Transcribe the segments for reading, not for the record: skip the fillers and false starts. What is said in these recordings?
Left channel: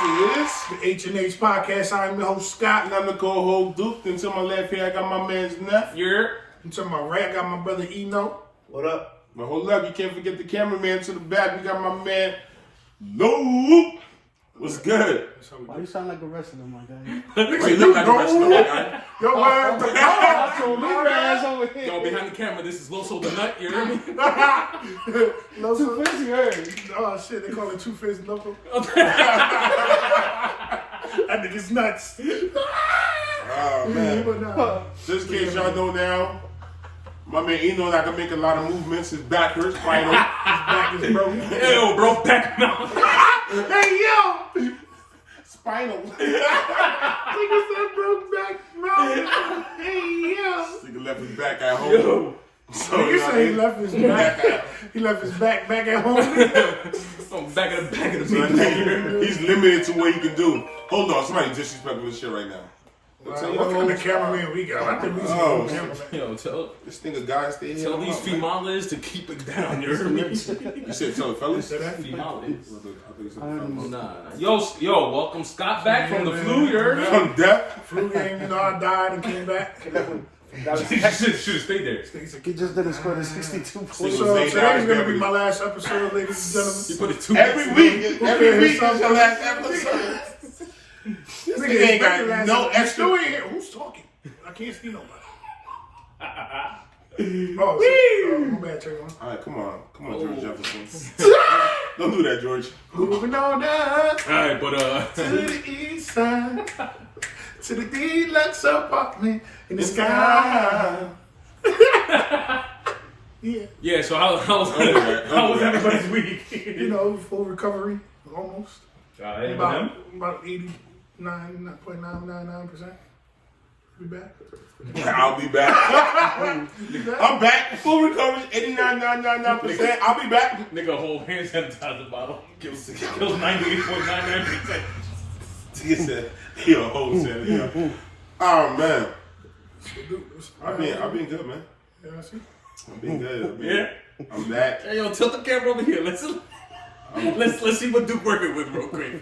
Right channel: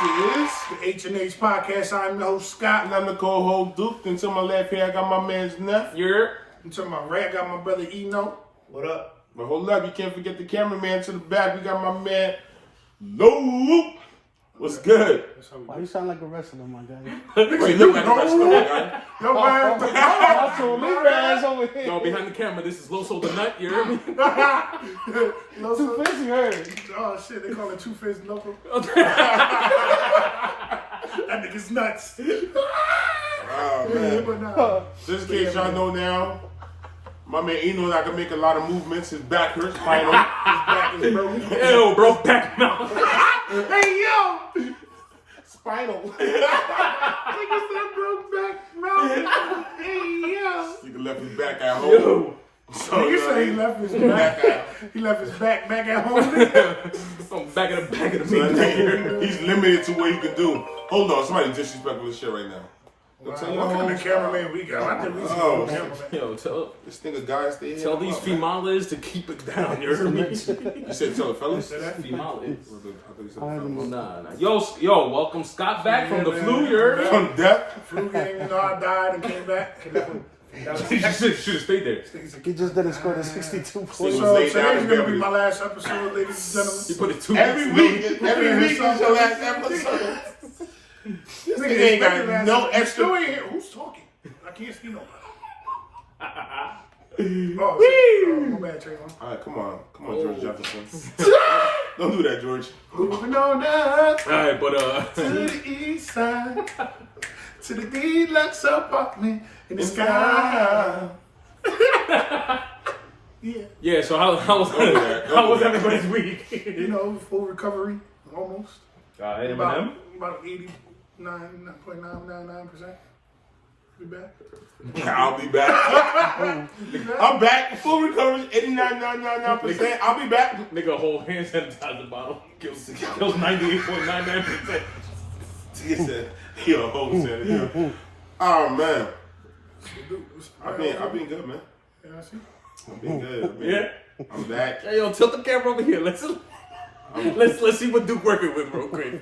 This is the H&H Podcast. I'm the host, Scott. And I'm the co-host, Duke. And to my left here, I got my man's Nefty. Yeah. And to my right, I got my brother, Yno. What up? But hold up, you can't forget the cameraman to the back. We got my man, Lowso. What's good? Why you sound like a wrestler, my guy? Wait, look like the rest of the guy. Yo, man, the Yo, behind the camera, this is Lowso the Nut. You hear me? Two-Faced, you heard. Oh, shit, they call it Two-Faced Knuckle. That nigga's nuts. Oh, man. But nah. Just in case y'all know now, my man Yno I can make a lot of movements. His back hurts, spinal. His back is broken. Yo, Brokeback Mountain. Hey, yo! Spinal. Nigga said Brokeback Mountain. Hey, yo! Nigga left his back at home. So You say he left his back. He left his back at home. I'm back in the He's limited to what he can do. Hold on, somebody disrespecting this shit right now. What kind of cameraman we got? I think we some cameraman. Yo, tell This nigga guy stay here. these females to keep it down. You heard me? You said tell the fellas? Said that? Females. I thought you said fellas. Nah. Yo, welcome Scott back from the flu. You heard me? From death? Flu game, I died and came back. Should have stayed there. He just did a score of 62 points. So today's gonna be my last episode, ladies and You gentlemen. put it 2 Every week. Every week is the last episode. This nigga ain't got no extra. Still here. Who's talking? I can't see nobody. My bad, Trayvon. Alright, come on, George Jefferson. Don't do that, George. Moving on up Alright, but to the east side, to the deluxe apartment in the sky. yeah. So how was everybody's week? You know, full recovery, almost. About 89.999%. Be back. I'll be back. I'm back. Full recovery, 89.999%. I'll be back. Nigga, whole hand sanitizer bottle kills 98.99%. He said, yo, whole sanitizer. Oh man, I've been good, man. Yeah, I see. I've been good. Yeah. I'm back. Hey, yo, tilt the camera over here. Let's see what Duke working with real quick.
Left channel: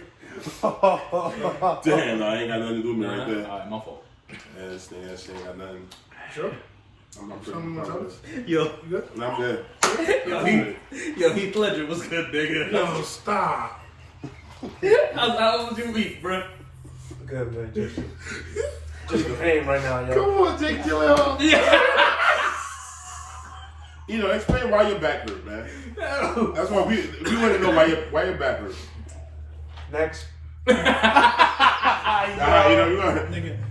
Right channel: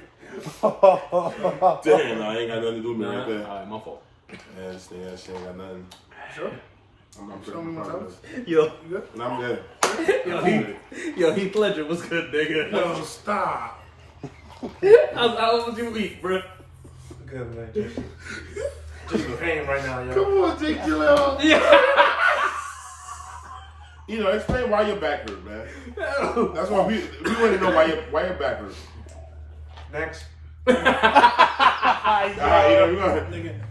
Damn, I ain't got nothing to do with me right there. Alright, my fault. Yeah, this thing ain't got nothing. Sure. I'm pretty Something proud else? of this. Yo, You good? And I'm good. yo, Heath Ledger, what's good, nigga? No, stop. How was your week, bro? Good, man. Just pain right now, yo. Come on, take your little. Yeah. You know, explain why your back hurt, man. That's why we want to know why your back hurt. Next. You know, we want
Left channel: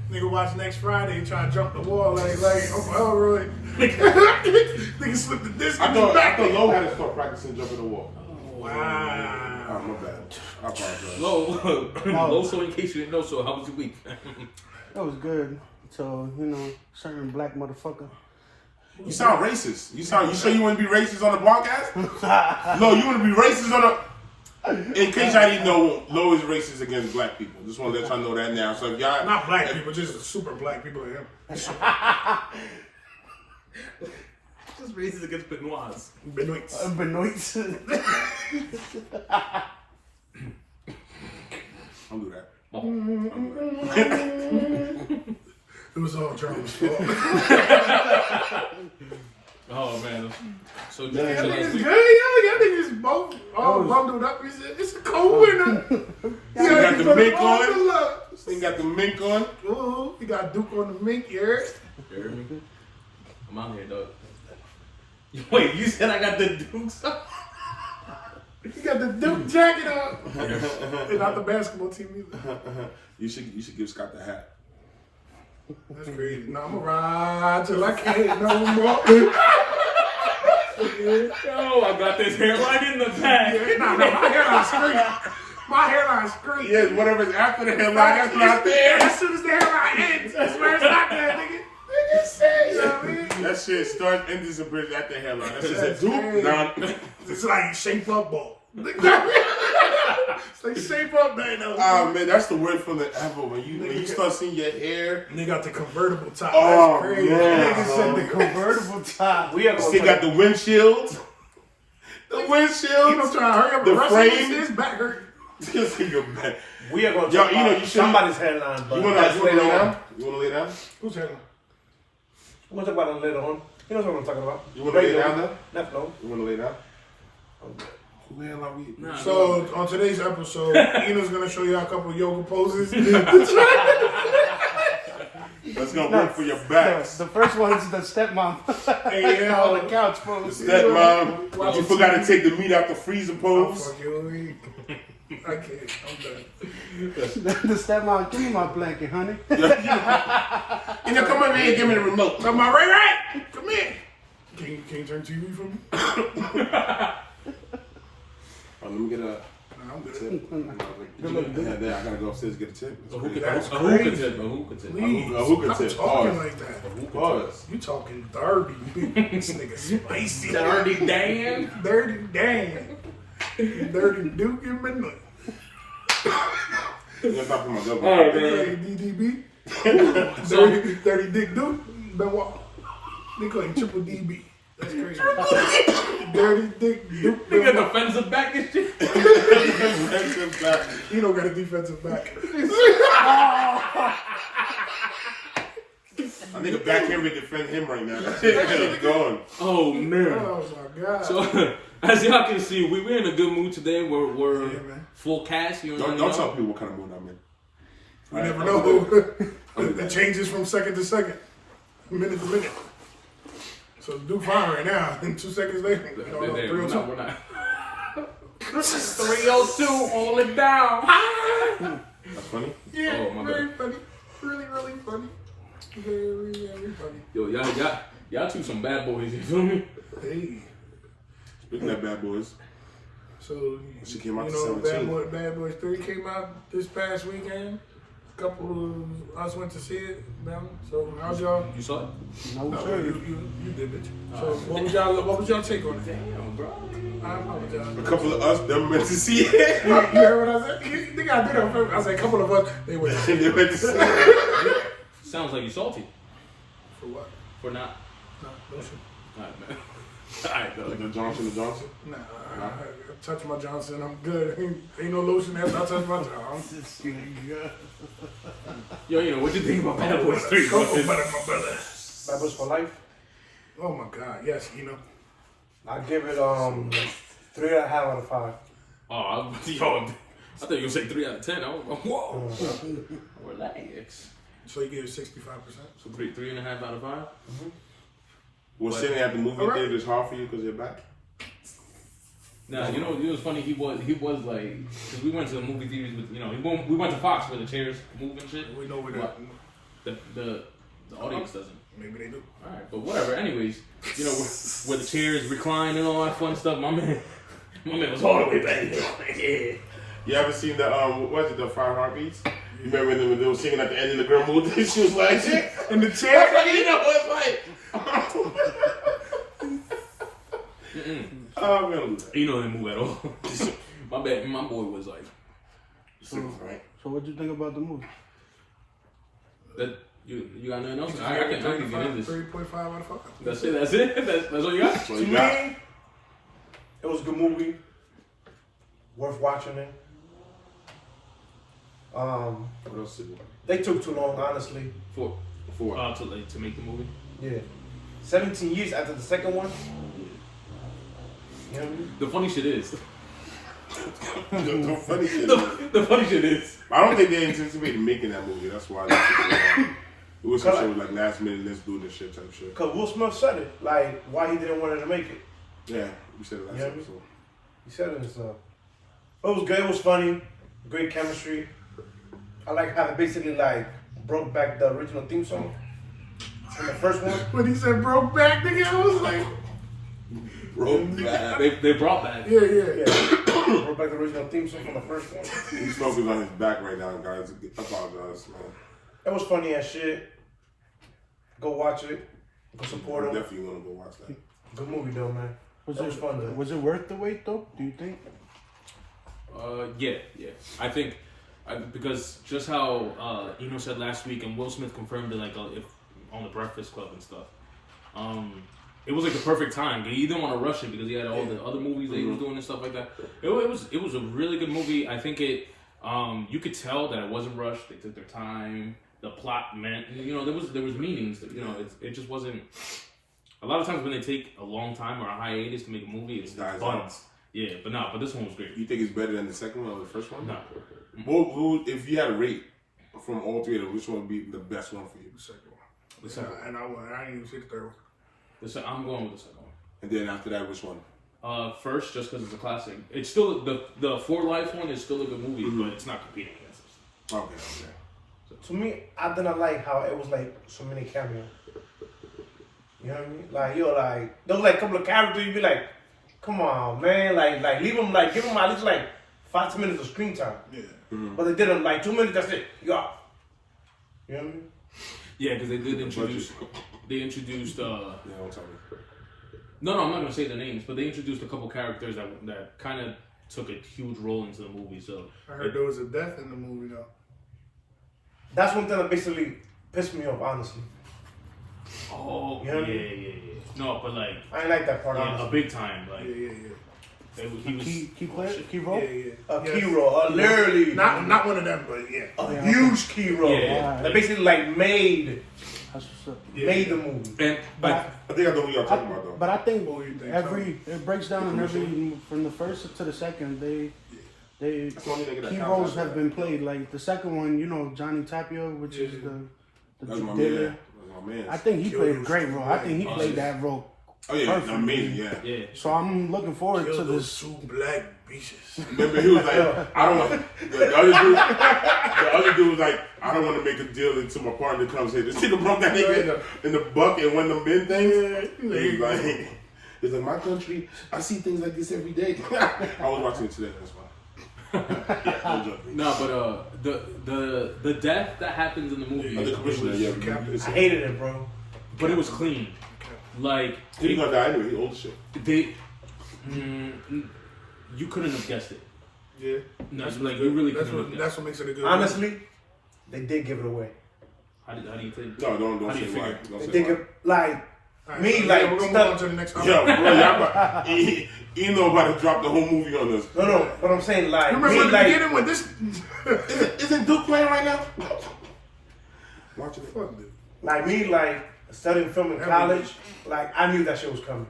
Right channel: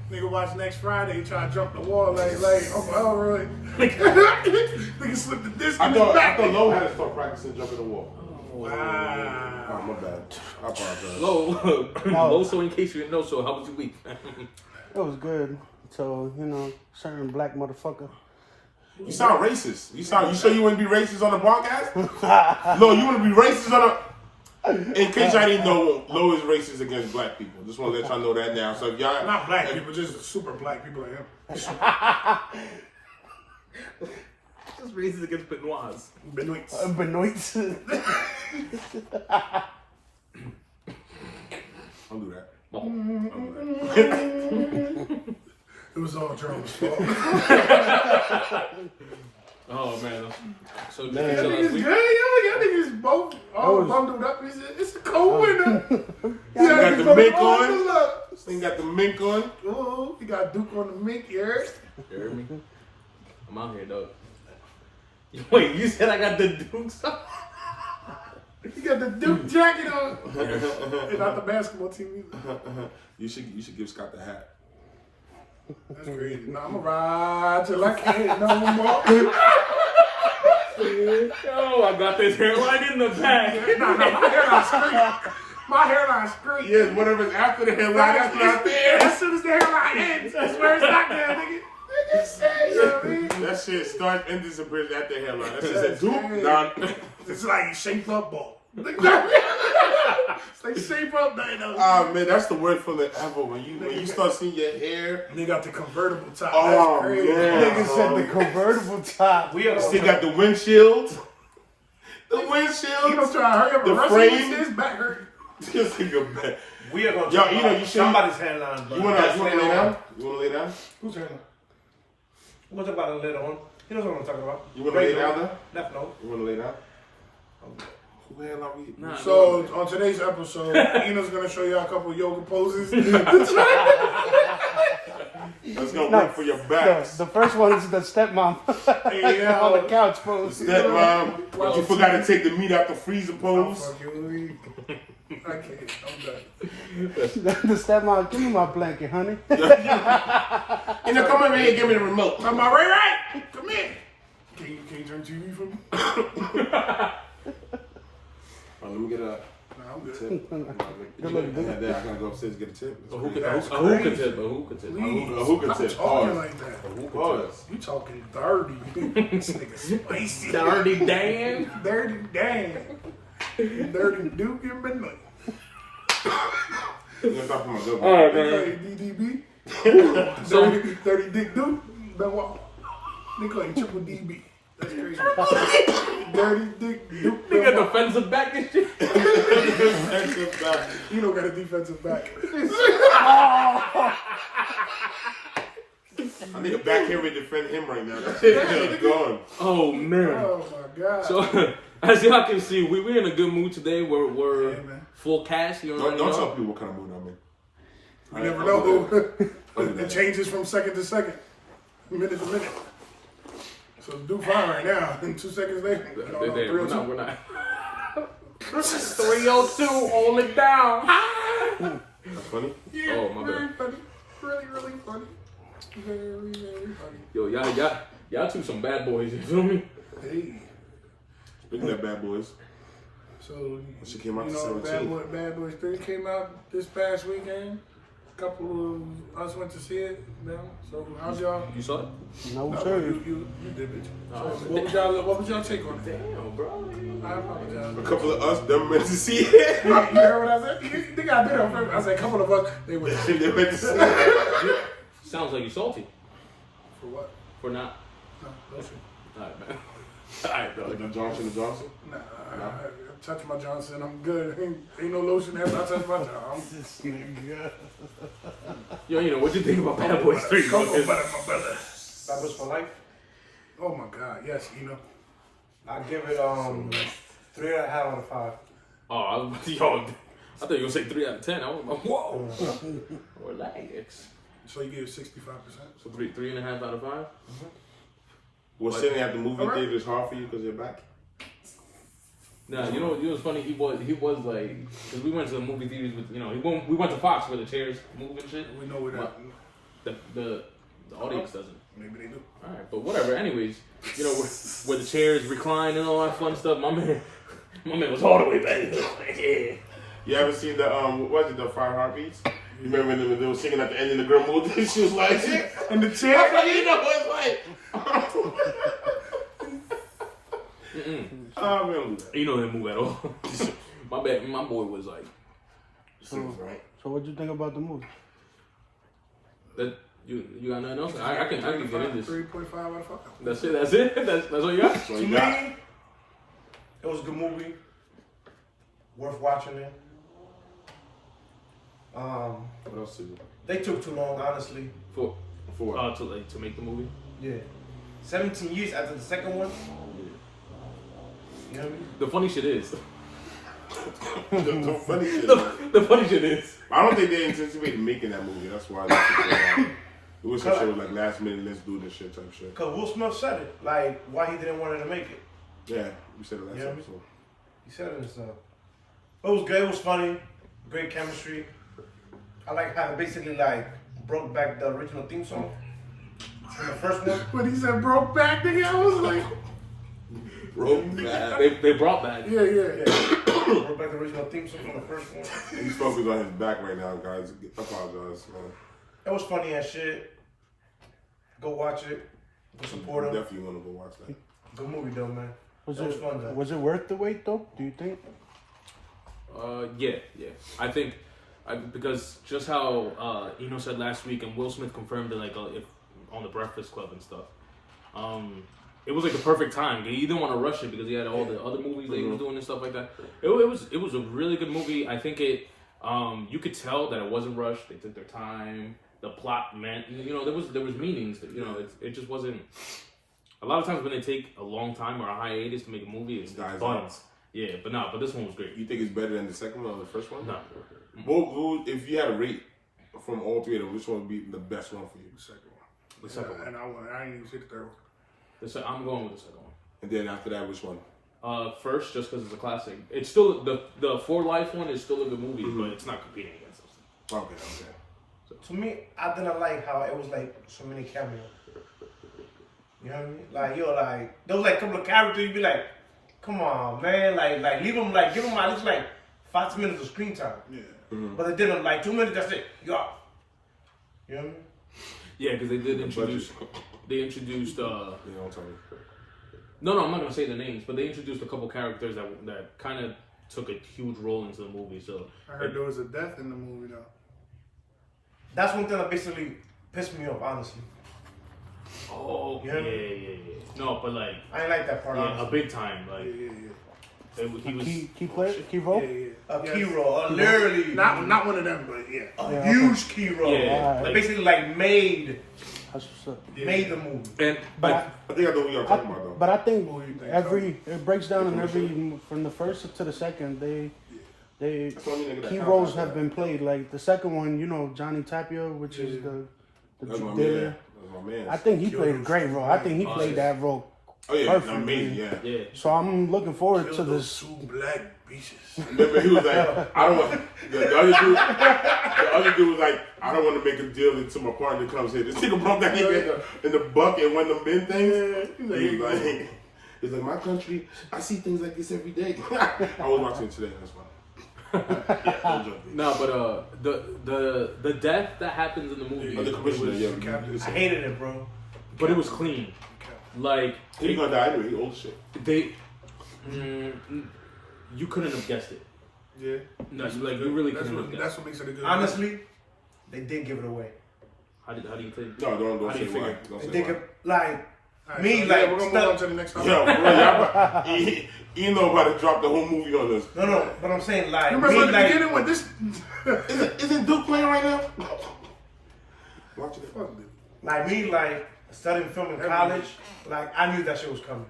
Nigga watch next Friday and try to jump the wall like Uncle Elroy. Nigga slipped the disc. I thought Low had to start practicing jumping the wall. Wow. Oh, my bad. I apologize. Low, so in case you didn't know, so how was your week? It was good. So, certain black motherfucker. You sound racist. You sure you want to be racist on the podcast? No, you want to be racist on the... In case I didn't know, Low is racist against black people. Just want to let y'all know that now. So if y'all... Not black people, just super black people like him. Just racist against Benoits. Benoits. Don't do that. It was all Charles' fault. Oh man. So Y'all niggas good, y'all niggas both all bundled up. It's a cold winter. You got the mink on. You got the mink on. Oh, you got Duke on the mink, you heard? I'm out here, dog. Wait, you said I got the Duke stuff? You got the Duke jacket on. And not the basketball team either. You should give Scott the hat. That's crazy. No, I'm gonna ride till I can't no more. Yo, I got this hairline in the back. Nah, my hairline straight. My hairline straight. Yeah, whatever's after the hairline, that's not there. As soon as the hairline ends, that's where it's not there, nigga. Nigga say, you know what I mean? That shit starts and disappears at the hairline. That shit That's says Duke. crazy. It's like shape up ball. It's like shape up, man. Oh man, that's the word for the ever. When you start seeing your hair. And they got the convertible top. Oh, That's crazy. yeah. Nigga said the convertible top. We have They got the windshield. The windshield. Eno's trying to hurry up The and wrestle frame. with his back hurt. This nigga back. We are going to Yo, talk about you should. somebody's hairline, but You wanna lay down? You wanna lay down? Who's hairline? We'll talk about it later on. He knows what I'm talking about. You wanna lay down though? Left no. You wanna lay down? Who the hell are we? Nah, So on today's episode, Eno's gonna show you a couple of yoga poses. That's gonna work for your backs. The first one is the stepmom. Hey, yeah, On the couch pose. Stepmom, you forgot to take the meat out the freezer I'm pose. fucking weak. I can't. I'm done. The stepmom, give me my blanket, honey. And then come over here and give me the remote. Come on, Ray. Come here. Can you turn TV for me? Let me get a Nah, I'm good. tip. I gotta go upstairs to get a tip. A hookah That's tip. A hookah crazy. tip. A hookah tip. Please, A hookah stop tip. talking Pause. like that. Pause. You talking dirty. This nigga spicy. Dirty Dan. Dirty Dan. Dirty Duke and Benoit. You gonna talk to my girl? Oh, They man. call you DDB. Dirty Dick Duke. Benoit. They call you Triple DB. That's crazy. Dirty Dick Duke. You got Benoit. defensive back and shit. Defensive back. You don't got a defensive back. I think a back Henry defend him right now. That shit gone. Oh, man. Oh my God. So, as y'all can see, we're in a good mood today. We're Yeah, man. full cast. You know, Don't tell people what kind of mood I'm in. You never know. It changes from second to second, minute to minute. So do fine right now. And 2 seconds later, you know, We're 302. not. We're not. 302, hold it down. That's funny. Yeah, Oh, my very bad. funny. Really, really funny. Very, very funny. Yo, y'all two some bad boys. You feel me? Hey. Speaking of bad boys, So, She came out you to know, 17. Bad Boys 3 came out this past weekend. A couple of us went to see it. Man. So, how's y'all? You saw it? No, No, sir. you did, bitch. So, what was y'all take on it? Damn, bro. I apologize. a couple of us them went to see it. You heard what I said? You think I did it on purpose? I said a couple of us, they went to see it. They went to see it. Sounds like you salty For what? for not. No, no shit. Alright, man. Alright, bro. The Johnson. Nah, I touch my Johnson, I'm good. Ain't no lotion after I touch my Johnson. Yo, you know what you think about Bad Boys 3? Cocoa butter, my brother. That was for life. Oh my God, yes, you know. I give it 3.5 out of 5. Oh, yo, I thought you were gonna say 3 out of 10. I was like, whoa. Relax. So you gave it 65%? So 3.5 out of 5. Was sitting at the movie All right. theater hard for you because you're back? Nah, you know it was funny. He was like, cause we went to the movie theaters with, you know, we went to Fox where the chairs move and shit. We know where that. The audience doesn't. Maybe they do. All right, but whatever. Anyways, you know where the chairs recline and all that fun stuff. My man was all the way back there. Yeah. You ever seen the what was it, the 5 Heartbeats? You remember when they were singing at the end of the girl moved? She was like, In the chair? you know, it's like. Oh man, You know they move at all. My boy was like, right? So what do you think about the movie? that you got nothing else? I can get in this. 3.5 out of 5. That's it. That's all you got. So To you got me, it was a good movie. Worth watching it. what else is it? They took too long, honestly. For Four. to make the movie. Yeah. 17 years after the second one. You know what I mean? The funny shit is. The funny shit. The funny shit is. I don't think they anticipated making that movie. That's why they took so long. It was some shit was like last minute, let's do this shit type shit. Because Will Smith said it. Like, why he didn't want her to make it. Yeah, you said it last Yeah. episode. He said it himself. It was good. It was funny. Great chemistry. I like how they basically like broke back the original theme song from the first one. When he said broke back, nigga, I was like, They brought back. yeah. Yeah. Broke back the original theme song from the first one. He's focused on his back right now, guys. I apologize, man. It was funny as shit. Go watch it. Go I support him. definitely want to go watch that. Good movie though, man. That was fun though. Was it worth the wait though? Do you think? Yeah. I think because just how Yno said last week, and Will Smith confirmed it, like if on the Breakfast Club and stuff. it was like the perfect time. He didn't want to rush it because he had all the other movies that he was doing and stuff like that. It was a really good movie. I think it you could tell that it wasn't rushed. They took their time. The plot meant there was meanings. That, it just wasn't. A lot of times when they take a long time or a hiatus to make a movie, it's dies fun. out. Yeah, but this one was great. You think it's better than the second one or the first one? No. What if you had a rate from all three of them, which one would be the best one for you? The second one. The second one. And I didn't even see the third one. I'm going with the second one. And then after that, which one? First, just because it's a classic. It's still the For Life one is still a good movie, but it's not competing against this. Okay. To me, I didn't like how it was like so many cameos. You know what I mean? Like there was like a couple of characters you'd be like, come on, man, like leave them, like give them at least like 5 minutes of screen time. Yeah. But they did them like 2 minutes. That's it. You off. You know what I mean? Yeah, because they did introduce. They introduced. Yeah, don't tell me. No, I'm not gonna say the names, but they introduced a couple characters that kind of took a huge role into the movie. So I heard there was a death in the movie though. That's one thing that basically pissed me off, honestly. Oh, You know what I yeah. No, but like, I ain't like that part, a honestly. big time. Like, Yeah. he was. Key role. Yeah. A key role, literally. Not one of them, but yeah. A huge key role. Yeah. That basically like made That's what's up. the movie. And I think I know what y'all talking about though. But I think What do you think, it breaks down in every from the first to the second. They That's the only nigga that key counts roles after have that. been played. Like the second one, Johnny Tapia, which is the That's my dealer. man. That's my man. I think he Kill played a those great role. I think he played that role. Oh yeah, perfect. amazing. Yeah. yeah. So I'm looking forward Kill to those this. 2 black bitches. Remember, he was like, I don't want the other dude. The other dude was like, I don't want to make a deal until my partner comes here. This nigga broke that nigga in the buck and won the men thing. He's like, my country, I see things like this every day. I was watching it today. That's why. Yeah, don't judge me. No, but the death that happens in the movie, The commissioner, yeah, Captain. I hated it, bro. but it was clean. Like He's gonna die anyway. He old as shit. they, you couldn't have guessed it. Yeah. No, like you really That's couldn't have what guessed. that's what makes it a good Honestly, they did give it away. How do you think? No, don't How do say you why. figure? Don't They say did why. give, like, Alright, me, so, like, we're gonna move on to the next topic. Yo, bro, y'all, he know about to drop the whole movie on us. no, but I'm saying, like, You remember me, at the like, beginning when this Isn't Duke playing right now? Watching it. fuck dude. like me, like, studying film in college, like, I knew that shit was coming.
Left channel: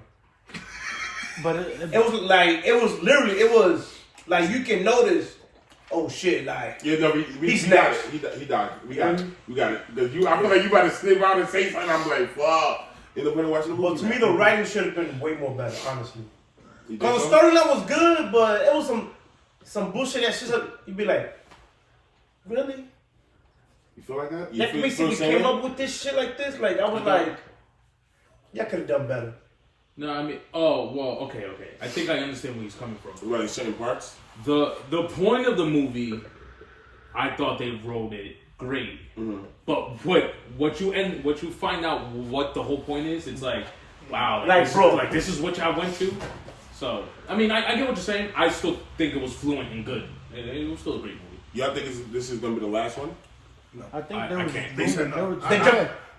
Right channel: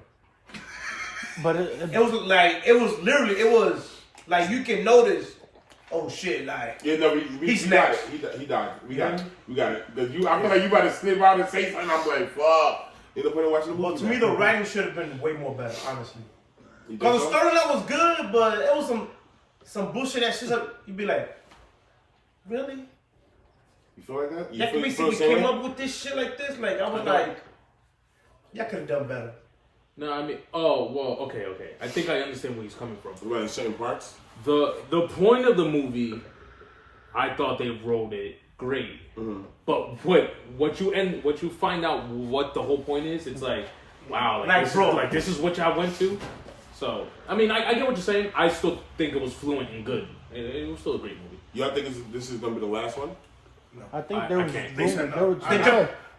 But It was like, you can notice, oh shit, like, Yeah, no, He's he got next. it. He died. We got it. We got it. I feel like you about to slip out and say something. I'm like, fuck. You know, when watching the movie. but to me, the writing should have been way more better, honestly. You think Because the so? storyline was good, but it was some bullshit that shit. You'd be like, really? You feel like that? You That feel basically the same came way? up with this shit like this. Like, I was like, y'all could have done better. No, I mean, oh well, okay. I think I understand where he's coming from. What about in certain parts? The point of the movie, I thought they wrote it great. Mm-hmm. But what you find out what the whole point is, it's like, wow, Like, this bro. this is what y'all went to. So I mean, I get what you're saying. I still think it was fluent and good. It was still a great movie. Y'all think this is gonna be the last one? I think I there was. can't. They said no.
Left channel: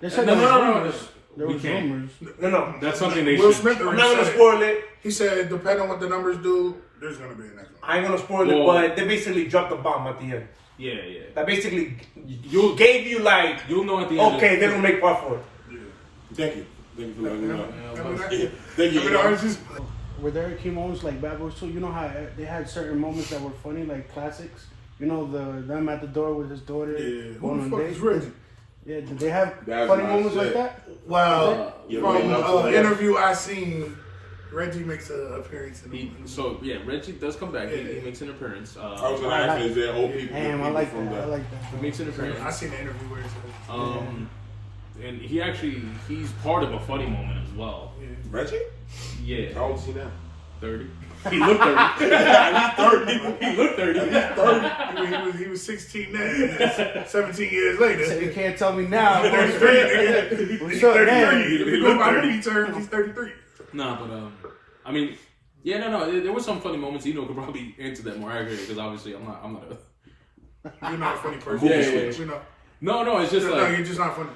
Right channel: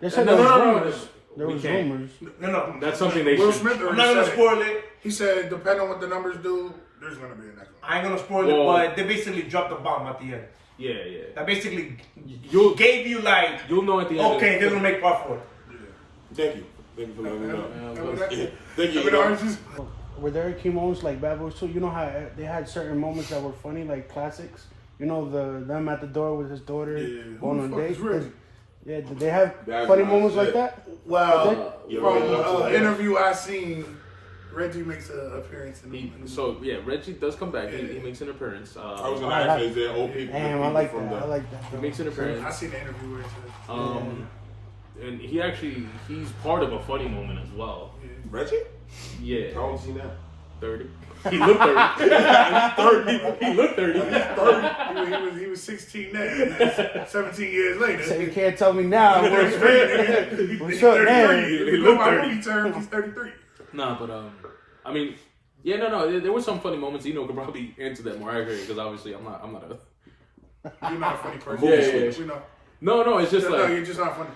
They said No, there was no. rumors. There We was can't. rumors. No. That's something they Will should. Smith I'm already not gonna said it. spoil it. He said, depending on what the numbers do, there's gonna be a next one. I ain't gonna spoil it, Well- but they basically dropped the bomb at the end. Yeah. That basically You'll gave you like, you'll know at the end. okay, they're gonna make part 4. Thank you. Thank you for letting me know. Have Yeah, thank you. we the oranges? Were there key moments like Bad Boys 2? You know how they had certain moments that were funny, like classics? You know, them at the door with his daughter. Yeah. going Who the on fuck is dates? Reggie? Yeah, did they have That's funny my moments shit. like that? Well, Yeah, from but- an interview I seen, Reggie makes an appearance in the movie. So yeah, Reggie does come back. He makes an appearance. I was gonna ask you, is there old people? Damn, I people like from that. I the? like that. He makes an appearance. I seen the interview where it said, And he's part of a funny moment as well. Reggie? Yeah, How old is he now? 30. He looked 30. He's 30. He looked 30. he was 16 then, 17 years later. You can't tell me now. He's 33, nigga. He's up, 33. man? If you go by movie terms, he's 33. Nah, but I mean, yeah, no. There were some funny moments. Eno could probably answer that more accurately because obviously I'm not a. You're not a funny person. Yeah. We know. No, it's just No, like you're just not funny.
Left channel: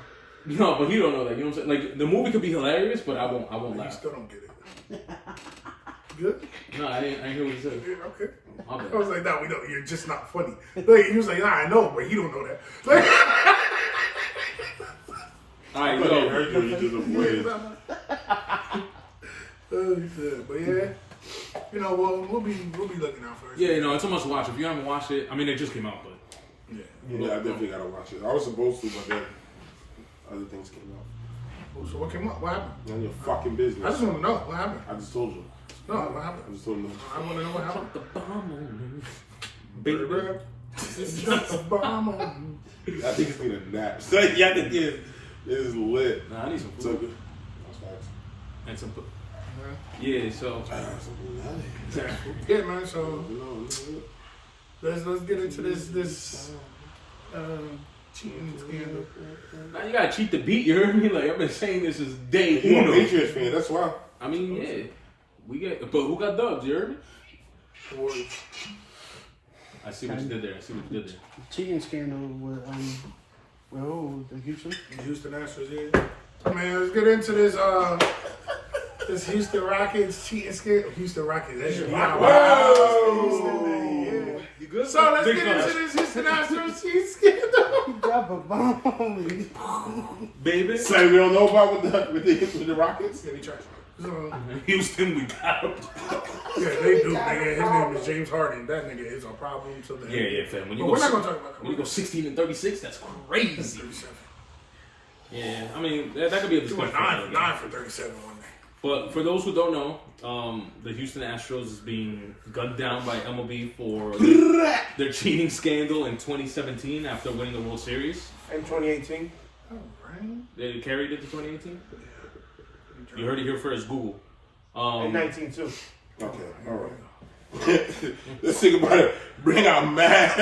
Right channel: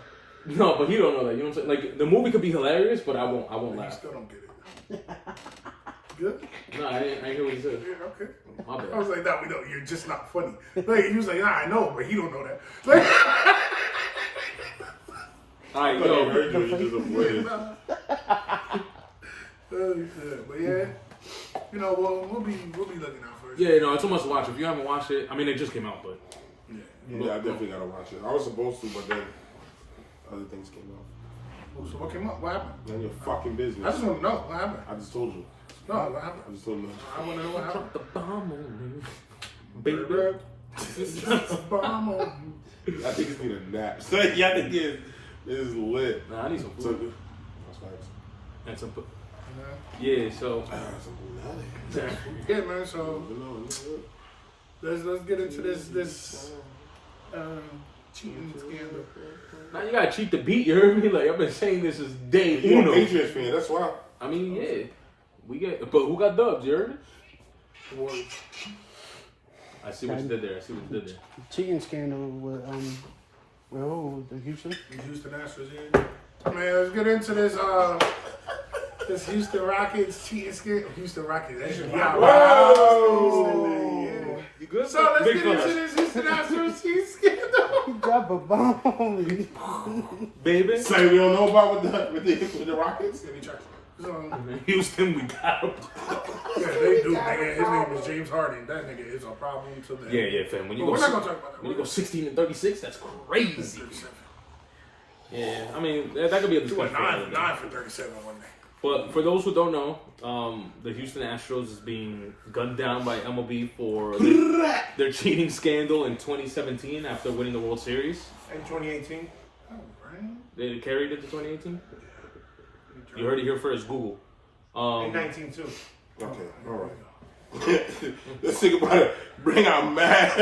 No, but he don't know that. You know what I'm saying? Like the movie could be hilarious, but I won't You laugh. still don't get it. Good? No, I ain't hear what he said. Yeah, okay. My bad. I was like, no, we don't. You're just not funny. Like, he was like, nah, I know, but he don't know that. Like, All right, I thought I yo. heard you just avoided. Oh, shit. But yeah, you know, we'll be looking out for it. Yeah, no, it's too much to watch. If you haven't watched it, I mean, it just came out, but Yeah. Yeah, I definitely gotta watch it. I was supposed to, but then other things came out. Oh, so what came up? What happened? None of your fucking business. I just want to know what happened. I just told you. No, what happened? I just told you. I want to know what happened. the bomb on Baby, Baby. Drop the bomb on you. I think it's been a nap. So yeah, I think it is lit. Nah, I need some So food. good. That's facts. And some. Yeah, so. Yeah, man. So let's get into this cheating scandal. Now you gotta cheat the beat, you heard me? Like, I've been saying this since day You're a uno. Patriots fan, that's why. I mean, yeah. We get, but who got dubs, you heard me? Warriors. I see what you did there. I see what you did there. Cheating scandal with the Houston. Houston Astros, yeah. Man, let's get into this Houston Rockets cheating scandal. Houston Rockets, that's Whoa! Houston, man, yeah. You good? So let's Big get into flash. this Houston Astros cheating scandal. Drop a bomb. Baby. Say we don't know about with the Rockets? Yeah, they trash. So, Houston, we got him. yeah, they do, nigga. His name is James Harden. That nigga is a problem to them. Yeah, fam. When you But go, we're not gonna talk about that. when you go 16 and 36, that's crazy. 37. Yeah, I mean, that could be a He went discussion. 9 for 37 one day. But for those who don't know, the Houston Astros is being gunned down by MLB for their cheating scandal in 2017 after winning the World Series. In 2018. Oh, right. They carried it to 2018. You heard it here first. Google. In 19 too. Okay, alright. Let's think about it. Bring out mass.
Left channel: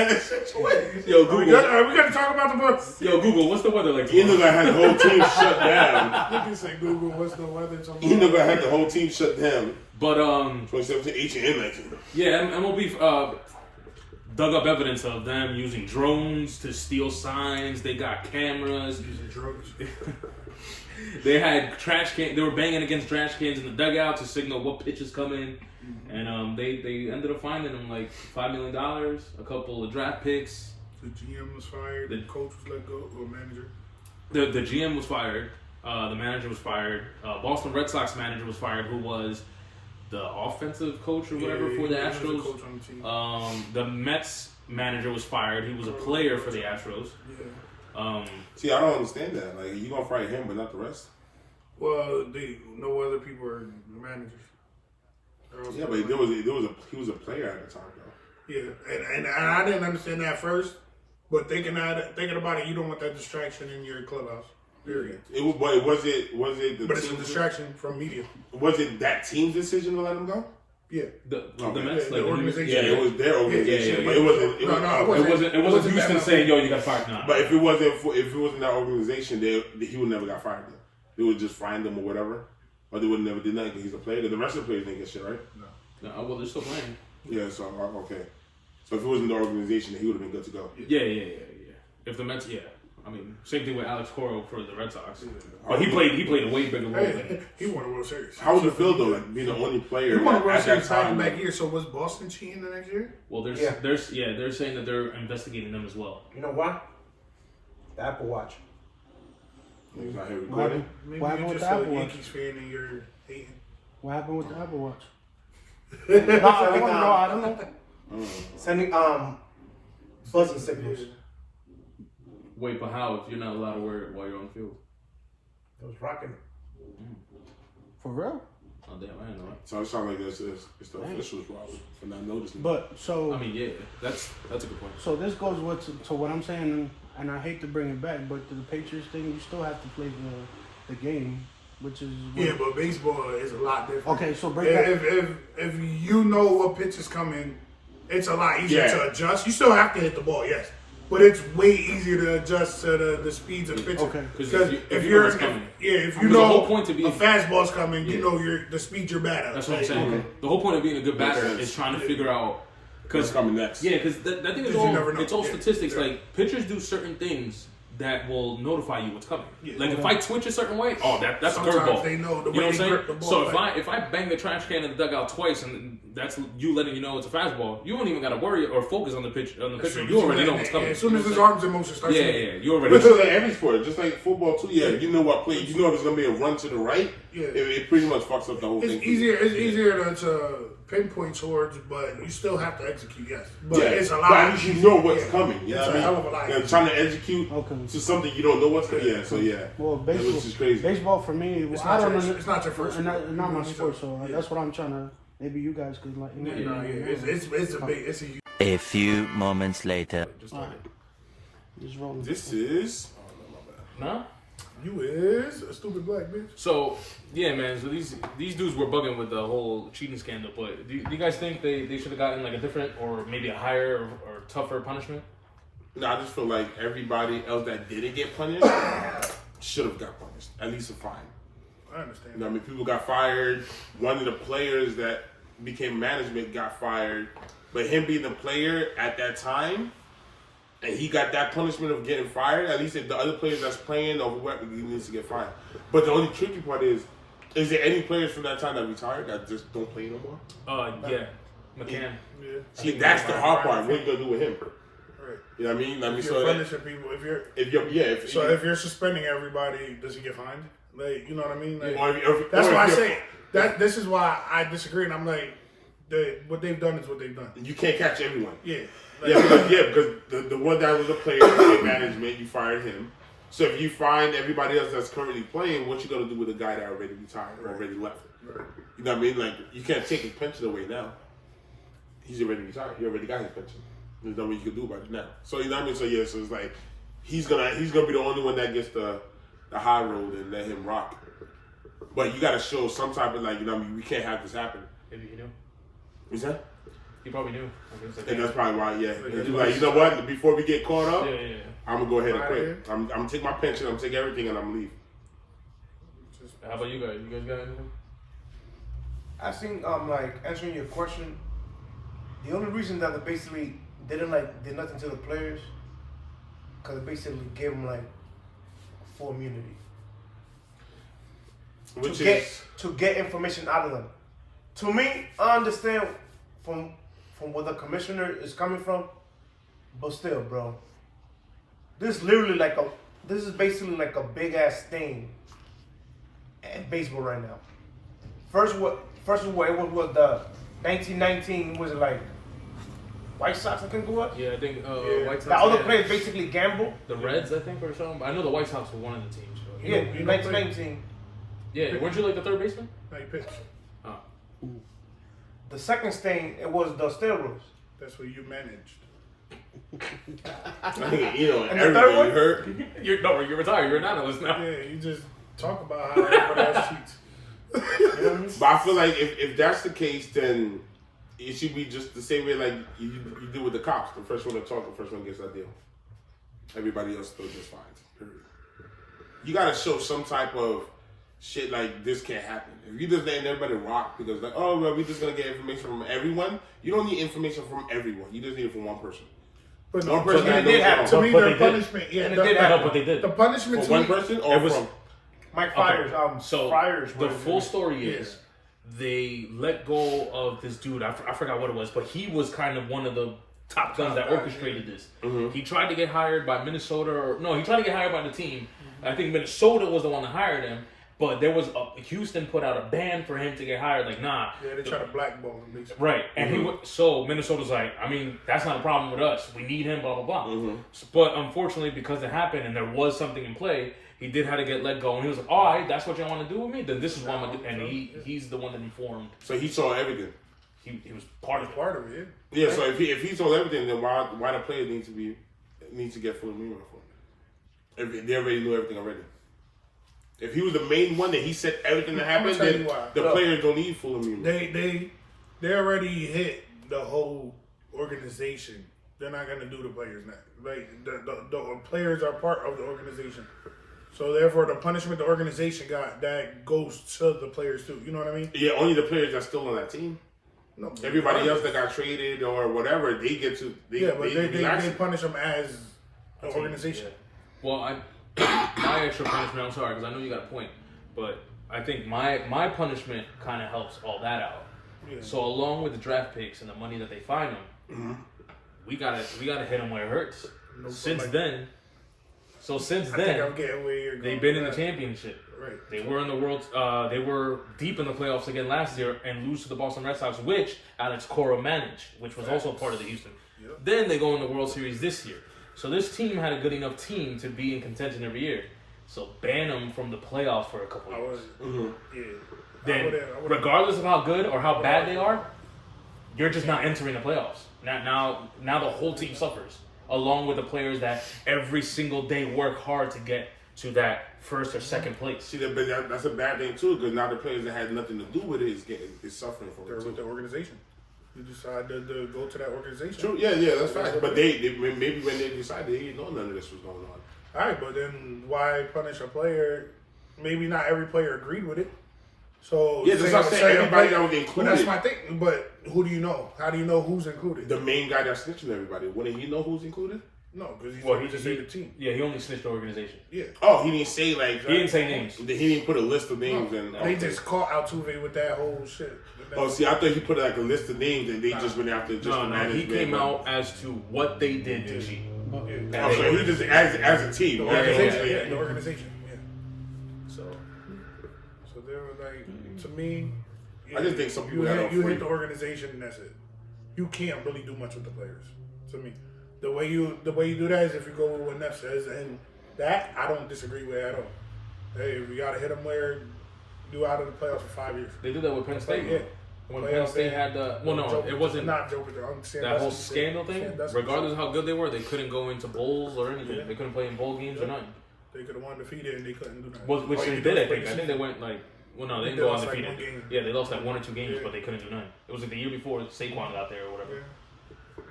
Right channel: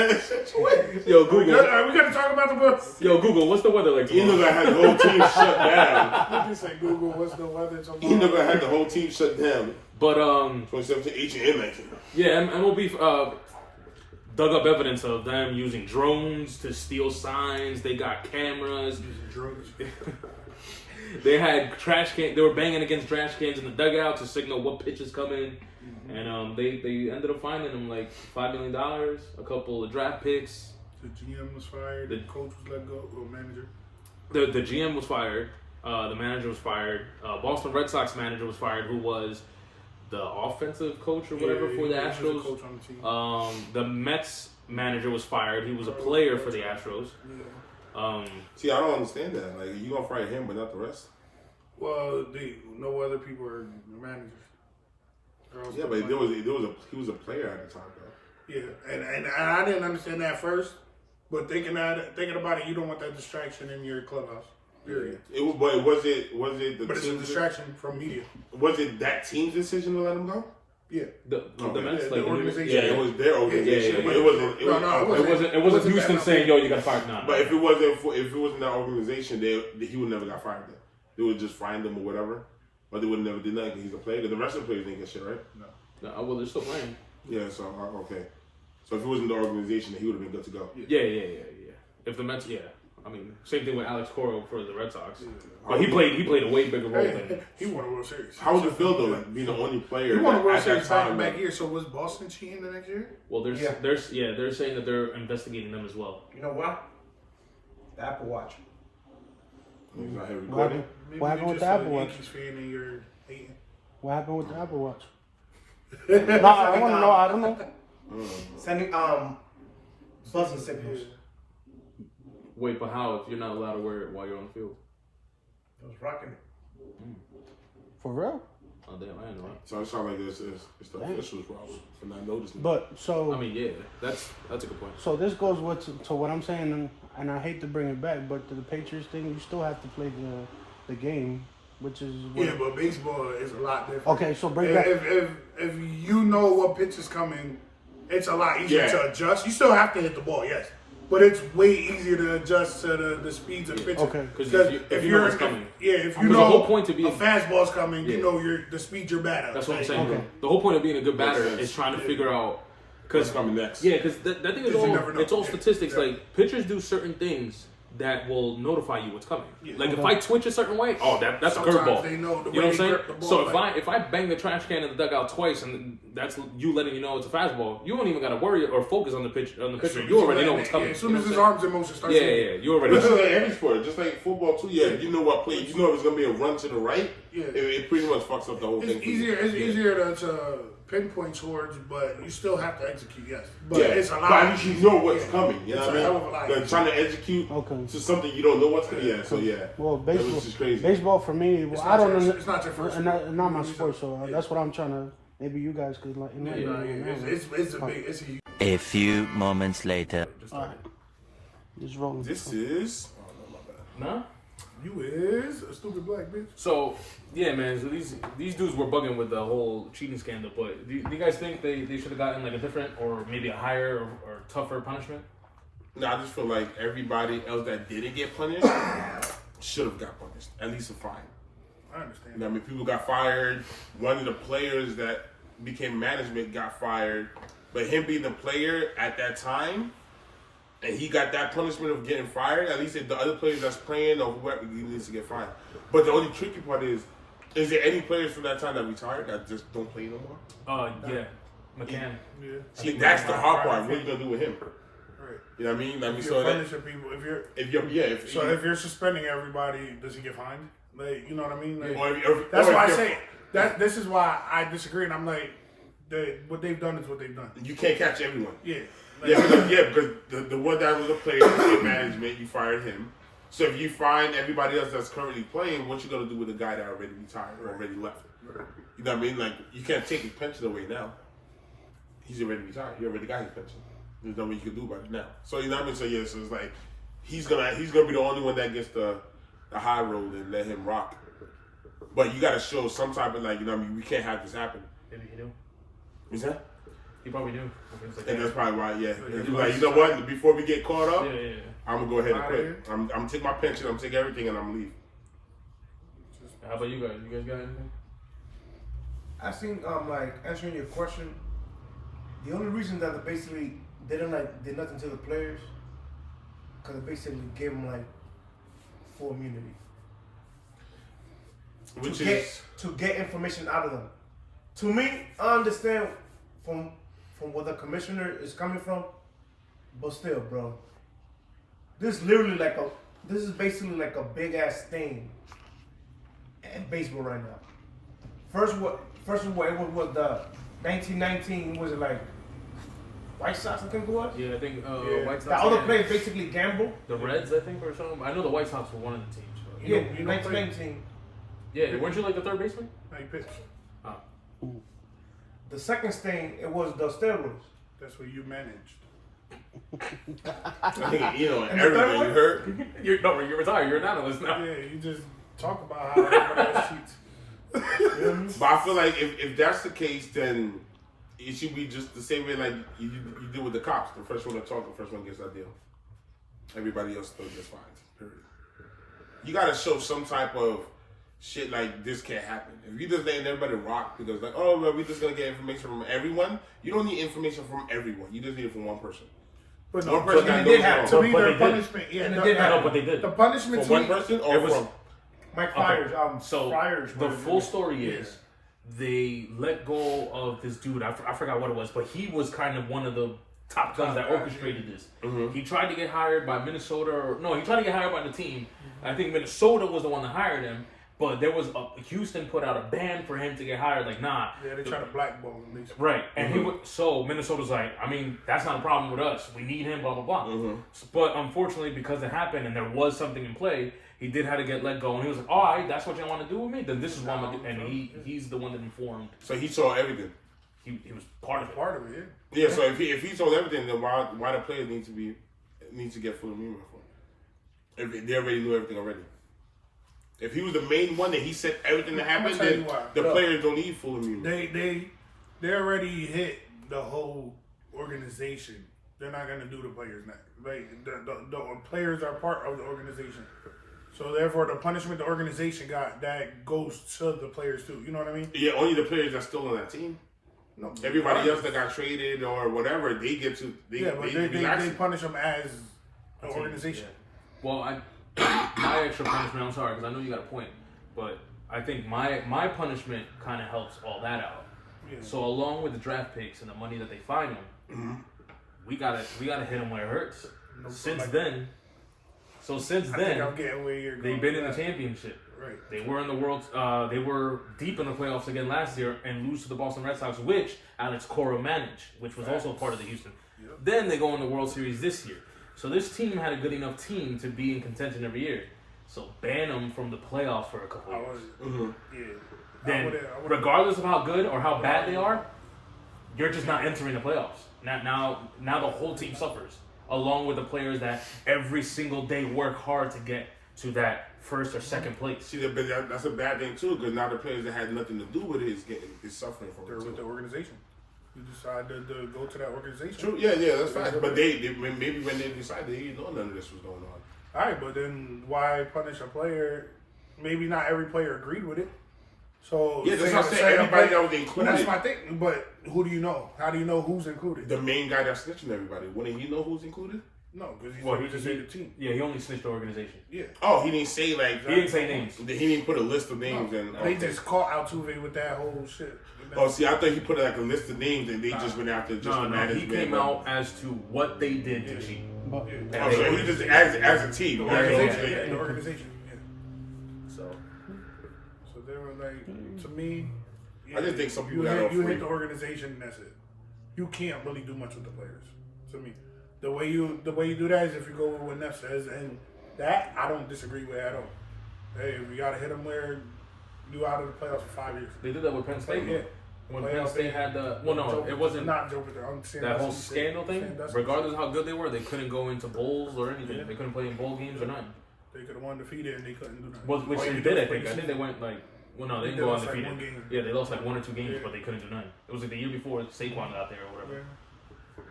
Yo, We Google. gotta talk about the books. Yo, Google. What's the weather like? You know tomorrow? that had the whole team shut down. You can say Google, what's the weather tomorrow? You know that had the whole team shut down. But 2017, 18, and 19. yeah, MLB dug up evidence of them using drones to steal signs. They got cameras. Using drugs. They had trash can. They were banging against trash cans in the dugout to signal what pitch is coming. And they ended up finding them like $5 million, a couple of draft picks. The GM was fired. The coach was let go, or manager. The GM was fired. The manager was fired. Boston Red Sox manager was fired, who was the offensive coach or whatever for the he was a Astros. coach on the team. The Mets manager was fired. He was a player for the Astros. Yeah. See, I don't understand that. Like, you gonna fire him, but not the rest? Well, no other people are managers. Yeah, but he was a player at the time, though. Yeah, and I didn't understand that first, but thinking about it, you don't want that distraction in your clubhouse. Period. But was it the But it's a team's- distraction from media. Was it that team's decision to let him go? Yeah. The Okay. Mets, The like, organization. Yeah, it was their organization, Yeah. but it wasn't. No, It wasn't Houston that saying, "Yo, you got fired." Nah. But if it wasn't that organization, he would never got fired. Then they would just find him or whatever, but they would never did nothing because he's a player. The rest of the players didn't get shit, right? No, well, they're still playing. Yeah. So okay. So if it wasn't the organization, then he would have been good to go. Yeah. If the Mets, I mean, same thing with Alex Cora for the Red Sox. But he played a way bigger role than. Hey, he won a World Series. How would it feel though, like being the only player? He won a World at that Series back to time, back like- year. So was Boston cheating the next year? Well, they're saying that they're investigating them as well. You know what? The Apple Watch. He's not here recording. Maybe What you're happened with just the a Apple Watch? Yankees fan and you're hating. What happened with the Apple Watch? No, I don't know. Sending buzzing signals. Wait, but how if you're not allowed to wear it while you're on the field? It was rocking it. For real? Oh damn, I didn't know that. So it sounds like it's the officials' problem for not noticing. But so I mean, yeah, that's a good point. so this goes to what I'm saying, and I hate to bring it back, but to the Patriots thing, you still have to play the game, which is Yeah, but baseball is a lot different. Okay, so break that. If you know what pitch is coming, it's a lot easier Yeah. to adjust. You still have to hit the ball, yes, but it's way easier to adjust to the speeds of the pitches. Okay. Because if you know what's coming. if you Because the know whole point to be- a fastball's coming, you Yeah. know the speed you're bad at. That's what I'm Like, saying. The whole point of being a good batter sense. is trying to figure out. What's coming next? Yeah, because that thing is you all never know. it's all Yeah. statistics. Yeah. Like pitchers do certain things that will notify you what's coming. Yeah. Like if I twitch a certain way, that's a Sometimes curveball. they know the You know way what they I'm grip saying? the ball. So like, if I bang the trash can in the dugout twice, and that's you letting you know it's a fastball, you don't even gotta worry or focus on the pitch. You already know what's coming. as soon as his arms in motion starts. Yeah, you already. Which is like every sport, just like football too. Yeah, you know what play. You know if it's gonna be a run to the right. Yeah. It pretty much fucks up the whole thing. It's easier. It's easier to pinpoint towards, but you still have to execute. Yes, but it's a lot. But at least you know what's coming. You It's know a what I hell mean? of a lot. They're trying to execute to something you don't know what's coming. Yeah, so yeah. Well, That was just crazy. baseball for me, It's I not don't your- it's not your first not sport. my sport, so that's what I'm trying to. Maybe you guys could like. It's a big. It's a huge. A few moments later. Just rolling. This is. No. You is a stupid black bitch. So yeah, man. So these dudes were bugging with the whole cheating scandal. But do you guys think they should have gotten like a different or maybe a higher or tougher punishment? No, I just feel like everybody else that didn't get punished should have got punished. At least a fine. I understand. You know what I mean? People got fired. One of the players that became management got fired. But him being the player at that time, and he got that punishment of getting fired, at least if the other players that's playing or whoever, he needs to get fired. But the only tricky part is there any players from that time that retired that just don't play no more? Yeah, McCann. Yeah. See, that's the hard part. What are you going to do with him? Right. You know what I mean? If you're punishing people, if you're suspending everybody, does he get fined? Like, you know what I mean? Like, that's why I say that. This is why I disagree, and I'm like, what they've done is what they've done. You can't catch everyone. Yeah. Because the one that was a player in management, you fired him. So if you find everybody else that's currently playing, what you gonna do with the guy that already retired or already left? Right. You know what I mean? Like you can't take his pension away now. He's already retired. He already got his pension. There's nothing you can do about it now. So you know what I mean? So yeah, so it's like he's gonna be the only one that gets the high road and let him rock. But you gotta show some type of like, you know what I mean, we can't have this happen. Maybe he knew. Is that? He probably knew. And that's probably why, yeah. Like, you know what? Before we get caught up, Yeah. I'm gonna go ahead and quit. I'm gonna take my pension, I'm gonna take everything, and I'm gonna leave. How about you guys? You guys got anything? I think like answering your question, the only reason that they basically did nothing to the players, because they basically gave them like full immunity. To get information out of them. To me, I understand from where the commissioner is coming from, but still, bro, this is basically like a big ass thing in baseball right now. First of all, it was the 1919, was it like White Sox, I think it was? Yeah, I think White Sox. The other players basically gamble. The Reds, I think, or something. I know the White Sox were one of the teams. But Yeah, 1919. Yeah, weren't you like the third baseman? Like pitch. Oh. The second thing, it was the steroids. That's what you managed. I think, you know, And the third everything one? hurt. You're retired. You're an analyst now. Yeah, you just talk about how everybody else cheats. But I feel like if that's the case, then it should be just the same way like you do with the cops. The first one to talk, the first one gets that deal. Everybody else still gets fined. Period. You gotta show some type of shit like this can't happen. If you just letting everybody rock because like, oh well, we just gonna get information from everyone. You don't need information from one. You just need it from one person. But One person that did knows have wrong. to me, But their they did. punishment. Yeah, And it the, did No, happen. but they did. the punishment For to one me, person or It was- from? Mike Friars, So Friars. the full story is they let go of this dude. I forgot what it was, but he was kind of one of the top guns that orchestrated this. He tried to get hired by Minnesota, he tried to get hired by the team. I think Minnesota was the one that hired him, but there was Houston put out a ban for him to get hired. Like, nah. Yeah, they try to blackball him, basically. Right, and so Minnesota's like, I mean, that's not a problem with us. We need him, blah blah blah. But unfortunately, because it happened and there was something in play, he did have to get let go. And he was like, all right, that's what y'all want to do with me? Then this is what I'm gonna do. And he's the one that informed. So he saw everything. He was part of it. Part of it, yeah. Yeah. So if he told everything, then why the player needs to get full immunity for? If they already knew everything already. If he was the main one that he said everything that happened, tell then you why. the Look, players don't need full immunity. They already hit the whole organization. They're not gonna do the players now. Like the players are part of the organization. So therefore, the punishment the organization got that goes to the players too. You know what I mean? Yeah, only the players that's still on that team. No, Everybody else that got traded or whatever, they get to. They punish them as an organization. Well, my extra punishment, I'm sorry, because I know you got a point, but I think my punishment kind of helps all that out. Yeah. So along with the draft picks and the money that they find them, we gotta hit them where it hurts. Since then, I'm getting where you're going. They've been in the championship. Right. They were in the world. They were deep in the playoffs again last year and lose to the Boston Red Sox, which Alex Cora managed, which was also part of the Houston. Yep. Then they go in the World Series this year. So this team had a good enough team to be in contention every year. So ban them from the playoffs for a couple of years. Yeah. Then, regardless of how good or how bad they are, you're just not entering the playoffs. Now the whole team suffers, along with the players that every single day work hard to get to that first or second place. See, that's a bad thing too, because now the players that had nothing to do with it is suffering from it too. With the organization. You decide to go to that organization. True, yeah, that's fine. But maybe when they decided, they didn't know none of this was going on. All right, but then why punish a player? Maybe not every player agreed with it. So yeah, that's not saying everybody that was included. But that's my thing. But who do you know? How do you know who's included? The main guy that's snitching everybody. Wouldn't he know who's included? No, because he just said the team. Yeah, he only snitched the organization. Yeah. Oh, he didn't say like. He didn't say names. He didn't put a list of names and. They just caught Altuve with that whole shit. Oh, see, I thought he put like a list of names and they just went after just the management. He came out as to what they did to cheat. Oh, so he just as a team. The organization. Yeah. So they were like, to me, I just think some people you hit the organization and that's it. You can't really do much with the players. To me, the way you do that is if you go with what Neff says, and that I don't disagree with at all. Hey, we gotta hit them where you out of the playoffs for 5 years. They did that with Penn State. Yeah. When Penn State had the it wasn't not Joe, that whole scandal thing. Regardless of how good they were, they couldn't go into bowls or anything. Yeah. They couldn't play in bowl games or nothing. They could have won undefeated and they couldn't do nothing. Which they did, I think. I think they went like. Well, no, they didn't go undefeated. Like yeah, they lost like 1 or 2 games, but they couldn't do nothing. It was like the year before Saquon got there or whatever. Yeah.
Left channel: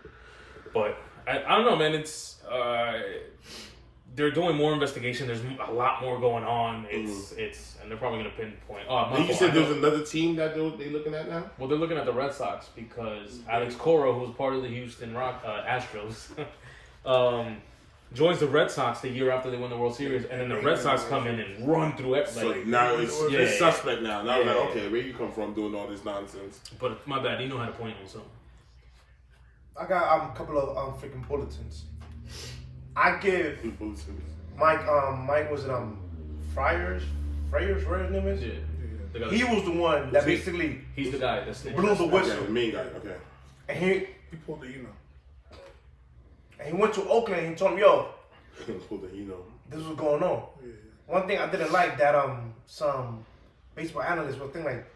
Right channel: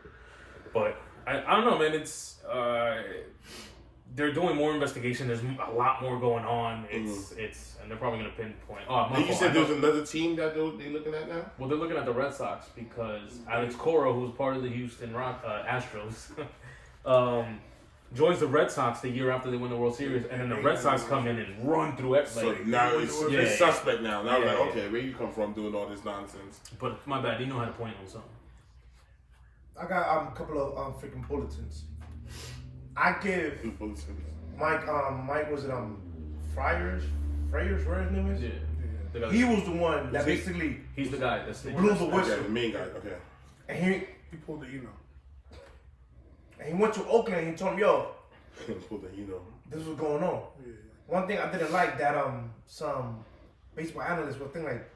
But I don't know, man. It's they're doing more investigation. There's a lot more going on. It's and they're probably gonna pinpoint. You said there's another team that they're looking at now. Well, they're looking at the Red Sox because Alex Cora, who's part of the Houston Astros, joins the Red Sox the year after they win the World Series, and then the Red Sox come in and run through everything. So now it's suspect now. Now I'm like, okay, where you come from doing all this nonsense? But my bad, you know how to point on something. I got a couple of freaking bulletins. I give Mike was it Friars, whatever his name is? Yeah. He was the one that basically he's the guy that's blew the whistle. Okay, the main guy, okay. And he pulled the and he went to Oakland and he told him, yo, pulled the this was going on. Yeah. One thing I didn't like that some baseball analysts were thinking like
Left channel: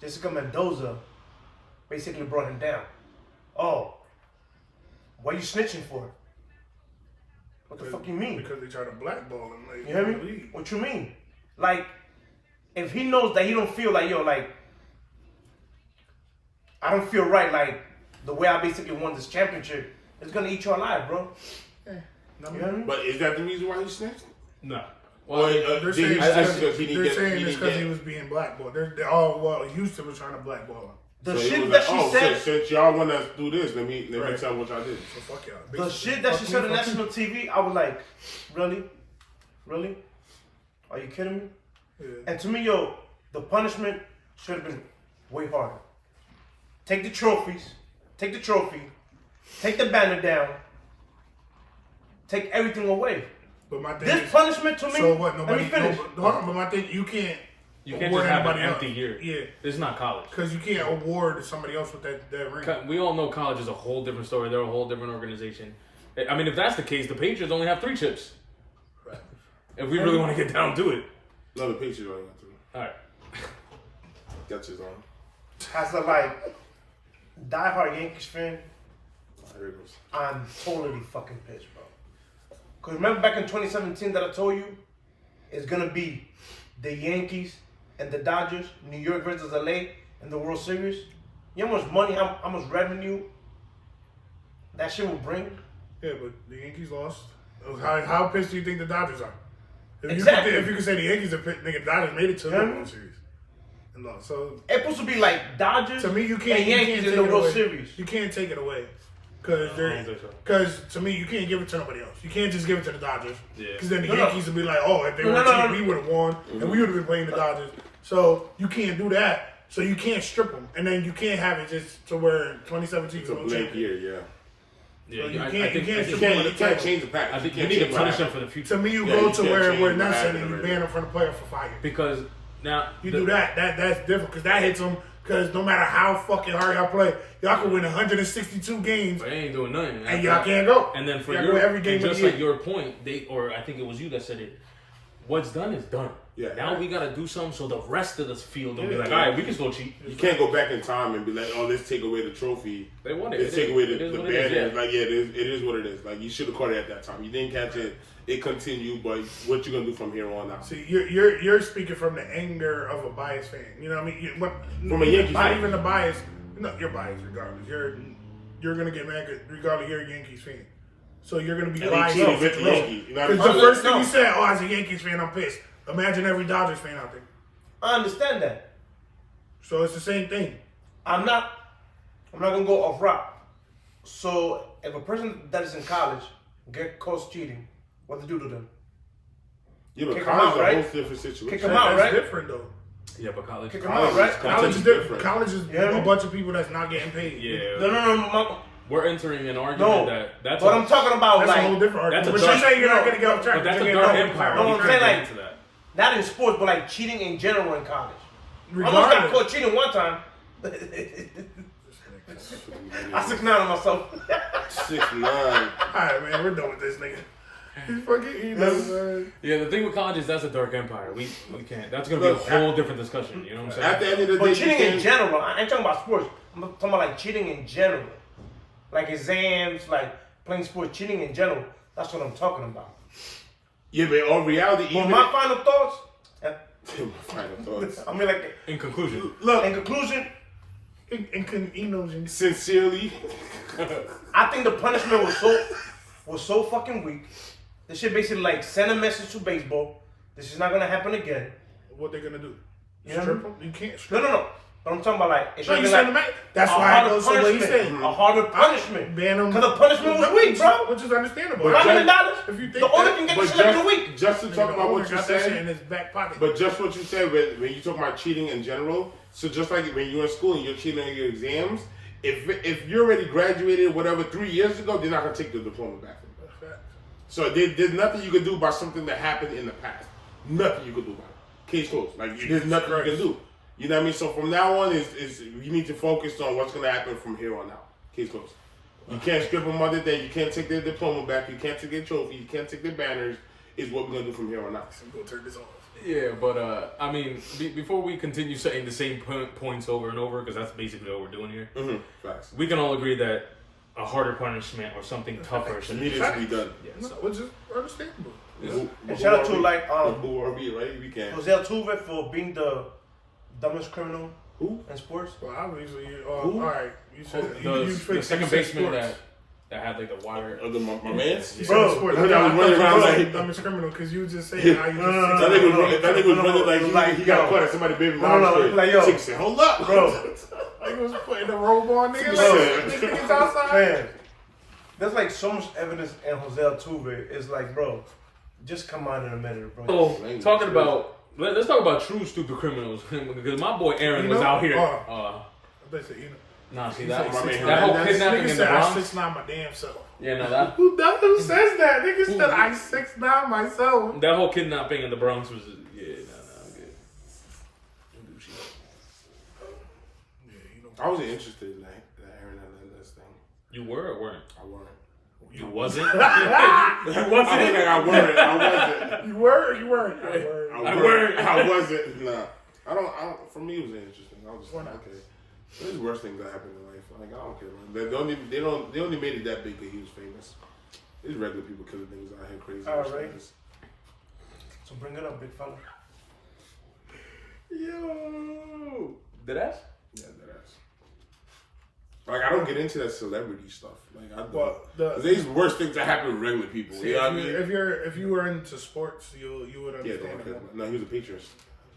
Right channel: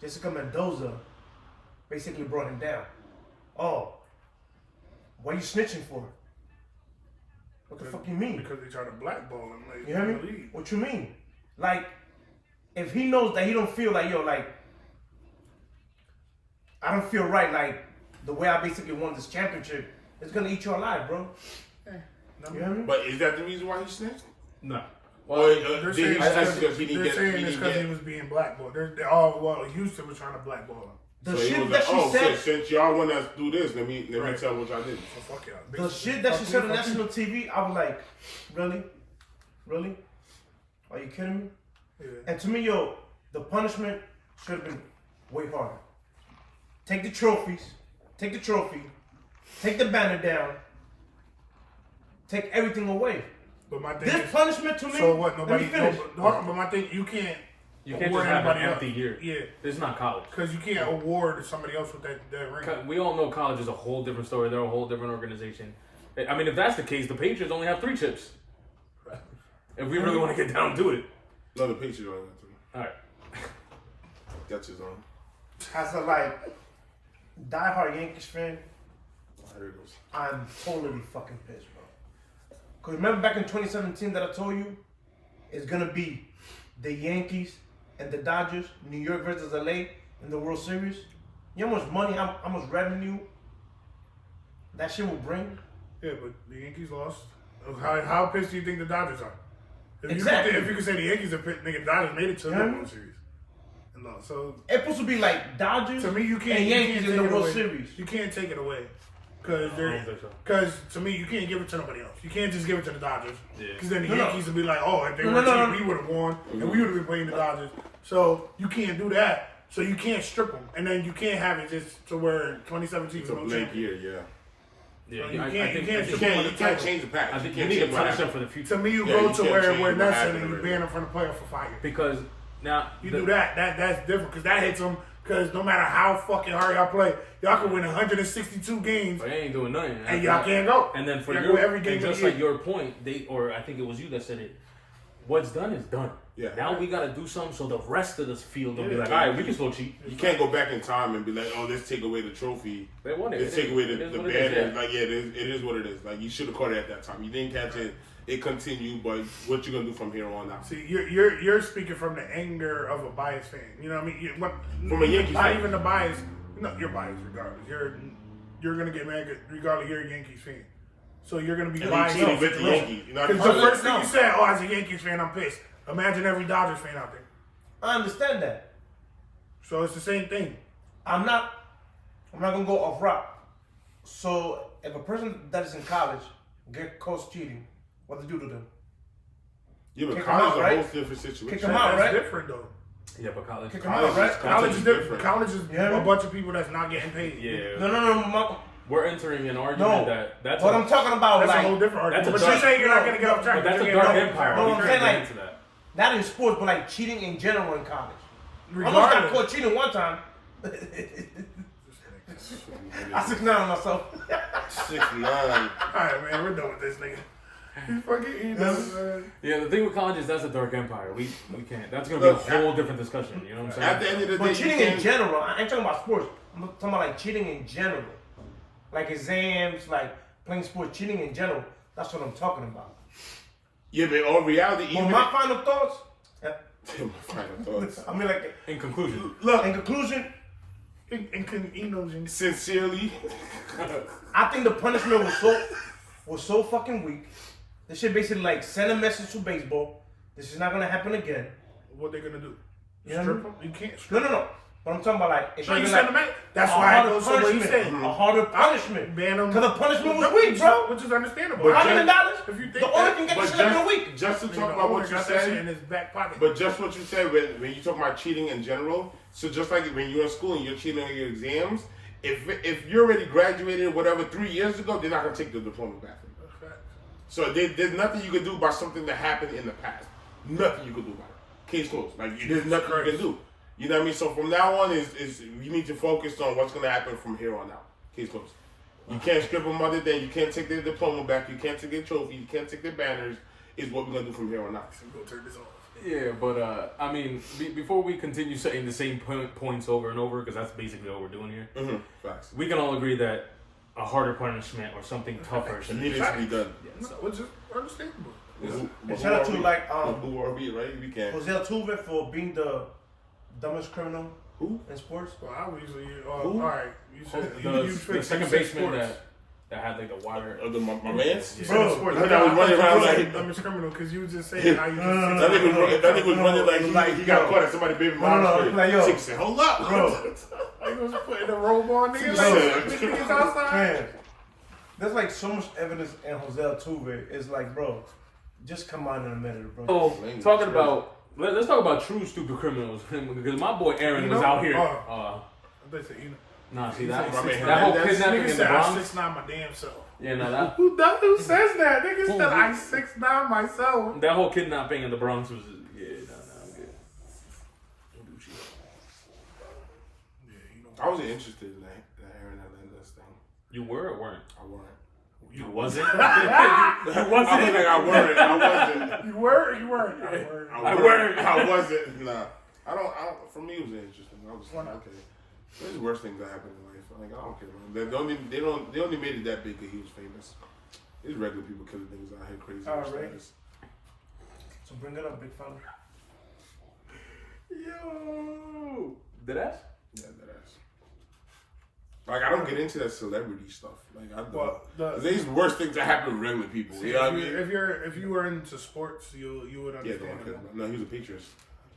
Jessica Mendoza basically brought him down. Oh, what are you snitching for? What the fuck you mean? Because they try to blackball him. Like, you hear me? What you mean? Like, if he knows that he don't feel like, yo, like, I don't feel right, like, the way I basically won this championship, it's gonna eat you alive, bro. Yeah. You hear me? But is that the reason why he snitched? No. Well, they're saying it's because he was being blackballed. Houston was trying to blackball him. The shit that she said. Since y'all want us to do this, let me tell what y'all did. So fuck y'all. The shit that she said on national TV, I was like, really? Are you kidding me? Yeah. And to me, yo, the punishment should have been way harder. Take the trophy, take the banner down, take everything away. But my thing this punishment to me. So what? Nobody. But my thing, you can't. You can't just have an empty year. Yeah. It's not college. Because you can't award somebody else with that ring. We all know college is a whole different story. They're a whole different organization. I mean, if that's the case, the Patriots only have 3 chips. Right. If we really want to get down to it. No, the Patriots only got 3. All right. Got yours on. As a diehard Yankees fan, Here it goes. I'm totally fucking pissed, bro. Because remember back in 2017 that I told you, it's going to be the Yankees and the Dodgers, New York versus LA in the World Series. You know how much money, how much revenue that shit will bring? Yeah, but the Yankees lost. How pissed do you think the Dodgers are? Exactly. If you could say the Yankees are pissed, nigga, Dodgers made it to the World Series. And lost. So it's supposed to be like Dodgers to me, you can't and Yankees in the World Series. You can't take it away. Because to me, you can't give it to nobody else. You can't just give it to the Dodgers. Because then the No, Yankees would be like, oh, if they were cheap, we would have won, and we would have been playing the Dodgers. So you can't do that. So you can't strip them, and then you can't have it just to where 2017 It's a blank year, yeah. Yeah, So you I can't- think you can't- You can't change the package. I think You you can't need to change what punish them happened. for the future. To me, you Yeah, go you to can't where change what Nelson happened and you already. ban them from the playoff for fire. Because now You do that, that's different because that hits them. Because no matter how fucking hard y'all play, y'all can win 162 games But they ain't doing nothing. and y'all can't go. And then for y'all your go every game and of just the like year. your point, or I think it was you that said it. What's done is done. Yeah. Now we gotta do something so the rest of the field will be like, Yeah. all right, we can still cheat. You can't go back in time and be like, oh, let's take away the trophy. They won it. Let's It take is- away it the is what it banner. is, yeah. Like, yeah, it is what it is. Like, you should have caught it at that time. You didn't catch it. It continued, but what you gonna do from here on out? See, you're speaking from the anger of a biased fan. You know what I mean? From a Yankees not fan. even the bias. No, you're biased regardless. You're gonna get mad regardless. You're a Yankees fan, so you're gonna be And they biased. cheated with the Yankees. You know what I'm Because the saying? first thing you said, oh, as a Yankees fan, I'm pissed. Imagine every Dodgers fan out there. I understand that. So it's the same thing. I'm not gonna go off rock. So if a person that is in college get caught cheating, what to do to them? Yeah, but Kick 'em college out, is a right? whole different situation. Kick 'em out, That's right? different though. Yeah, but college. Kick 'em out, right? College is different. College is Yeah. a bunch of people that's not getting paid. Yeah. No. We're entering an argument that's What a, I'm talking about, That's like, a whole different That's argument. a But dark- you're saying you're not no, going to get off track. but that's a You're dark getting off empire. track. No, We I'm can't saying, get like- into that. not in sports, but like cheating in general in college. I almost got Regardless. caught cheating one time. I 6'9" on myself. 69. Alright, man, we're done with this nigga. He's fucking, man. Yeah, the thing with college is that's a dark empire. We can't. That's gonna be Look, a whole different discussion. You know what I'm saying? At the end of the day, But you cheating in can't. general, I ain't talking about sports. I'm talking about like cheating in general. Like exams, like playing sports, cheating in general. That's what I'm talking about. Yeah, but on reality, But even my final thoughts, my final thoughts. I mean, like, In conclusion, Look, in conclusion, sincerely, I think the punishment was so fucking weak. This shit basically like send a message to baseball. This is not gonna happen again. What they gonna do? You know Strip what I them? You can't strip No. But I'm talking about like it No, should you be send like them back. That's a why I harder go so what he punishment. said. A harder punishment. Ban them. Because the punishment was weak, bro. Which is understandable. But $500. If you think The owner that, can get but this shit up in a week. just to talk about what you got that shit in said, his back pocket. but just what you said when you talk about cheating in general. So just like when you're in school and you're cheating on your exams, if you're already graduated, whatever, 3 years ago, they're not gonna take the diploma back from you. That's facts. So there's nothing you can do about something that happened in the past. Nothing you can do about it. Case closed. Like there's nothing you can do. You know what I mean? So from now on, is you need to focus on what's going to happen from here on out. Case closed. You can't strip them other than you can't take their diploma back. You can't take their trophy. You can't take their banners. Is what we're going to do from here on out. I'm gonna turn this off. yeah, but I mean, before we continue saying the same points over and over, because that's basically what we're doing here, Facts. we can all agree that a harder punishment or something tougher It should be. needed to be done. Yeah, No, so. which is understandable. And shout out to like who are we, right? We can. Jose Altuve for being the dumbest criminal Who? in sports. Well, obviously, Who? all right. You said The second baseman that had like the wire. My man's? You Bro, said sports. I was running around like- dumbest criminal because you just saying how you just. That nigga was running like he got caught at somebody baby mom's crib. like, yo. Chick said, hold up. Bro, Like, was putting the robe on, nigga. Bro. Like, niggas outside. man, there's like so much evidence in Jose Altuve. It's like, bro, just come out in a minute, bro. Oh, Language. talking about. Let's talk about true stupid criminals because my boy Aaron was out here. They said, you know. Nah, see that My man that whole Hernandez. kidnapping Nigga in the said I Bronx. 6'9" my damn self. Yeah, no, that Who says that? Nigga said I 6'9" myself. that whole kidnapping in the Bronx was I'm good. Gucci. Yeah, you know. I wasn't interested in that Aaron Hernandez thing. You were or weren't? I weren't. You wasn't. I was like, I weren't. I wasn't. You were or you weren't? I weren't. I wasn't. Nah. I don't. For me, it was interesting. I was just like, okay. There's worse things that happen in life. Like, I don't care, man. They only made it that big because he was famous. There's regular people killing niggas out here crazy. All right. So bring it up, big fella. Yo, did that? Yeah, that ass. Like, I don't get into that celebrity stuff. Like, I don't. Well, There's worse things that happen with regular people. See, You know what I mean? if you were into sports, you would Yeah, understand. no, he was a Patriots.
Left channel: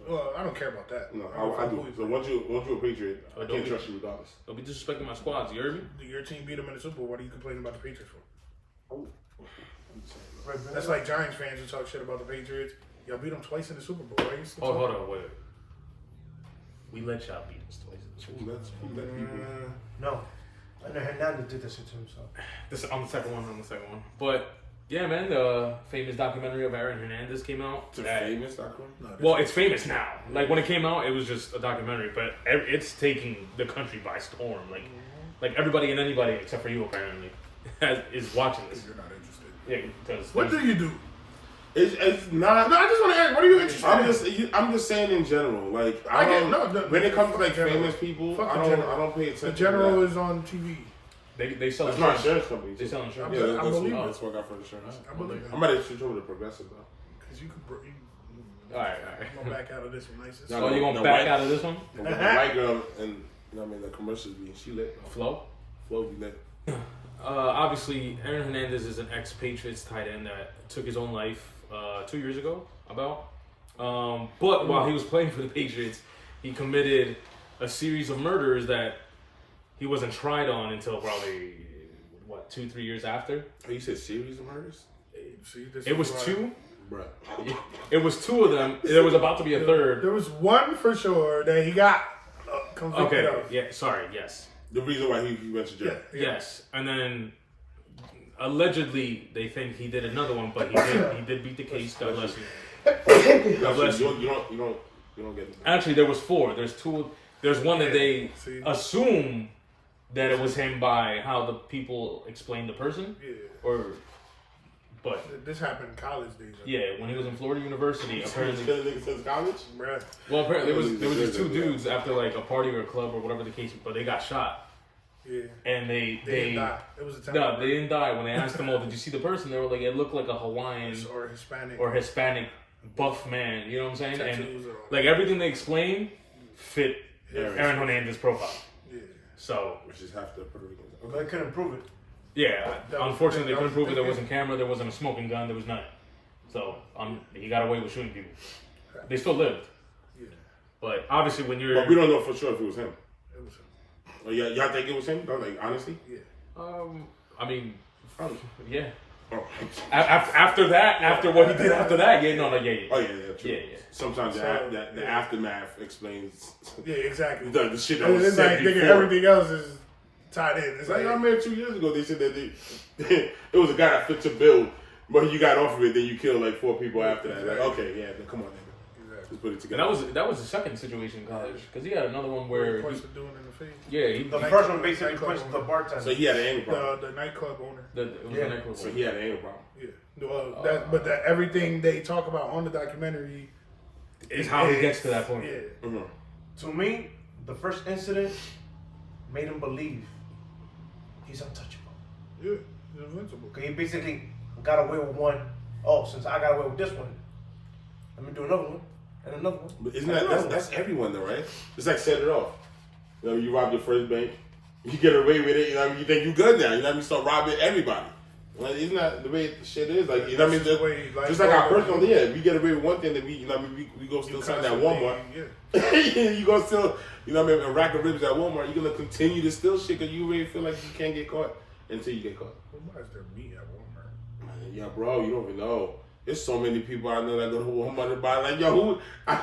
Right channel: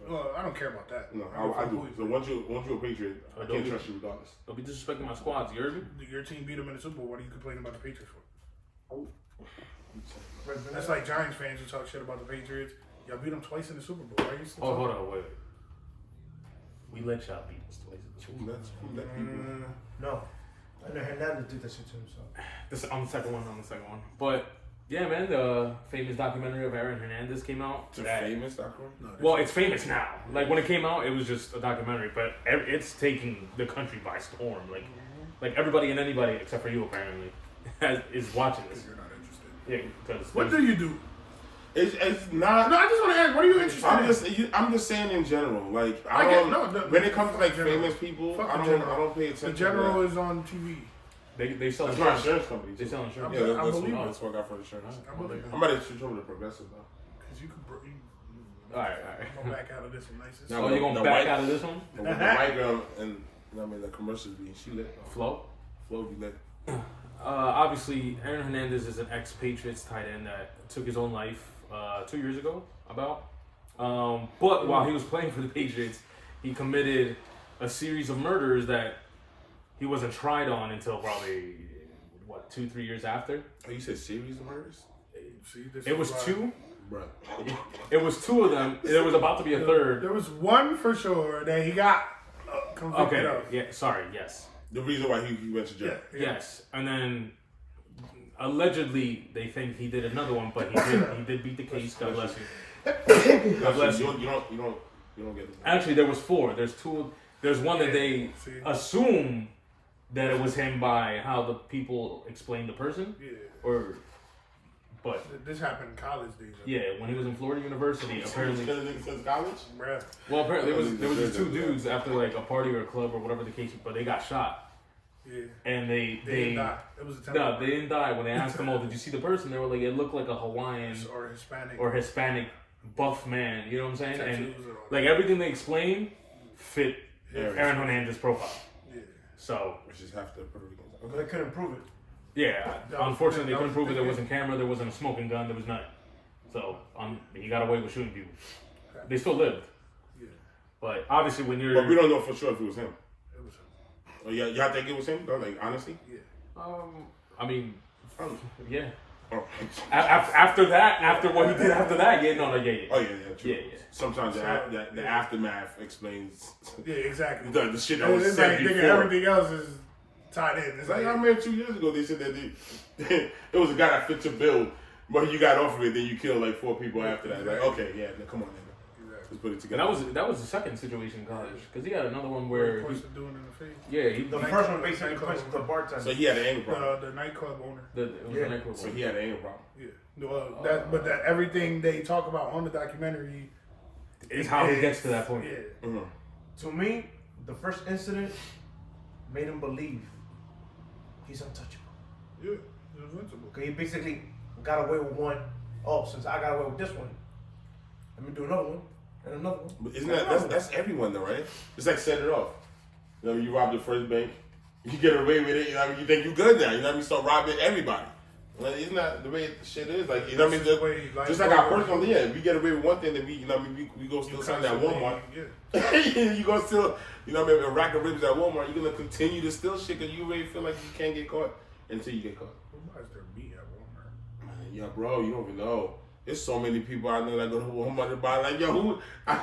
Well, I don't care about that. No, I do. So once you're a Patriot, I can't trust you regardless. Don't be disrespecting my squads. You heard me? Your team beat them in the Super Bowl. What are you complaining about the Patriots for? Oh. That's like Giants fans who talk shit about the Patriots. Y'all beat them twice in the Super Bowl. Why are you still Oh, talking? hold on, wait. We let y'all beat us twice in the Super Bowl. Who let people? No. I know Hernandez did that shit to himself. This on the second one. But yeah, man, the famous documentary of Aaron Hernandez came out. It's a famous documentary? No, Well, it's famous now. Like when it came out, it was just a documentary, but it's taking the country by storm. Like everybody and anybody except for you apparently is watching this. you're not interested. Yeah, because What do you do? It's not. No, I just want to ask. What are you interested in? I'm just saying in general. Like I don't. get- no, when it comes to like general. famous people, Fuck I the general. don't pay attention. The general to is on TV. they sell that. That's not insurance. insurance companies. They sell insurance. Yeah, I that's believe what, it. that's what I got for insurance. I believe I'm about to switch over to Progressive though. Because you could. All right. I'm gonna back out of this one, nicest. No, Oh, you gonna the back white- out of this one? But with the white girl and you know what I mean the commercials being she lit. Flo? Flo be lit. Obviously, Aaron Hernandez is an ex-Patriots tight end that took his own life 2 years ago, about. But while he was playing for the Patriots, he committed a series of murders that he wasn't tried on until probably, 2-3 years after? Oh, you said series of murders? See, this It is was why- 2. Bruh. It was 2 of them. There was about to be a third. There was one for sure that he got convicted Okay, of. yeah, sorry, yes. The reason why he went to Yeah, jail. yeah. Yes, and then allegedly they think he did another one, but he did beat the case. God bless you. God bless you. You don't get it. Actually, there was 4. There's 2. There's one that they see. assume that it was him by how the people explained the person, Yeah. but This happened in college days. yeah, when he was in Florida University, He's apparently. killing niggas since college? Bruh. Well, apparently there was just 2 dudes after like a party or a club or whatever the case, but they got shot, Yeah. and They didn't die. It was a temporary. No, they didn't die. When they asked them, "Oh, did you see the person?" They were like, "It looked like a Hawaiian or Hispanic. buff man." You know what I'm saying? Tattoos And and all. like everything they explained fit Aaron. Aaron Hernandez's profile. Yeah. So Which is half the Puerto Ricans. But I couldn't prove it. yeah, That was- unfortunately, they that couldn't was prove it. There thinking. wasn't camera. There wasn't a smoking gun. There was nothing. So he got away with shooting people. They still lived. Yeah. But obviously, when you're But we don't know for sure if it was him. It was. Oh, y'all think it was him? Though? Like, honestly? Yeah. I mean, yeah. Oh, After that, after what he did after that, yeah, no, yeah. oh yeah, true. Yeah, yeah. Sometimes So, the aftermath explains Yeah. Exactly. the shit that was It's said like before. thinking everything else is tied in. It's Like like, I remember 2 years ago, they said that it was a guy that fit your bill, but you got off of it, then you killed like 4 people after that. Like, okay, yeah, come on, nigga. Let's put it And together. that was the second situation in college because he had another one where points to doing in the face. The first one basically punched the bartender. So he had an anger problem. The nightclub owner. it was Yeah. an equal So one. he had an anger problem. Yeah. Well, but everything they talk about on the documentary Is how he gets to that point. Yeah. Mm-hmm. To me, the first incident made him believe he's untouchable. Yeah. He's invincible. Cause he basically got away with one. Oh, since I got away with this one, let me do another one and another one. But isn't and that another that's everyone though, right? It's like set it off. You know, you rob the first bank, you get away with it. You know, what I mean, you think you good now. You know, what I mean, start robbing everybody. Like, isn't that the way shit is? Like, you know, what I mean, That's the way life just like our goes. personal, yeah. We get away with one thing, that we, you know, what I mean, we go still sign at Walmart. Yeah. You go still, you know, what I mean, a rack of ribs at Walmart. You're gonna continue to steal shit because you really feel like you can't get caught until you get caught. Why is there meat at Walmart? Man, yeah, bro, you don't even know. There's so many people I know that go to Walmart and buy. Like, yo, who? I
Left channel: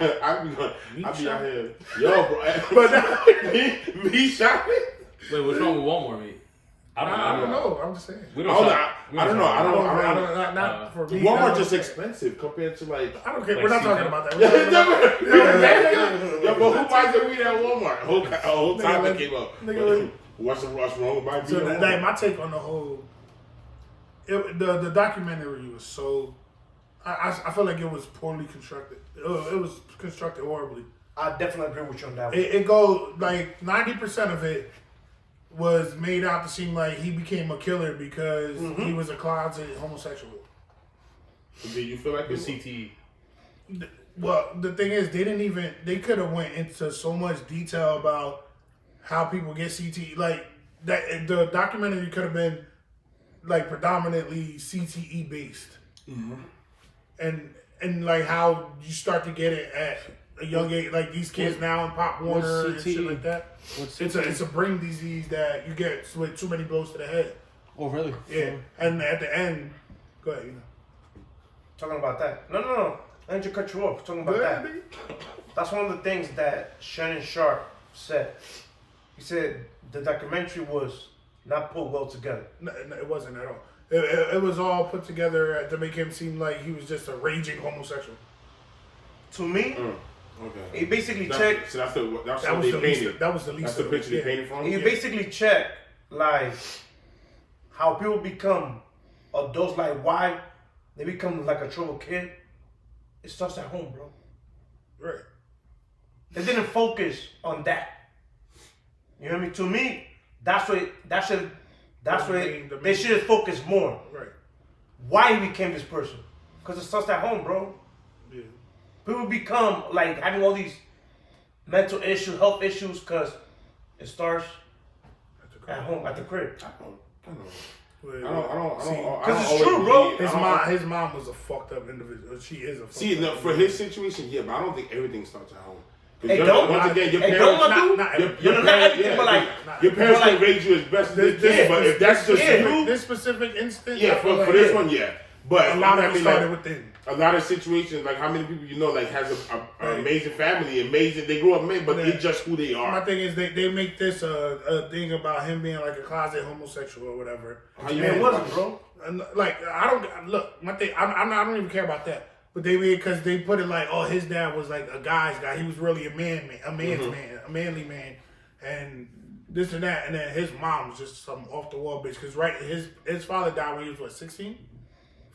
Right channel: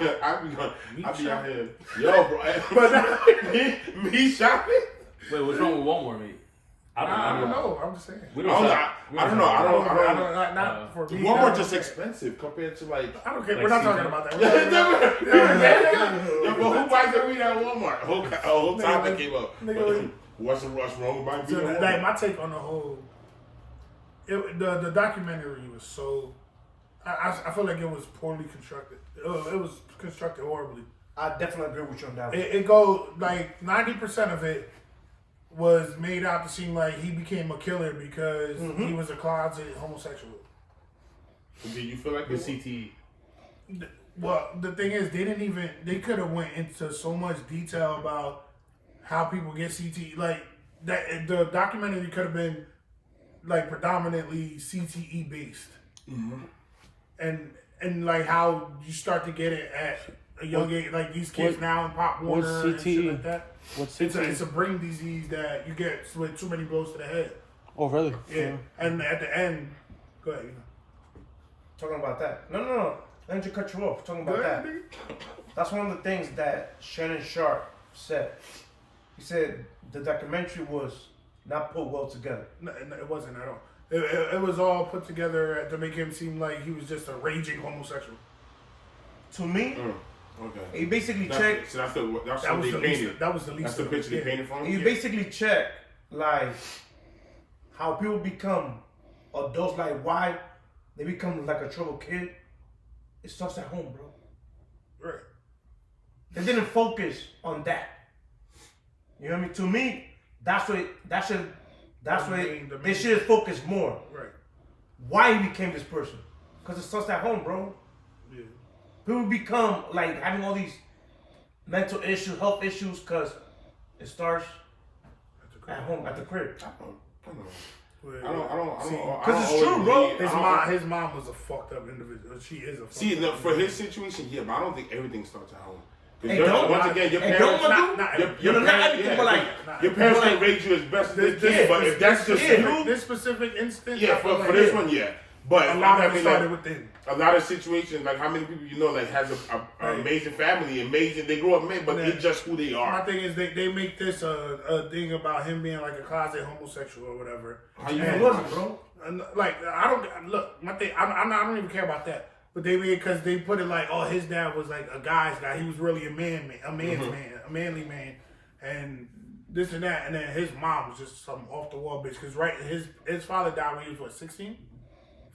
be out here, yo, bro. But me shopping. Wait, what's wrong with Walmart, mate? I don't know. I'm just saying. We I don't. don't shop- we know. I don't know. Not for me. Walmart just expensive compared to like. I don't care. Like We're not season. talking about that. We're talking about, Yo, but who buys their weed at Walmart? A whole topic Nigga, came up. nigga, What's wrong with my weed so at like Walmart? my take on the whole, the documentary was so. I feel like it was poorly constructed. It was constructed horribly. I definitely agree with you on that one. It goes like 90% of it was made out to seem like he became a killer because he was a closet homosexual. Do you feel like With it? CTE. Well, the thing is, they could have went into so much detail about how people get CTE. Like that, the documentary could have been like predominantly CTE based, and like how you start to get it at a young age, like these kids now in Pop Warner and shit like that. It's a brain disease that you get with too many blows to the head. Oh, really? Yeah. And at the end, go ahead, Talking about that. No. I need to cut you off. Talking about that. That's one of the things that Shannon Sharp said. He said the documentary was not put well together. No, it wasn't at all. It was all put together to make him seem like he was just a raging homosexual. To me, Okay. he basically checked. So that's what That was they the painted. least. That was the least. That's the of picture it. they painted for him. He basically checked like how people become adults, like why they become like a troubled kid. It starts at home, bro. Right. They didn't focus on that. You know what I mean? To me, that's what they should have focused more. Right. Why he became this person? Because it starts at home, bro. Yeah. People become like having all these mental issues, health issues, because it starts at home, at the crib. I don't. Well, Because it's true, bro. His mom was a fucked up individual. She is a fucked up For his situation, yeah, but I don't think everything starts at home. Hey, don't. Once again, your Hey, parents, don't, your parents, everything, but like, your parents but can raise you as best as they can. But if that's just you, this specific instance, yeah, for this one, yeah. But a lot of it like, started within. a lot of situations, like how many people you know, like has an amazing family, amazing. They grew up men, but it's just who they are. My thing is they make this a thing about him being like a closet homosexual or whatever. How you it feel wasn't, about bro. And, like I don't look. My thing, I don't even care about that. But they because they put it like, oh, his dad was like a guy's guy. He was really a man's man, a manly man, and this and that. And then his mom was just some off the wall bitch. Because his father died when he was what 16,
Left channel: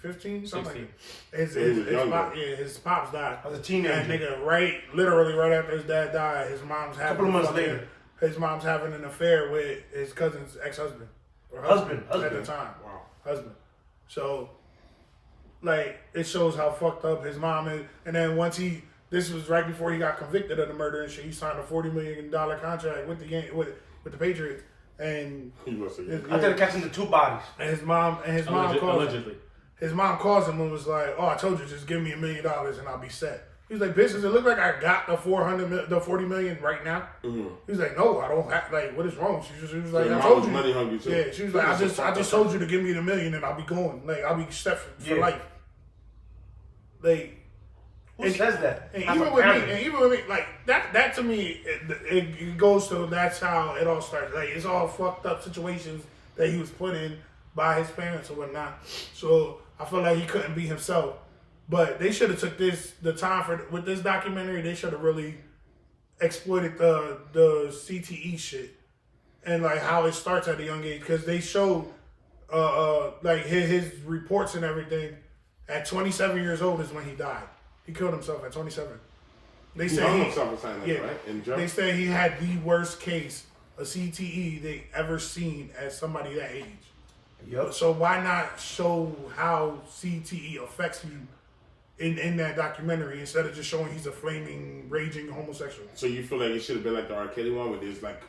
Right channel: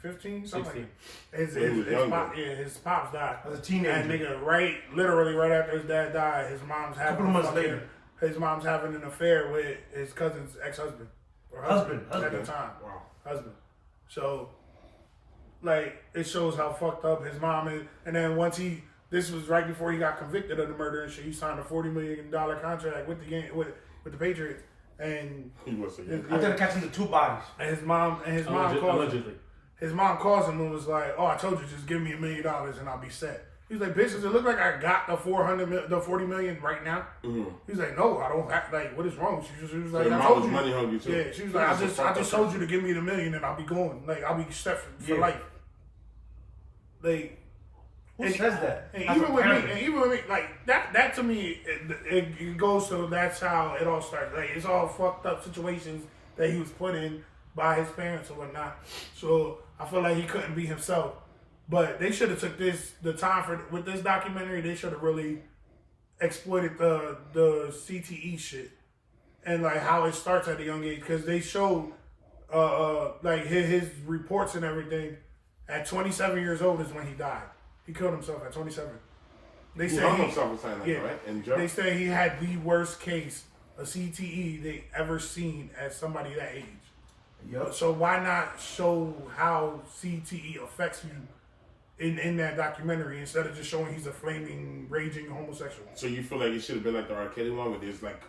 15, something like that. His pops died As a teenager. And nigga, literally right after his dad died, his mom's having couple of months later. His mom's having an affair with his cousin's ex-husband or Husband. at the time. Wow. Husband. So, like, it shows how fucked up his mom is. And then this was right before he got convicted of the murder and shit. He signed a $40 million contract with the Patriots. And He was After catching the two bodies. and his mom calls Allegedly. his mom calls him and was like, "Oh, I told you, just give me $1 million and I'll be set." He's like, "Bitch, does it look like I got the $40 million right now?" He's like, "No, I don't have. Like, what is wrong?" She was like, Your "I mom told was you." money hungry too. Yeah, she was like, "I just told you to give me the $1 million and I'll be going. Like, I'll be set for life." Like, Who says that? and That's even a with parent. me, like that to me, it goes to that's how it all starts. Like, it's all fucked up situations that he was put in by his parents or whatnot. So I feel like he couldn't be himself. But they should have took the time with this documentary. They should have really exploited the CTE shit and like how it starts at a young age, because they showed like his reports and everything. At 27 years old is when he died. He killed himself at 27. They He say hung himself or something like that, right? In jail? They say he had the worst case of CTE they ever seen at somebody that age. Yep. So why not show how CTE affects you in that documentary instead of just showing he's a flaming, raging homosexual? So you feel like it should have been like the R. Kelly one, where there's like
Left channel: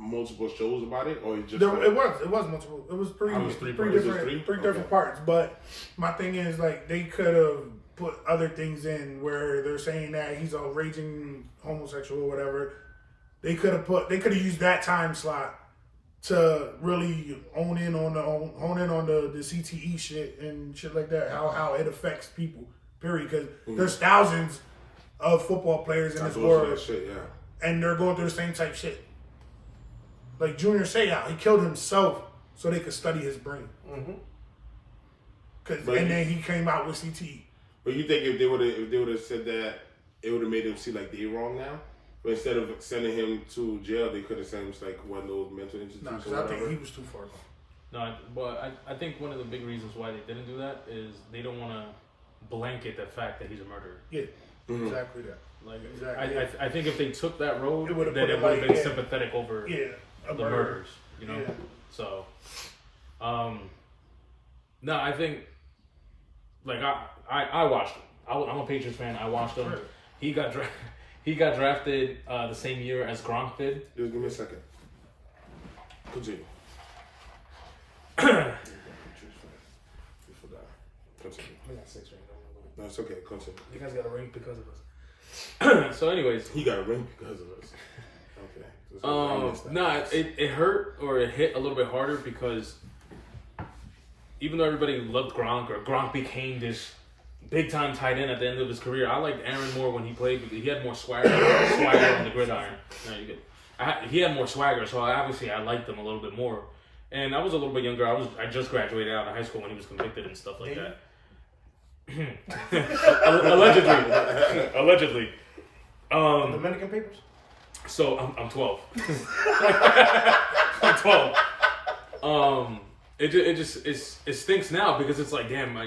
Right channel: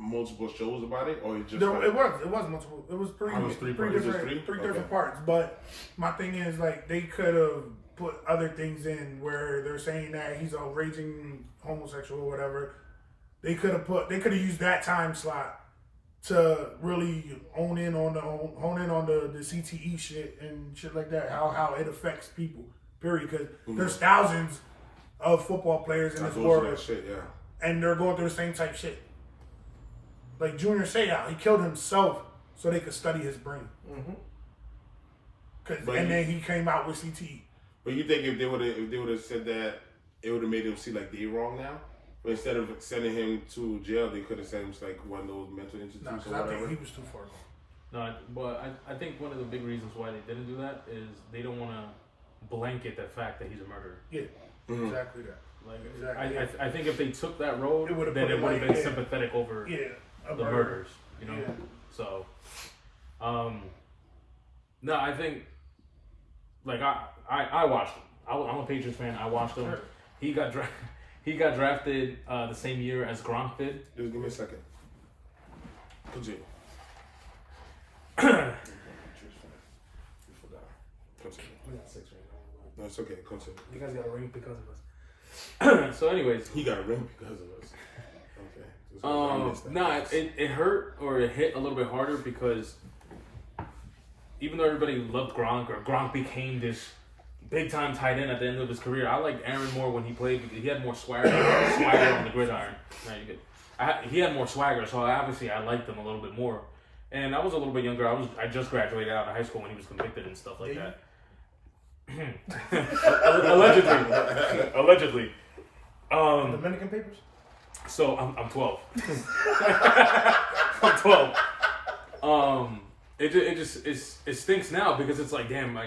multiple shows about it, or it just There, like, it was multiple. It was three different parts. But my thing is, like, they could have put other things in where they're saying that he's a raging homosexual or whatever. They could have used that time slot to really hone in on the CTE shit and shit like that. How it affects people. Period. Because there's thousands of football players in this world, that shit, yeah. and they're going through the same type shit. Like Junior Seau, he killed himself so they could study his brain. And then he came out with CTE. But you think if they would have said that, it would have made him see like they wrong now? But instead of sending him to jail, they could have sent him to like one of those mental institutions No, or because I whatever. think he was too far gone. No, but I think one of the big reasons why they didn't do that is they don't want to blanket the fact that he's a murderer. Yeah, exactly that. Like, Exactly. I think if they took that road, It would've then put it it would have like, been yeah. sympathetic over Yeah, a the murder. murders, you know? Yeah. So, no, I think, like, I watched him. I'm a Patriots fan. I watched him. Sure. He got drafted the same year as Gronk did. Just give me a second. Continue. Continue. We got 6 right now. No, it's okay. Continue. You guys got a ring because of us. So, anyways, He got a ring because of us. Okay. I missed that. nah, it hurt or it hit a little bit harder because even though everybody loved Gronk or Gronk became this big time tight end at the end of his career, I liked Aaron more when he played because he had more swagger on the gridiron. No, you good. He had more swagger, so obviously I liked him a little bit more. And I was a little bit younger. I just graduated out of high school when he was convicted and stuff like that. Allegedly. Dominican papers. So I'm 12. I'm 12. It stinks now because it's like, damn,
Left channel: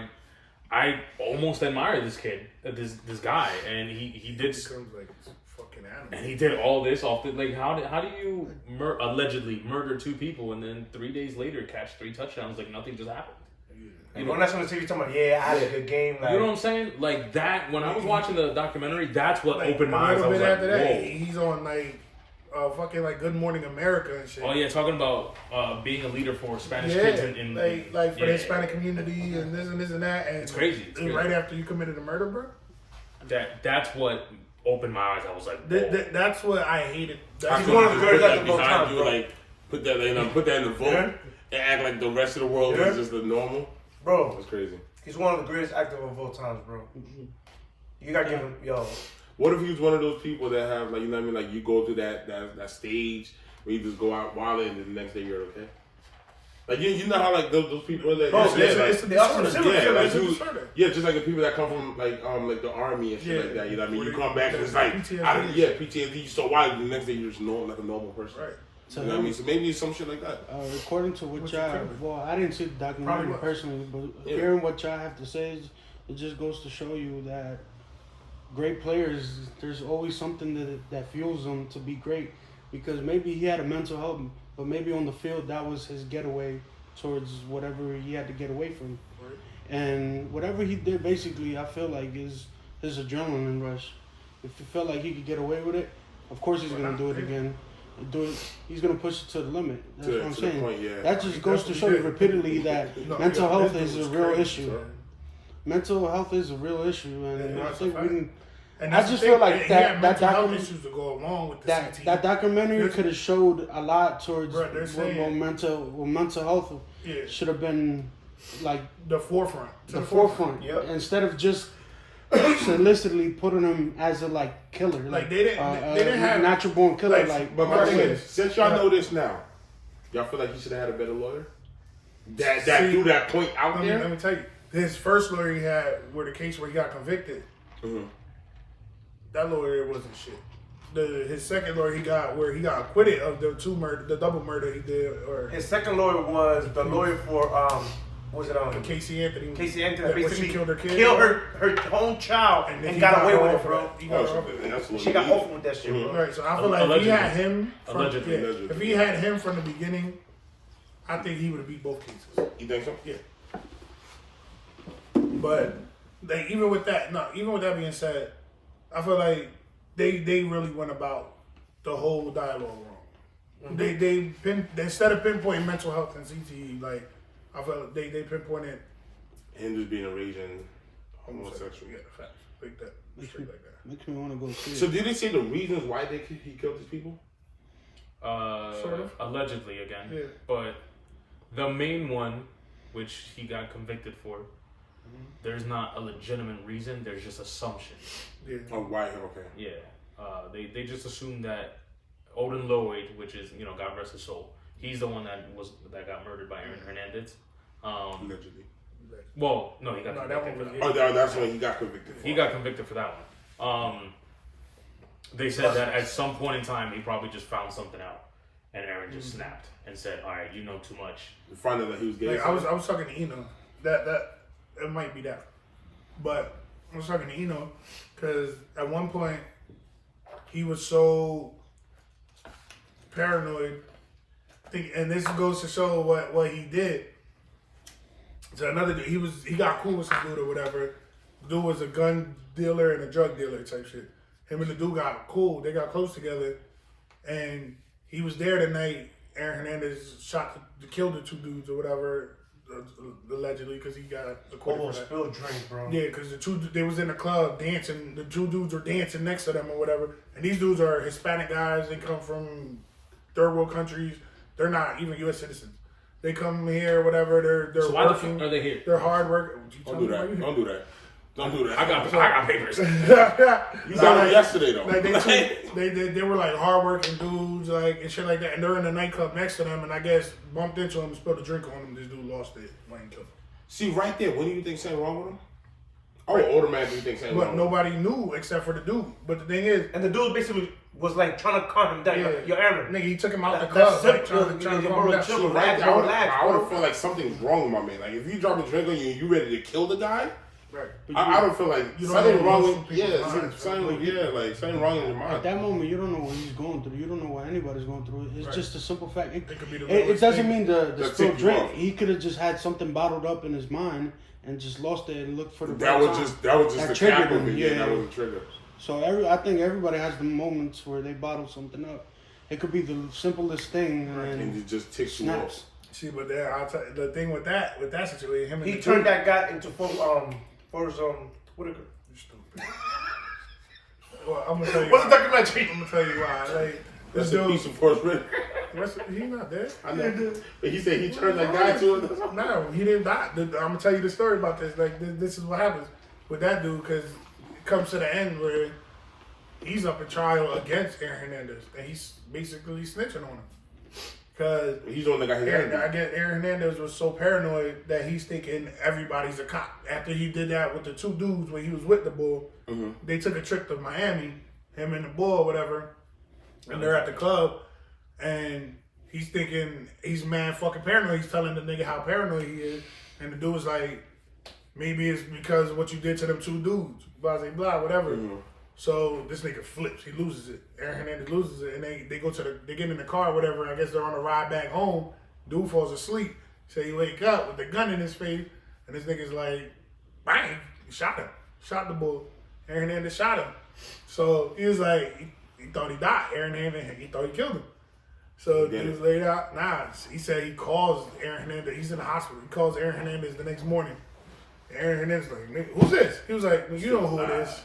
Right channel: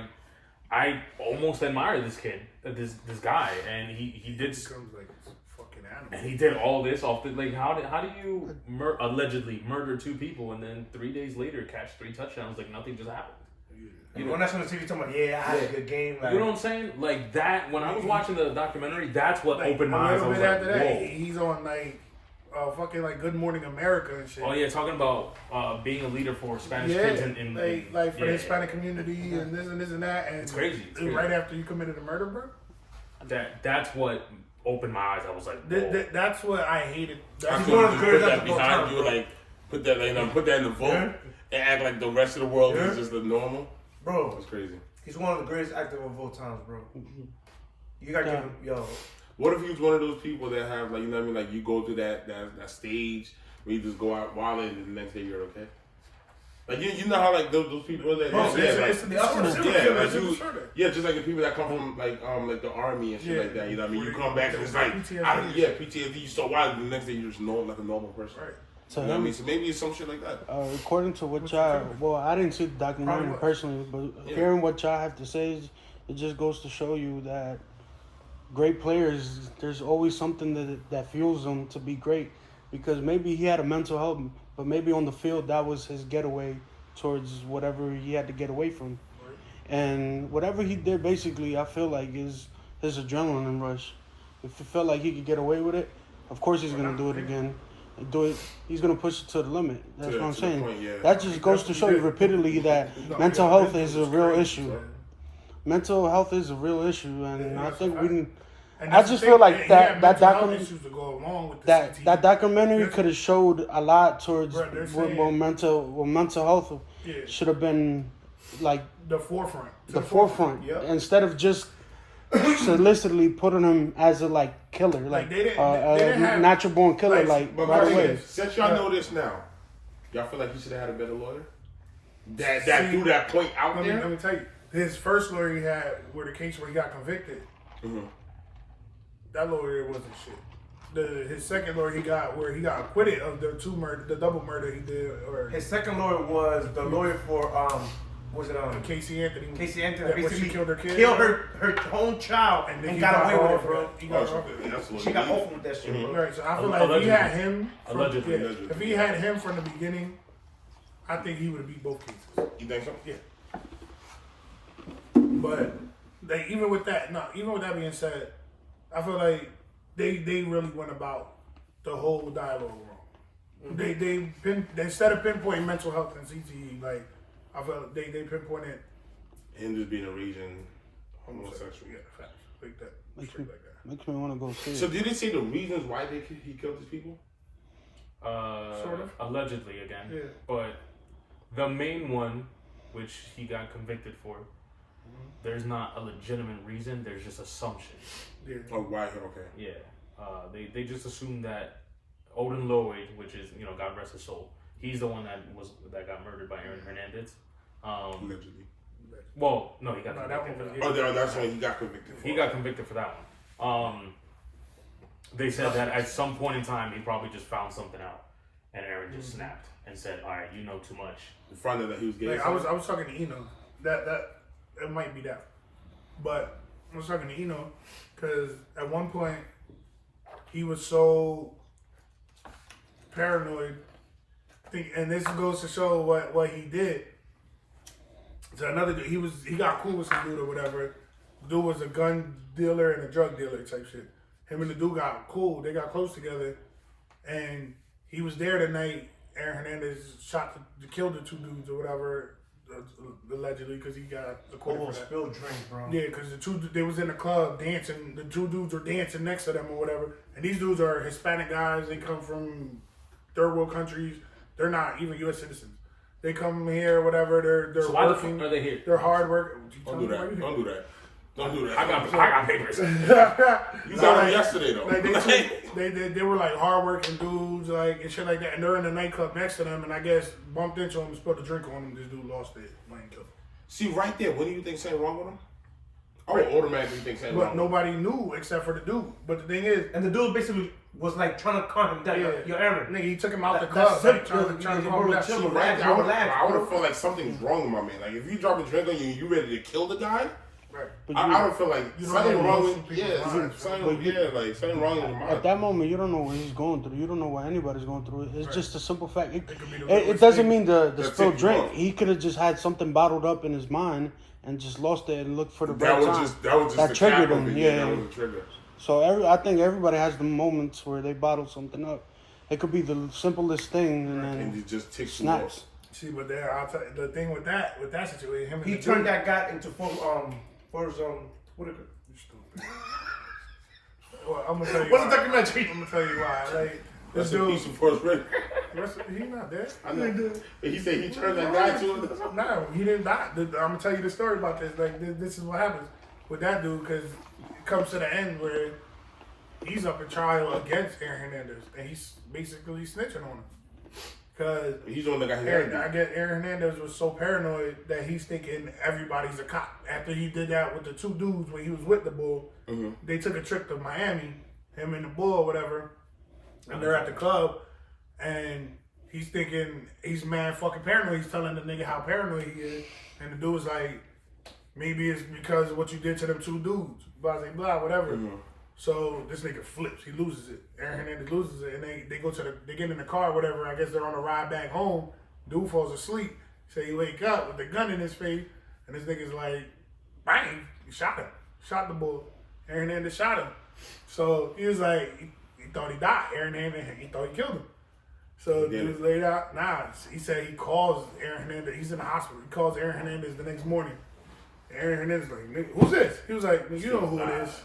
I almost admire this kid, this guy, and he did. Becomes like fucking animal. And he did all this off the like. How do you allegedly murder 2 people and then 3 days later catch 3 touchdowns like nothing just happened? You know, that's on the TV talking about, I had a good game. Like, You know what I'm saying? Like that. When I was watching the documentary, that's what Like, opened my eyes. A I little was bit like, after that, whoa. he's on like fucking like Good Morning America and shit. Oh yeah, talking about being a leader for Spanish kids in like for the Hispanic community and this and that. And It's crazy. It's crazy. Right after you committed a murder, bro. That's what opened my eyes. I was like, that's what I hated. That's I one could of the put greatest that of all behind time, you, bro. like put that in the vote and act like the rest of the world is just the normal. bro, That's crazy. he's one of the greatest actors of all times, bro. You gotta give him, What if he was one of those people that have like, you know what I mean, like you go through that stage where you just go out wild and the next day you're okay. Like you know how like those people that it's a disorder. just like the people that come from like the army and shit like that. You know what I mean? You come back and it's like PTSD. You so wild, the next day you're just like a normal person. Right. You know what I mean? So maybe it's some shit like that. According to what y'all, well, I didn't see the documentary personally, but hearing what y'all have to say, it just goes to show you that great players, there's always something that fuels them to be great. Because maybe he had a mental health, but maybe on the field that was his getaway towards whatever he had to get away from. Right. And whatever he did, basically, I feel like is his adrenaline rush. If he felt like he could get away with it, of course he's gonna do it again. He's gonna push it to the limit. That's what I'm saying. Point, That just goes to show you repeatedly that mental health is a real issue. Mental health is a real issue, and I think we can. And I just feel like that documentary issues to go along with that documentary could have showed a lot towards saying, mental health should have been like the forefront. The forefront. Yep. Instead of just solicitously putting him as a like killer, like they didn't have natural born killer. But my thing is, since y'all know this now, y'all feel like he should have had a better lawyer. That threw that point out there. Let me tell you, his first lawyer he had, where the case where he got convicted. Mm-hmm. That lawyer wasn't shit. His second lawyer he got where he got acquitted of the double murder he did, or his second lawyer was the lawyer for Casey Anthony. Casey Anthony when basically she killed her kid, killed her own child, and got away with it, bro. He got off of it. She got off with that shit. Mm-hmm. Right, so I feel like if he had him, Allegedly. if he had him from the beginning, I think he would have beat both cases. You think so? Yeah. But even with that being said, I feel like they really went about the whole dialogue wrong. Mm-hmm. They instead of pinpointing mental health and CTE, like I feel like they pinpointed him just being a raging homosexual. Yeah, facts like that, straight like that. Makes me want to go see. So did they say the reasons why he killed these people? Sort of. Allegedly again. Yeah. But the main one, which he got convicted for, there's not a legitimate reason. There's just assumptions. Yeah. Oh, why? Okay. Yeah. They just assumed that Odin Lloyd, which is, God rest his soul, he's the one that got murdered by Aaron Hernandez. Allegedly. Well, no, he got convicted for that. Oh, that's when he got convicted for. He got convicted for that one. They said that at some point in time, he probably just found something out, and Aaron just snapped and said, "All right, you know too much." In front of that, he was gay. Like, I was talking to Yno. That it might be that, but I was talking to Yno because at one point he was so paranoid. And this goes to show what he did. So another dude, he got cool with some dude or whatever. The dude was a gun dealer and a drug dealer type shit. Him and the dude got cool. They got close together, and he was there the night Aaron Hernandez killed the 2 dudes or whatever. allegedly, because he got acquitted for that. Spilled drink, bro. Yeah, because they was in the club dancing. The two dudes were dancing next to them or whatever. And these dudes are Hispanic guys. They come from third world countries. They're not even U.S. citizens. They come here, whatever. They're So why the working. fuck are they here? They're hard work. Don't do that. Don't do that. Don't do that. I got papers. You got them yesterday though. Like they were like hardworking dudes, like and shit like that, and they're in the nightclub next to them, and I guess bumped into him, spilled a drink on him. This dude lost it, went and killed him. See, right there, what do you think something wrong with him? I would automatically think something wrong. But nobody knew except for the dude. But the thing is, and the dude basically was like trying to calm him down. Your airman, nigga, he took him out the club, like, trying to calm him down. See, right there, I would have felt like something's wrong with my man. Like if you drop a drink on you and you ready to kill the guy. Right. I don't feel like something wrong with minds, something wrong in your mind. At that moment, you don't know what he's going through. You don't know what anybody's going through. It's just a simple fact. It could be the it doesn't mean the That spilled tipped you drink. off. He could have just had something bottled up in his mind and just lost it and looked for the That right was time. just the cap triggered of him. it. Yeah, that was a trigger. So I think everybody has the moments where they bottle something up. It could be the simplest thing, And it just ticks you snaps. off. See, but there, I'll tell you, the thing with that situation, him and he the turned dude, that guy into what is you stupid. Well, I'm gonna tell you. What's the why. documentary? I'm gonna tell you why. Like this That's a piece dude, of Forrest Whitaker. he's not dead. I know. But he said he turned that guy to it. No, he didn't die. I'm gonna tell you the story about this. Like this is what happens with that dude because it comes to the end where he's up in trial against Aaron Hernandez and he's basically snitching on him because He's the one that got his I guess Aaron Hernandez was so paranoid that he's thinking everybody's a cop. After he did that with the two dudes when he was with the bull, they took a trip to Miami, him and the bull or whatever, and they're at the club, and he's thinking he's mad fucking paranoid. He's telling the nigga how paranoid he is, and the dude was like, maybe it's because of what you did to them two dudes, blah, blah, blah, whatever. So this nigga flips, he loses it. Aaron Hernandez loses it, and they go to they get in the car, whatever. I guess they're on the ride back home. Dude falls asleep, so he wake up with the gun in his face, and this nigga's like, bang, he shot him, shot the bull. Aaron Hernandez shot him, so he was like, he thought he died. Aaron Hernandez, he thought he killed him. So he was laid out. Nah, he said he calls Aaron Hernandez. He's in the hospital. He calls Aaron Hernandez the next morning. Aaron Hernandez like, nigga, who's this? He was like, well, you know who it is.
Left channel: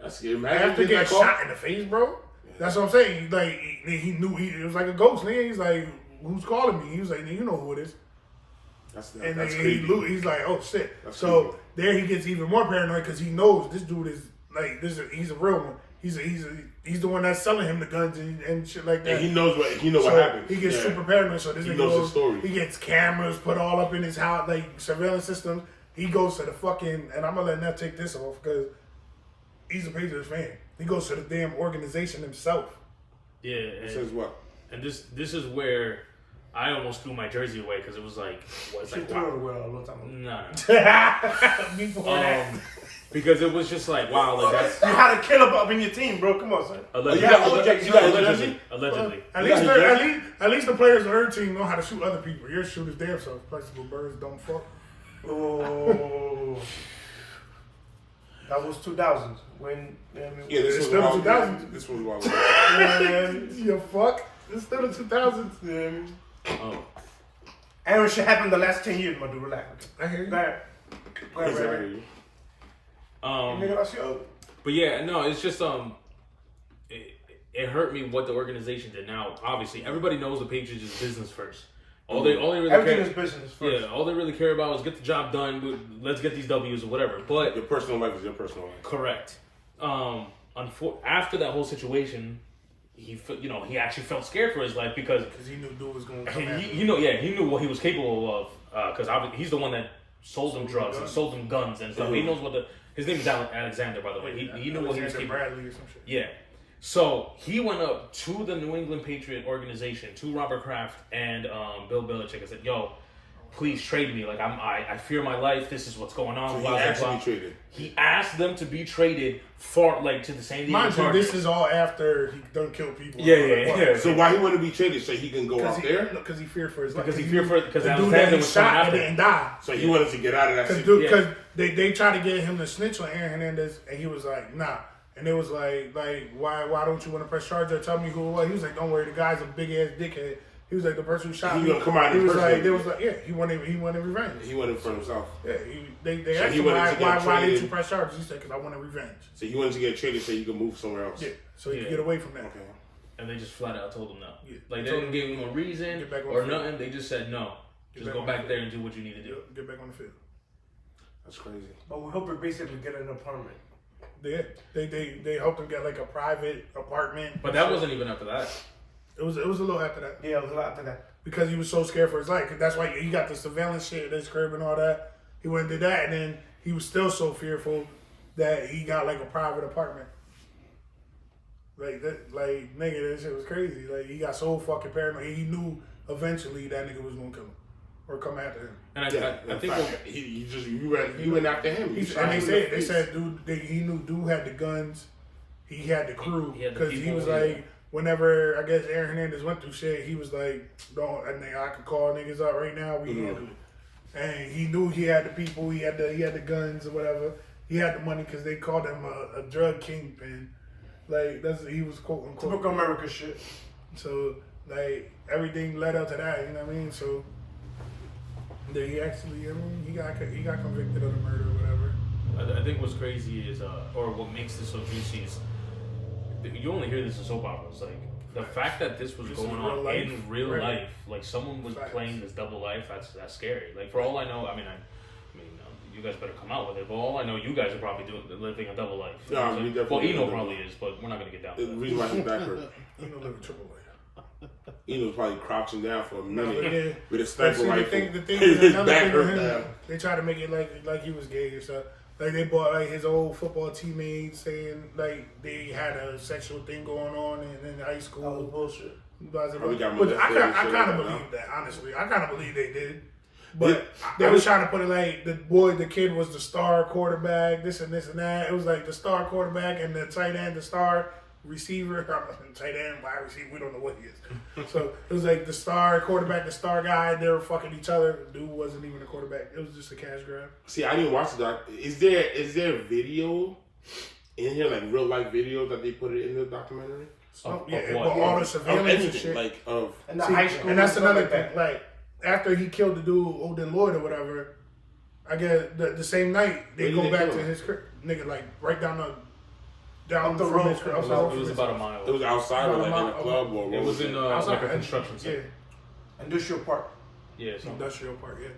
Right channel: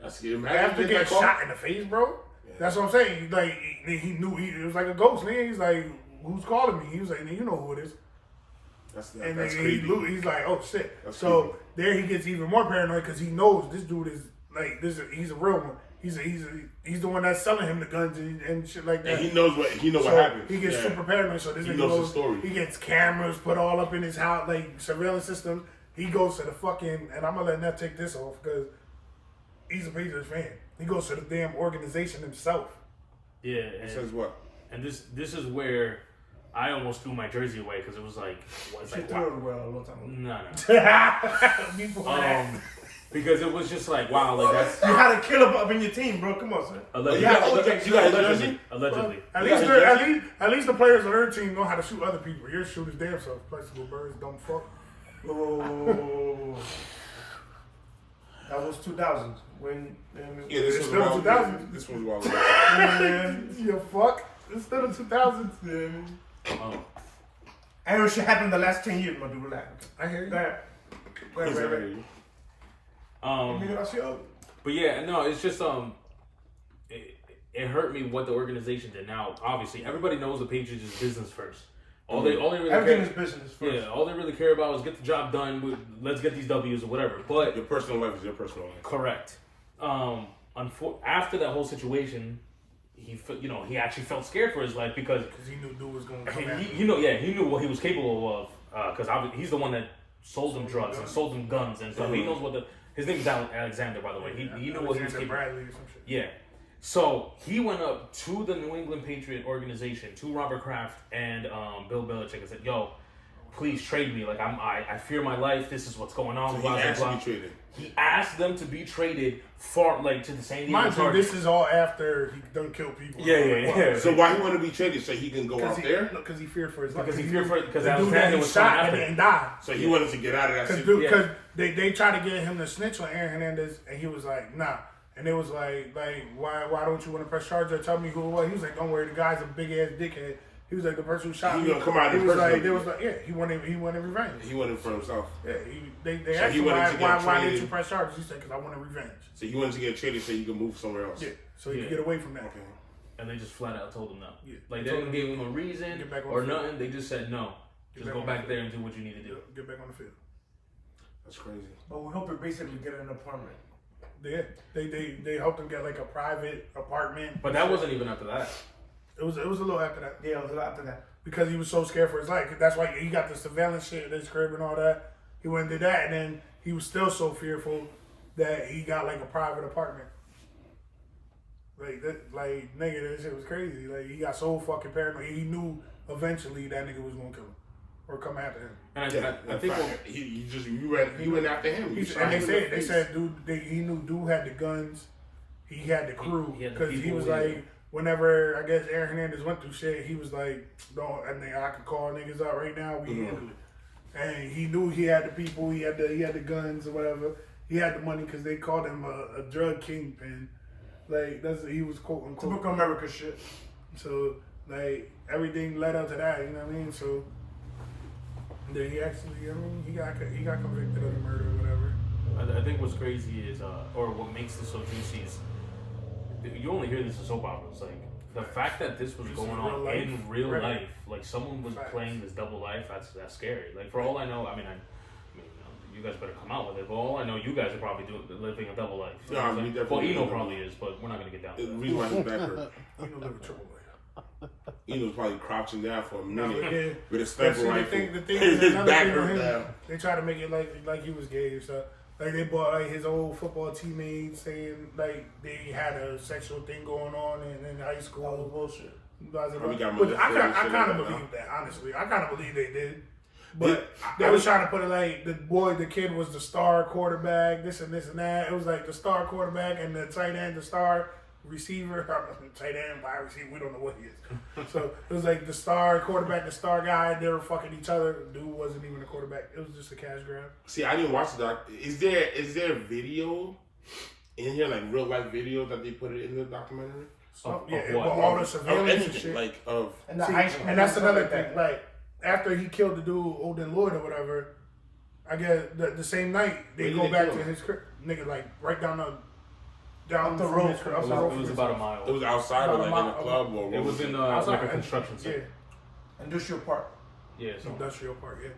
That's good. After getting shot in the face, bro. Yeah. That's what I'm saying. Like he knew it was like a ghost. Nigga. He's like, who's calling me? He was like, you know who it is. That's creepy. He's like, oh shit. That's so creepy. there he gets even more paranoid because he knows this dude is like this. He's a real one. He's the one that's selling him the guns and shit like that. And he knows what happened. He gets super paranoid. So this he nigga knows the story. He gets cameras put all up in his house, like surveillance systems. He goes to the fucking, and I'm gonna let Neff take this off because he's a Patriots fan. He goes to the damn organization himself. Yeah. It says what? And this is where I almost threw my jersey away because it was like, She threw it away a long time ago. No. Before that. Because it was just like, wow, like that's You had a killer up in your team, bro. Come on, son. allegedly. You got his jersey? Allegedly. At least the players on her team know how to shoot other people. Your shooters damn self. Flexible birds don't fuck. Oh. That was 2000s. When Yeah, this It's was still wild. 2000s. This was wild. You fuck. It's still the 2000s. Oh. Aaron shit happened the last 10 years, my dude. Relax. I hear you. Go ahead. Go ahead, Ray. Nigga, that's your. But yeah, no, it's just it hurt me what the organization did. Now, obviously, everybody knows the Patriots is business first. All they really Everything care, is business first. Yeah, all they really care about is get the job done. Let's get these W's or whatever. But Your personal life is your personal life. correct. After that whole situation, he actually felt scared for his life because he knew dude was going to come after him. he knew what he was capable of because he's the one that sold them drugs and sold them guns and stuff. He knows what his name is Alexander, by the way. He knew what he was capable of. Bradley or some shit. Yeah. So he went up to the New England Patriot organization, to Robert Kraft and Bill Belichick, and said, "Yo, please trade me. Like I fear my life. This is what's going on." So blah, he blah, asked to blah. be traded. He asked them to be traded to the San Diego Mind you, Chargers. this is all after he done killed people. Yeah. So why he want to be traded so he can go out there? Because he feared for his life. Because he feared for because the dude Alexander that he was coming shot and after didn't him. die. So he wanted to get out of that Because situation. they tried to get him to snitch on Aaron Hernandez, and he was like, nah. And it was like why don't you want to press charges or tell me who it was? He was like, don't worry, the guy's a big ass dickhead. He was like the person who shot He me. gonna come out He in was person. like, they was like, yeah, he wanted revenge. He wanted for himself. Yeah, they So asked he him wanted to get why didn't traded. you press charges? He said, because I wanted revenge. So he wanted to get traded so you could move somewhere else. Yeah, so he Yeah. could get away from that. Okay. And they just flat out told him no. Yeah. Like they Told didn't give him a reason Get back on or the field. nothing. They just said no. Get Just back go on back the there field. and do what you need to do. Get back on the field. That's crazy. But we hope we basically get an apartment. They helped him get like a private apartment. But that wasn't even after that. It was a little after that. Yeah, it was a lot after that. Because he was so scared for his life. That's why he got the surveillance shit at his crib and all that. He went and did that, and then he was still so fearful that he got like a private apartment. Like that, like nigga, that shit was crazy. Like he got so fucking paranoid. He knew eventually that nigga was gonna kill him or come after him. And I In think fact, you went after him. You shot And him in the face. he knew dude had the guns. He had the crew He had the because he people, was yeah. like. Whenever I guess Aaron Hernandez went through shit, he was like, "Don't, I could call niggas up right now. We handle it." And he knew he had the people, he had the guns or whatever. He had the money because they called him a drug kingpin. Like he was quote unquote. Typical American shit. So like everything led up to that. You know what I mean? So then he actually, he got convicted of the murder or whatever. I think what's crazy is, or what makes this so juicy is, you only hear this in soap operas. Like the fact that this was This going is real on life. in real Right. life, like someone was Facts. playing this double life. That's scary. Like for all I know, I mean, you guys better come out with it. But all I know, you guys are probably living a double life. No, Like, we well, definitely Yno live probably is, but we're not gonna get down The to that. reason why he's back hurt. You know, live a triple life. He was probably crouching down for a No, minute yeah. with a But sniper see, rifle. the thing His is, another back thing with hurt him, now. they try to make it like he was gay or something. Like they bought like his old football teammates saying like they had a sexual thing going on in high That was school. bullshit. Blah, blah, Probably got blah. But molested and I shit kind like of that, believe that, honestly. I kind of believe they did. But I they was was- trying to put it like the kid was the star quarterback, this and that. It was like the star quarterback and the tight end, the star receiver, tight end, wide receiver, we don't know what he is. So it was like the star quarterback, the star guy, they were fucking each other. Dude wasn't even a quarterback. It was just a cash grab. See, I didn't watch the doc. Is there video in here, like real life video that they put it in the documentary? So, Of yeah, what? but all the Of surveillance and anything, shit. like of And the See, high school. and that's stuff another like thing. that. Like after he killed the dude, Odin Lloyd or whatever, I guess the same night they Where go did they back kill to him? his crib, nigga, like right down Up the from road his from crib, his up the road It from was his about a house. mile. it was outside or About a like in a mile- club or what It was in Outside, like a and- construction site. Industrial Park. Yeah. So Industrial Park, yeah.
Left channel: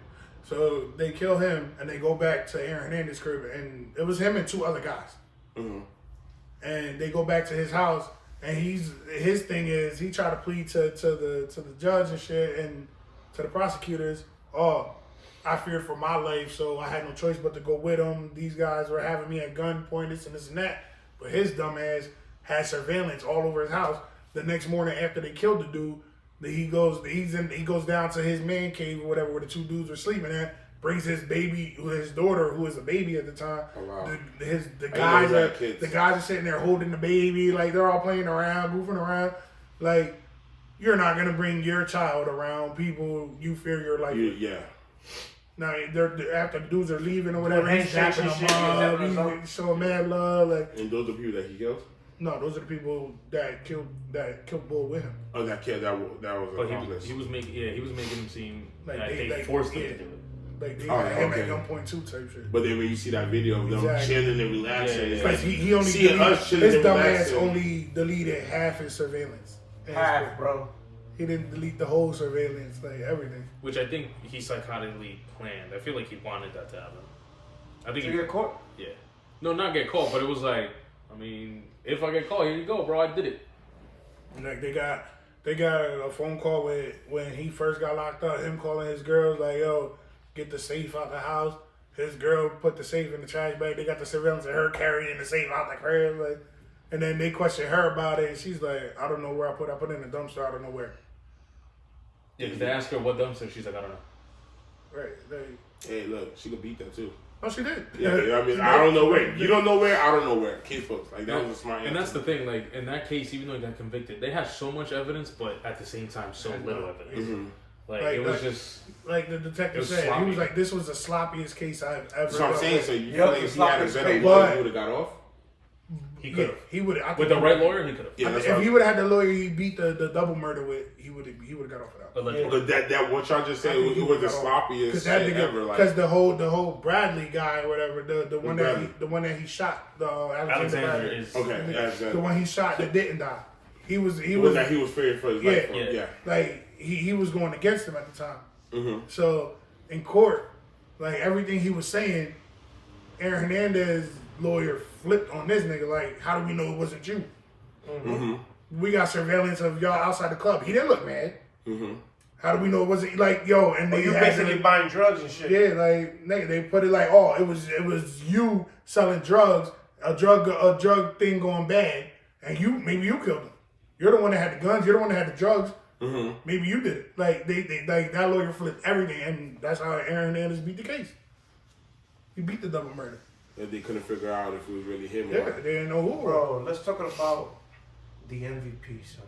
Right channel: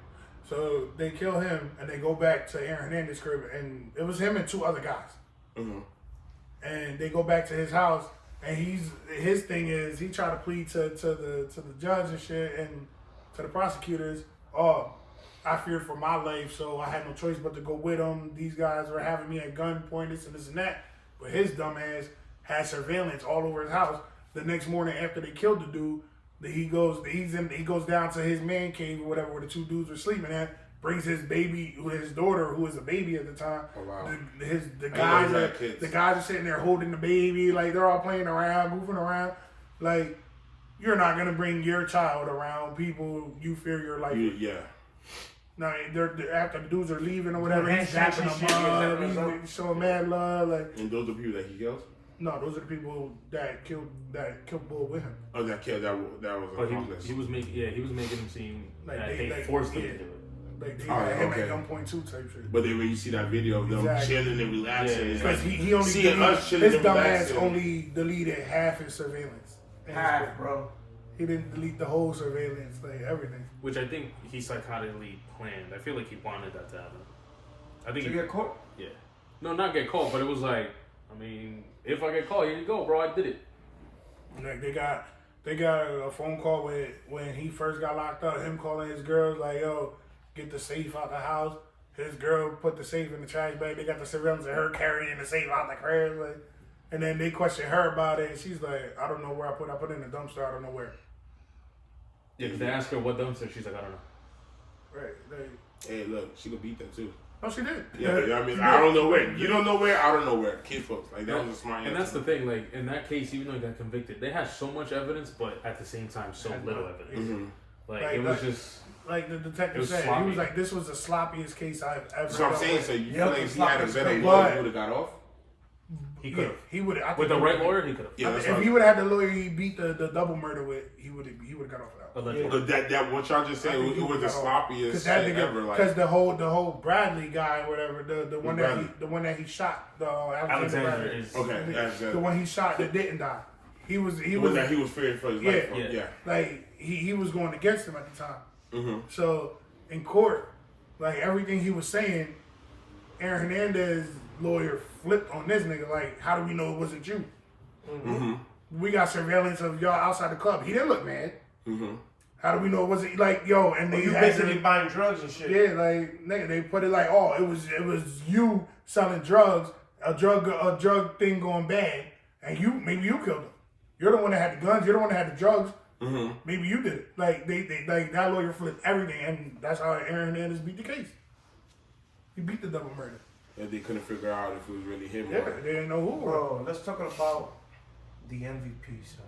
So they kill him and they go back to Aaron Hernandez's crib, and it was him and two other guys. Mm-hmm. And they go back to his house, and his thing is he tried to plead to the judge and shit and to the prosecutors. Oh, I feared for my life, so I had no choice but to go with them. These guys were having me at gunpoint, this and that. But his dumb ass had surveillance all over his house. The next morning after they killed the dude, he goes down to his man cave or whatever where the two dudes were sleeping at. Brings his baby, his daughter, who was a baby at the time. Oh, wow. The know guys he are had kids. the guys are sitting there holding the baby, like they're all playing around, goofing around. Like you're not gonna bring your child around people you fear your life with. Yeah. Now they're after the dudes are leaving or whatever, he's Handshakes dapping and shit, them up, he's dapping them he's showing mad love. Like And those are people that he killed. no, those are the people that killed Bull with him. Oh, that kid that was an But accomplice. he was making him seem Like that they- they like, forced him yeah. to do it. Like they Oh, had him okay. at gunpoint too type shit. But then when you see that video of them Exactly. chilling and relaxing, Yeah, it's yeah. like Because he only seeing us chilling his and dumb ass relaxing. only deleted half his surveillance. And his Half, crib. bro. He didn't delete the whole surveillance, like everything. Which I think he psychotically planned. I feel like he wanted that to happen. I think Did he you get caught? yeah. No, not get caught, but it was like, I mean, if I get caught, here you go, bro. I did it. Like they got a phone call when he first got locked up. Him calling his girls like, "Yo, get the safe out the house." His girl put the safe in the trash bag. They got the surveillance of her carrying the safe out the crib, like. And then they question her about it, and she's like, "I don't know where I put it in the dumpster. I don't know where." Yeah, 'cause they asked her what dumpster. She's like, I don't know. Right? Like, hey, look, she could beat that too. oh, she did. Yeah, you know what I mean, She I did. don't know where. You don't know where. I don't know where. Kid folks, like that was a smart. And that's answer. the thing, like in that case, even though he got convicted, they had so much evidence, but at the same time, so little evidence. Mhm. Like, Like, it was like- just Like the It detective was said, he sloppy. was like, "This was the sloppiest case I've ever." That's what I'm dealt saying. with." So you Yep, feel like if it's he had a like better it's lawyer, crazy. he would have got off. He could have. He would have. With the right lawyer, he could have. Yeah, that's If what he would have had the lawyer he beat the double murder with, he would have got off of that. Allegedly. But that what y'all just said, it was the sloppiest shit ever. Like, because the whole Bradley guy or whatever, the one Bradley. the one that he shot, the Alexander Bradley, is okay, the one he shot that didn't die. He was that he was feared for his life. Yeah. like he was going against him at the time. Mm-hmm. So in court, like everything he was saying, Aaron Hernandez's lawyer flipped on this nigga. Like, how do we know it wasn't you? Mm-hmm. We got surveillance of y'all outside the club. He didn't look mad. Mm-hmm. How do we know it wasn't like yo? And they you had basically buying drugs and shit. yeah, like nigga, they put it like, oh, it was you selling drugs, a drug thing going bad, and maybe you killed him. You're the one that had the guns. You're the one that had the drugs. Mm-hmm. Maybe you did it. Like they like that lawyer flipped everything, and that's how Aaron Hernandez beat the case. He beat the double murder. And they couldn't figure out if it was really him Yeah, or they didn't know who. Bro, let's talk about the MVP, son.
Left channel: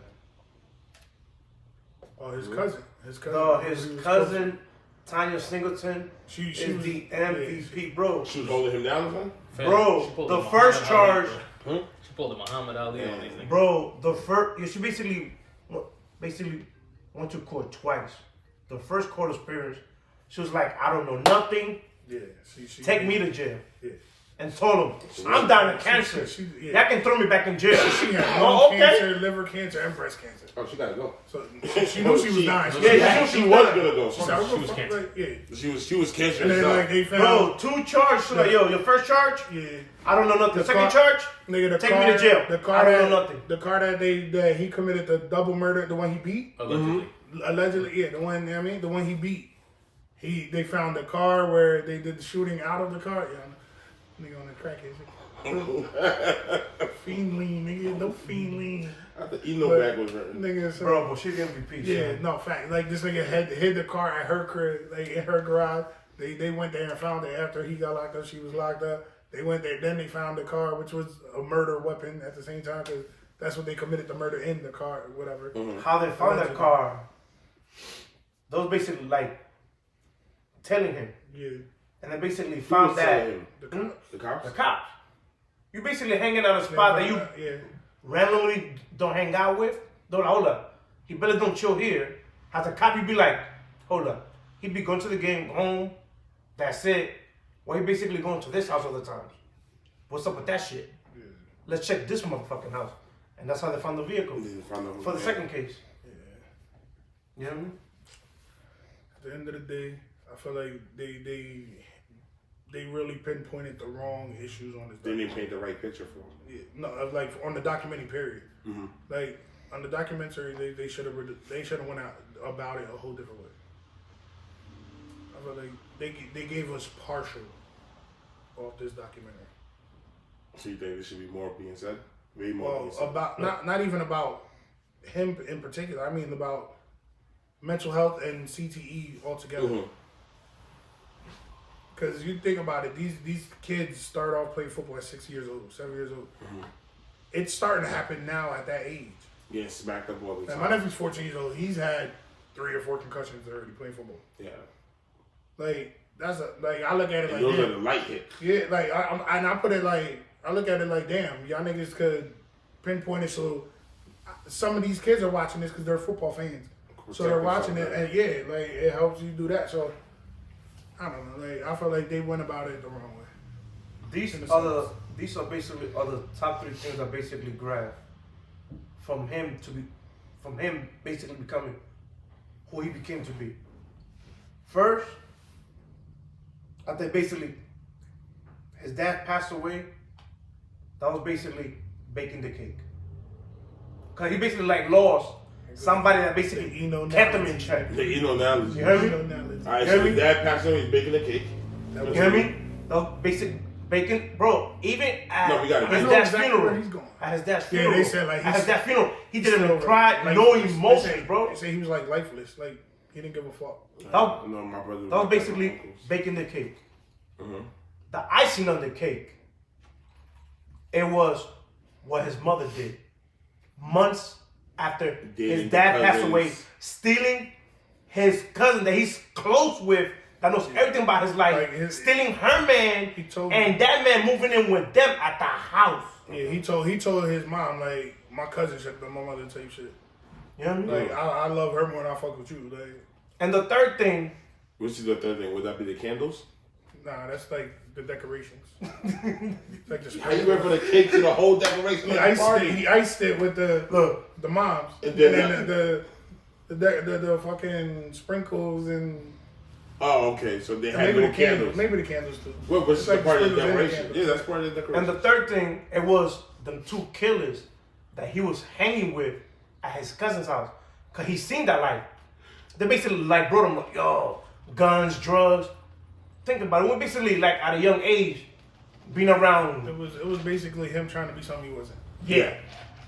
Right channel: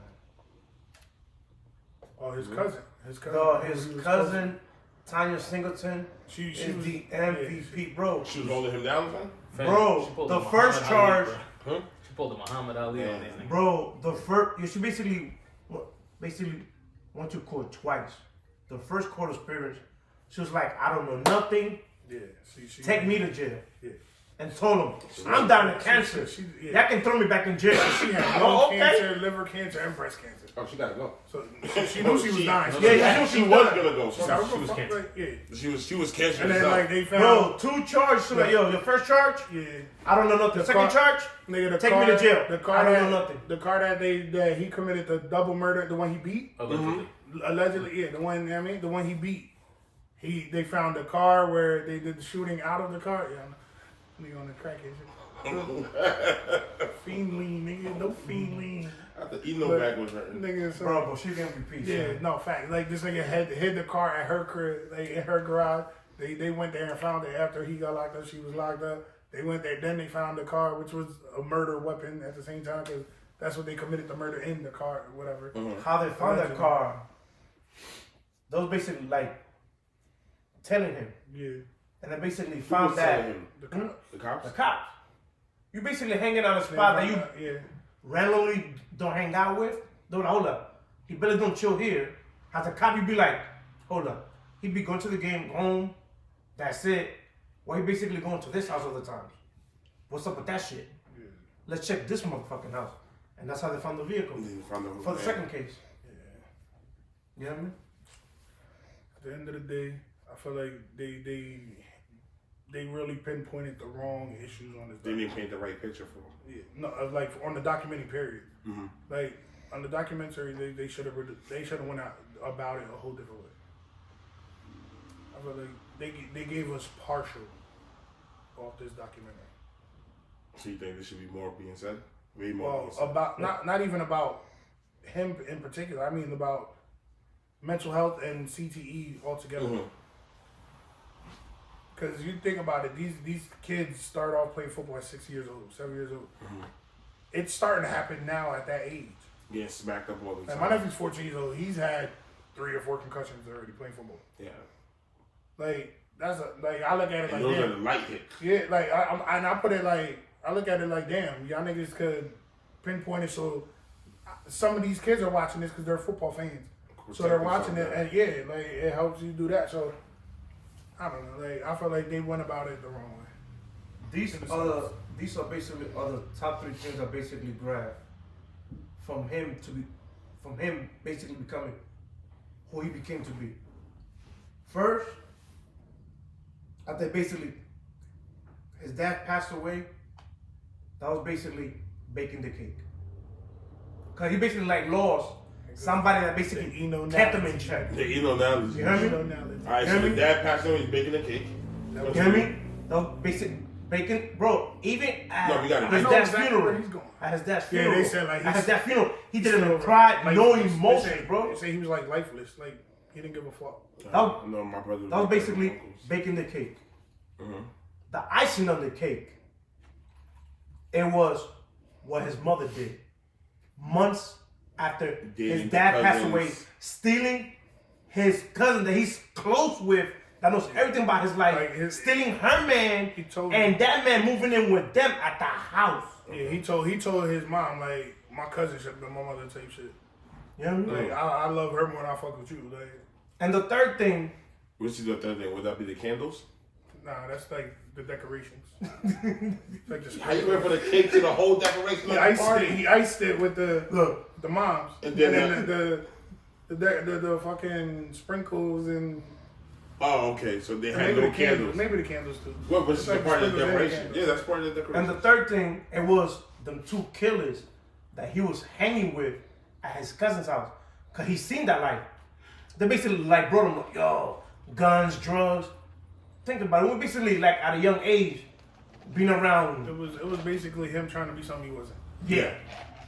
Oh, his cousin. His cousin. No, He his was cousin, Tanya Singleton, She is was the MVP, bro. she was holding him down, son? Fam, Bro, she pulled the Muhammad first Ali, charge- bro. She pulled the Muhammad Ali on these niggas. Bro, the first, she basically went to court twice. The first court appearance, she was like, I don't know nothing. Yeah. She Take me to jail. Yeah. And told him, I'm dying of cancer. yeah. Y'all can throw me back in jail. She had Oh, lung okay. cancer, liver cancer, and breast cancer. Oh, she gotta go. So she knew she was dying. Yeah, she was gonna go. She said, She was cancer. like, yeah. She was cancer And then herself. like they found Bro, 2 charges. She like, yo, your first charge, yeah. I don't know nothing. The Second car- charge, Nigga, the take car, me to jail. The car I don't that, know nothing. The car that he committed the double murder, the one he beat, Allegedly. allegedly, yeah, the one, you know what I mean, the one he beat. They found the car where they did the shooting out of the car. Yeah, nigga on the crackhead shit. Fiend lean, nigga, no fiend lean. I thought Yno But, back was hurting. Nigga, so, bro, she's MVP. yeah, son. no fact. Like this nigga hid the car at her crib, like in her garage. They went there and found it after he got locked up. She was locked up. They went there. Then they found the car, which was a murder weapon at the same time, because that's what they committed the murder in the car or whatever. How they found that car, those basically like telling him. Yeah, And they basically Who found was that selling him? the cops. The cops? the cops. You basically hanging out a spot that you yeah. randomly don't hang out with. Don't hold up. He better don't chill here. As a cop, you be like, hold up. He be going to the game, home. That's it. Or he basically going to this house all the time. What's up with that shit? Yeah. Let's check this motherfucking house. And that's how they found the vehicle They found out who for the was second case. Yeah. You know what I mean? At the end of the day, I feel like they really pinpointed the wrong issues on this. They didn't paint the right picture for him. Yeah, no, like on the documentary period. Mm-hmm. Like on the documentary, they should have went out about it a whole different way. I feel like they gave us partial off this documentary. So you think there should be more being said? Way more being Well, said. about not even about him in particular. I mean about mental health and CTE altogether. Mhm. Because you think about it, these kids start off playing football at 6 years old, 7 years old. Mhm. It's starting to happen now at that age. Getting smacked up all the Like time. my nephew's 14 years old. He's had 3 or 4 concussions already playing football. Yeah. Like that's like I look at it And like those are damn. the light hits. Yeah, like I put it like I look at it like damn, y'all niggas could pinpoint it so some of these kids are watching this because they're football fans, so they're watching it and yeah, like it helps you do that. So I don't know, like I feel like they went about it the wrong way. These are basically the top 3 things I basically grabbed from him basically becoming who he became to be. First, I think basically his dad passed away. That was basically baking the cake. Cause he basically like lost somebody that basically The Yno kept him in analogy. check. The Yno analogy. You heard me? You know, now let's- Alright, Hear so me? the dad passed away, he's baking a cake. that was You hear me? That was basic bacon, bro. Even at No, we gotta- I his know dad's exactly funeral, where he's going. at his dad's Yeah, funeral, they said, like, at his he's dad's funeral, he didn't Still even cry, lifeless. no They emotions, say- bro. They say he was like lifeless, like he didn't give a fuck. That- No, my brother. That was basically baking the cake. Mm-hmm. The icing on the cake, it was what his mother did. Months after his Dating dad the passed cousins. away, stealing his cousin that he's close with, that knows everything about his life, Like stealing her man, and that man moving in with them at the house. Yeah, he told his mom, like, my cousin should have been my mother type shit. You know what I mean? Like, I love her more than I fuck with you. Like, and the third thing. Which is the third thing? Would that be the candles? Nah, that's like the decorations. It's like the How you went for the cake to the whole decoration of the party? He iced it with the moms. And then then the fucking sprinkles and... Oh, okay. So they had maybe no the candles. Maybe the candles too. Well, which is like part of the sprinkles and decoration. candles. Yeah, that's part of the decoration. And the third thing, it was them two killers that he was hanging with at his cousin's house. Because he seen that life. They basically like brought him like, yo, guns, drugs. Think about it. We basically like at a young age being around. It was basically him trying to be something he wasn't. Yeah.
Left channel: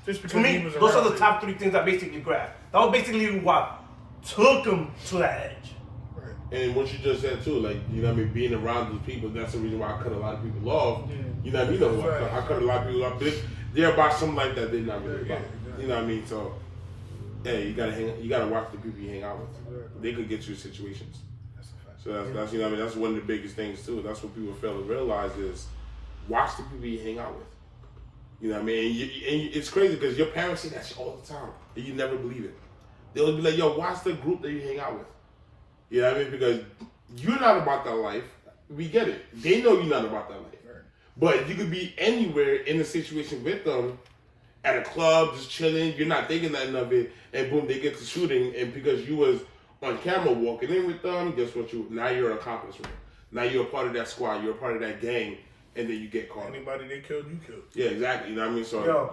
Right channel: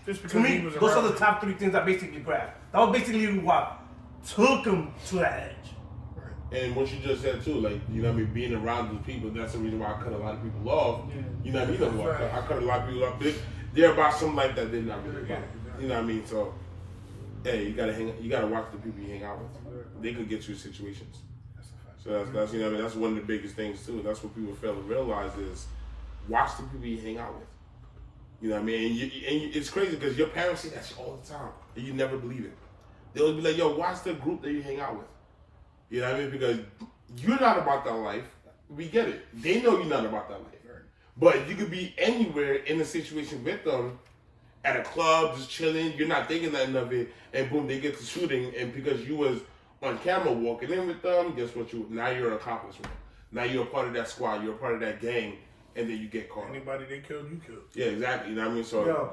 Just To because me, he was those around are the it. top three things I basically grabbed. That was basically what took him to that edge. And what you just said too, like, you know what I mean, being around those people, that's the reason why I cut a lot of people off. Yeah. You know what I mean? You know who Right. I cut a lot of people off. They're about some life that they're not really Yeah, about. exactly. You know what I mean? So, hey, you gotta watch the people you hang out with. Exactly. They could get you in situations. That's a fact. So that's you know what I mean, that's one of the biggest things too. That's what people fail to realize is watch the people you hang out with. You know what I mean? And it's crazy because your parents say that shit all the time, and you never believe it. They'll be like, "Yo, watch the group that you hang out with." You know what I mean? Because you're not about that life. We get it. They know you're not about that life. Right. But you could be anywhere in a situation with them, at a club, just chilling. You're not thinking nothing of it, and boom, they get to shooting. And because you was on camera walking in with them, guess what? Now you're an accomplice. Now you're a part of that squad. You're a part of that gang, and then you get caught. Anybody they killed, you killed. Yeah, exactly. You know what I mean? So Yo,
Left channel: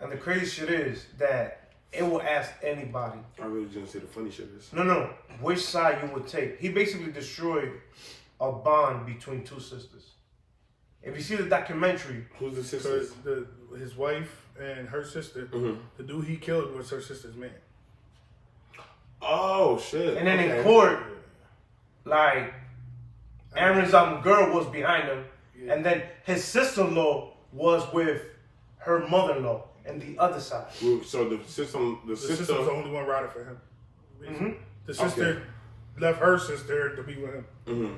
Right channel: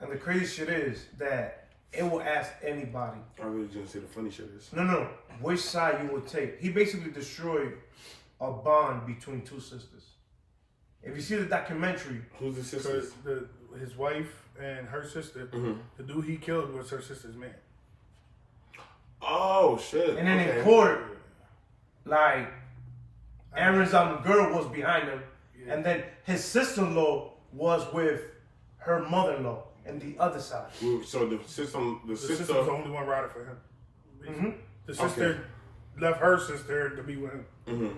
and the crazy shit is that it will ask anybody. I really didn't say the funny shit is. No, which side you would take. He basically destroyed a bond between two sisters. If you see the documentary, Who's the So sisters? his wife and her sister, Mhm. the dude he killed was her sister's man. Oh shit! and then Okay. in court, like Aaron's girl was behind him, Yeah. and then his sister-in-law was with her mother-in-law and the other side. So the sister, The sister was the only one riding for him. Mm-hmm. The sister left her sister to be with him.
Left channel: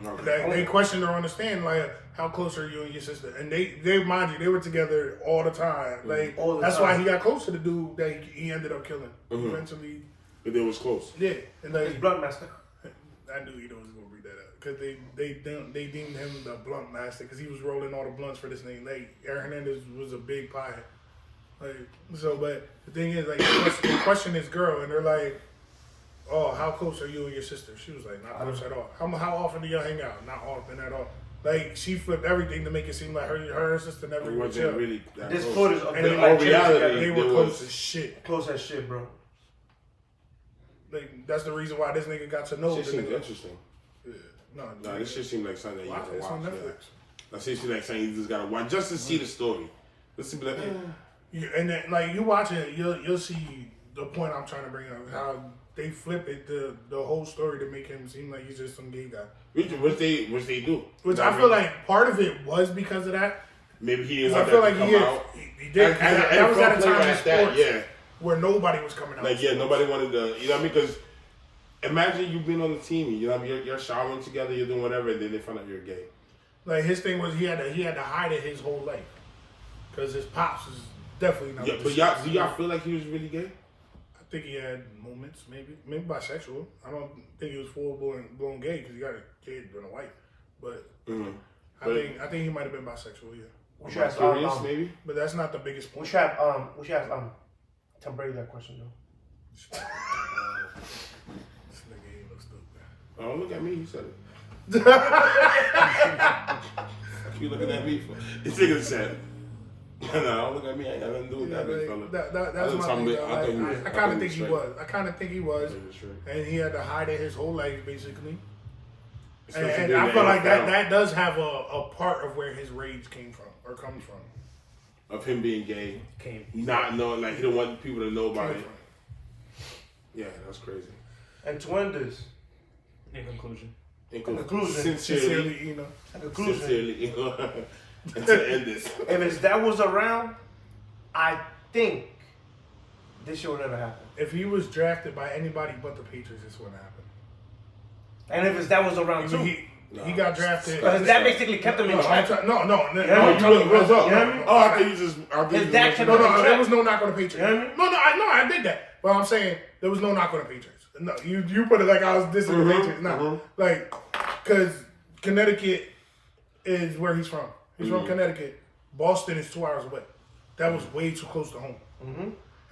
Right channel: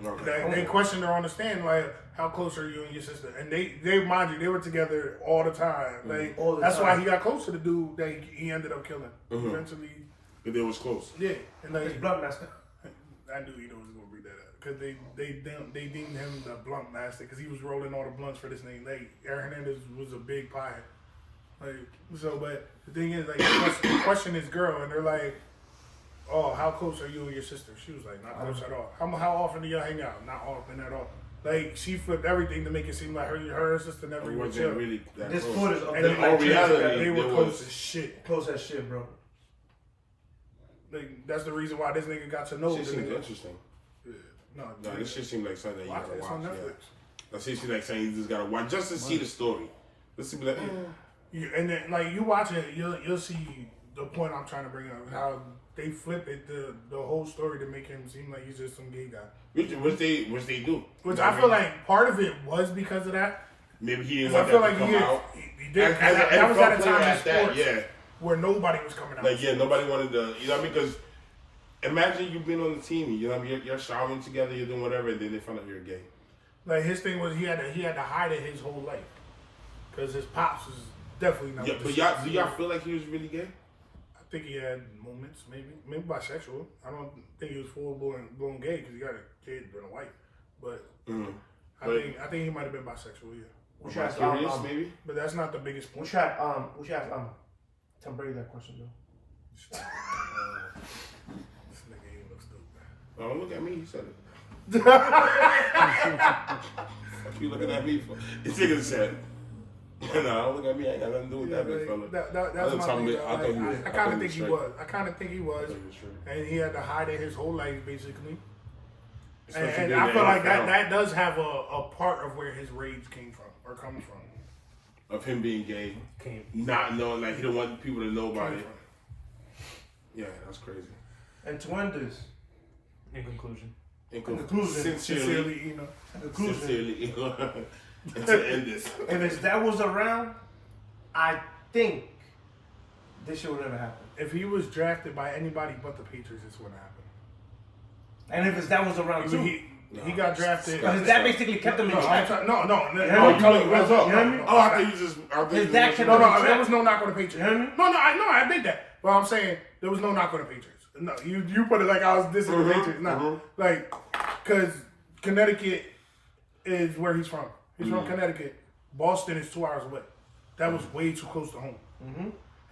Okay. They questioned her on the stand, like, how close are you and your sister? And they mind you, they were together all the time. Like, All the that's time. why he got close to the dude that he ended up killing. Mhm. Eventually, But they was close. yeah. And His like, blood master. I knew Yno was gonna bring that up because they deemed him the blunt master because he was rolling all the blunts for this thing. Like, Aaron Hernandez was a big pie. Like, so, but the thing is, like, they question this girl and they're like, "Oh, how close are you and your sister?" She was like, "Not close at all." How often do y'all hang out? Not often at all. Like, she flipped everything to make it seem like her and sister never It even wasn't chilled. really that This close. footage of And them in like all reality, chasing they it were was- close as shit. close as shit, bro. Like, that's the reason why this nigga got to know. Shit the seems nigga. interesting. No, Nah, this shit seemed like something that you watch gotta it. It's on watch. Netflix. Yeah. That shit seems like something you just gotta watch just to see the story. Let's see, like, And then, like, you watch it, you'll see the point I'm trying to bring up. How they flip it, the whole story to make him seem like he's just some gay guy. which they do. Which You know I what feel mean? like part of it was because of that. Maybe he didn't 'Cause I want feel that like to come he out. did. As an That was at a NFL player time in at that, sports yeah. where nobody was coming out. Like, yeah, nobody wanted to, you know what I mean? Because imagine you being on the team, you know what I mean? You're showering together, you're doing whatever, and then they find out you're gay. Like, his thing was he had to hide it his whole life because his pops is definitely not. Yeah, with but the y'all, shit. do y'all feel like he was really gay? I think he had moments, maybe bisexual. I don't think he was full blown gay because he got a kid and a wife. But Mm-hmm. I think he might have been bisexual, yeah. We should ask Curious, maybe? But that's not the biggest we point. should ask Tom Brady that question though. This nigga ain't look stupid. Oh, look at me, you said it. What you looking at me for? This nigga said, no, don't look at me, I ain't got nothing to do with Yeah, that, big like, fella. that's I my thought thing. he- though. I thought he was- I I kind thought of he think was he straight. was. I kind of think he was. I thought he was straight. And he had to hide it his whole life, basically. Especially And being I in feel the like NFL, that does have a part of where his rage came from or comes from. of him being gay, Came not knowing, like, he don't want people to know about came it. from. Yeah, that's crazy. And to end this, In conclusion. In conclusion, sincerely, You know. in conclusion, sincerely, and to end this. if that was around, I think this shit would never happen. If he was drafted by anybody but the Patriots, this wouldn't happen. And if his dad was around too. He got drafted. But his dad basically kept him in check. No. Oh, you look what's up? You know what I mean? Oh, I thought you just. His dad kept No, him in check. there was no knock on the Patriots. You know what I mean? No, I did that. But I'm saying there was no knock on the Patriots. No, you put it like I was dissing the Patriots. No, like, because Connecticut is where he's from. He's from Connecticut. Boston is 2 hours away. That was way too close to home.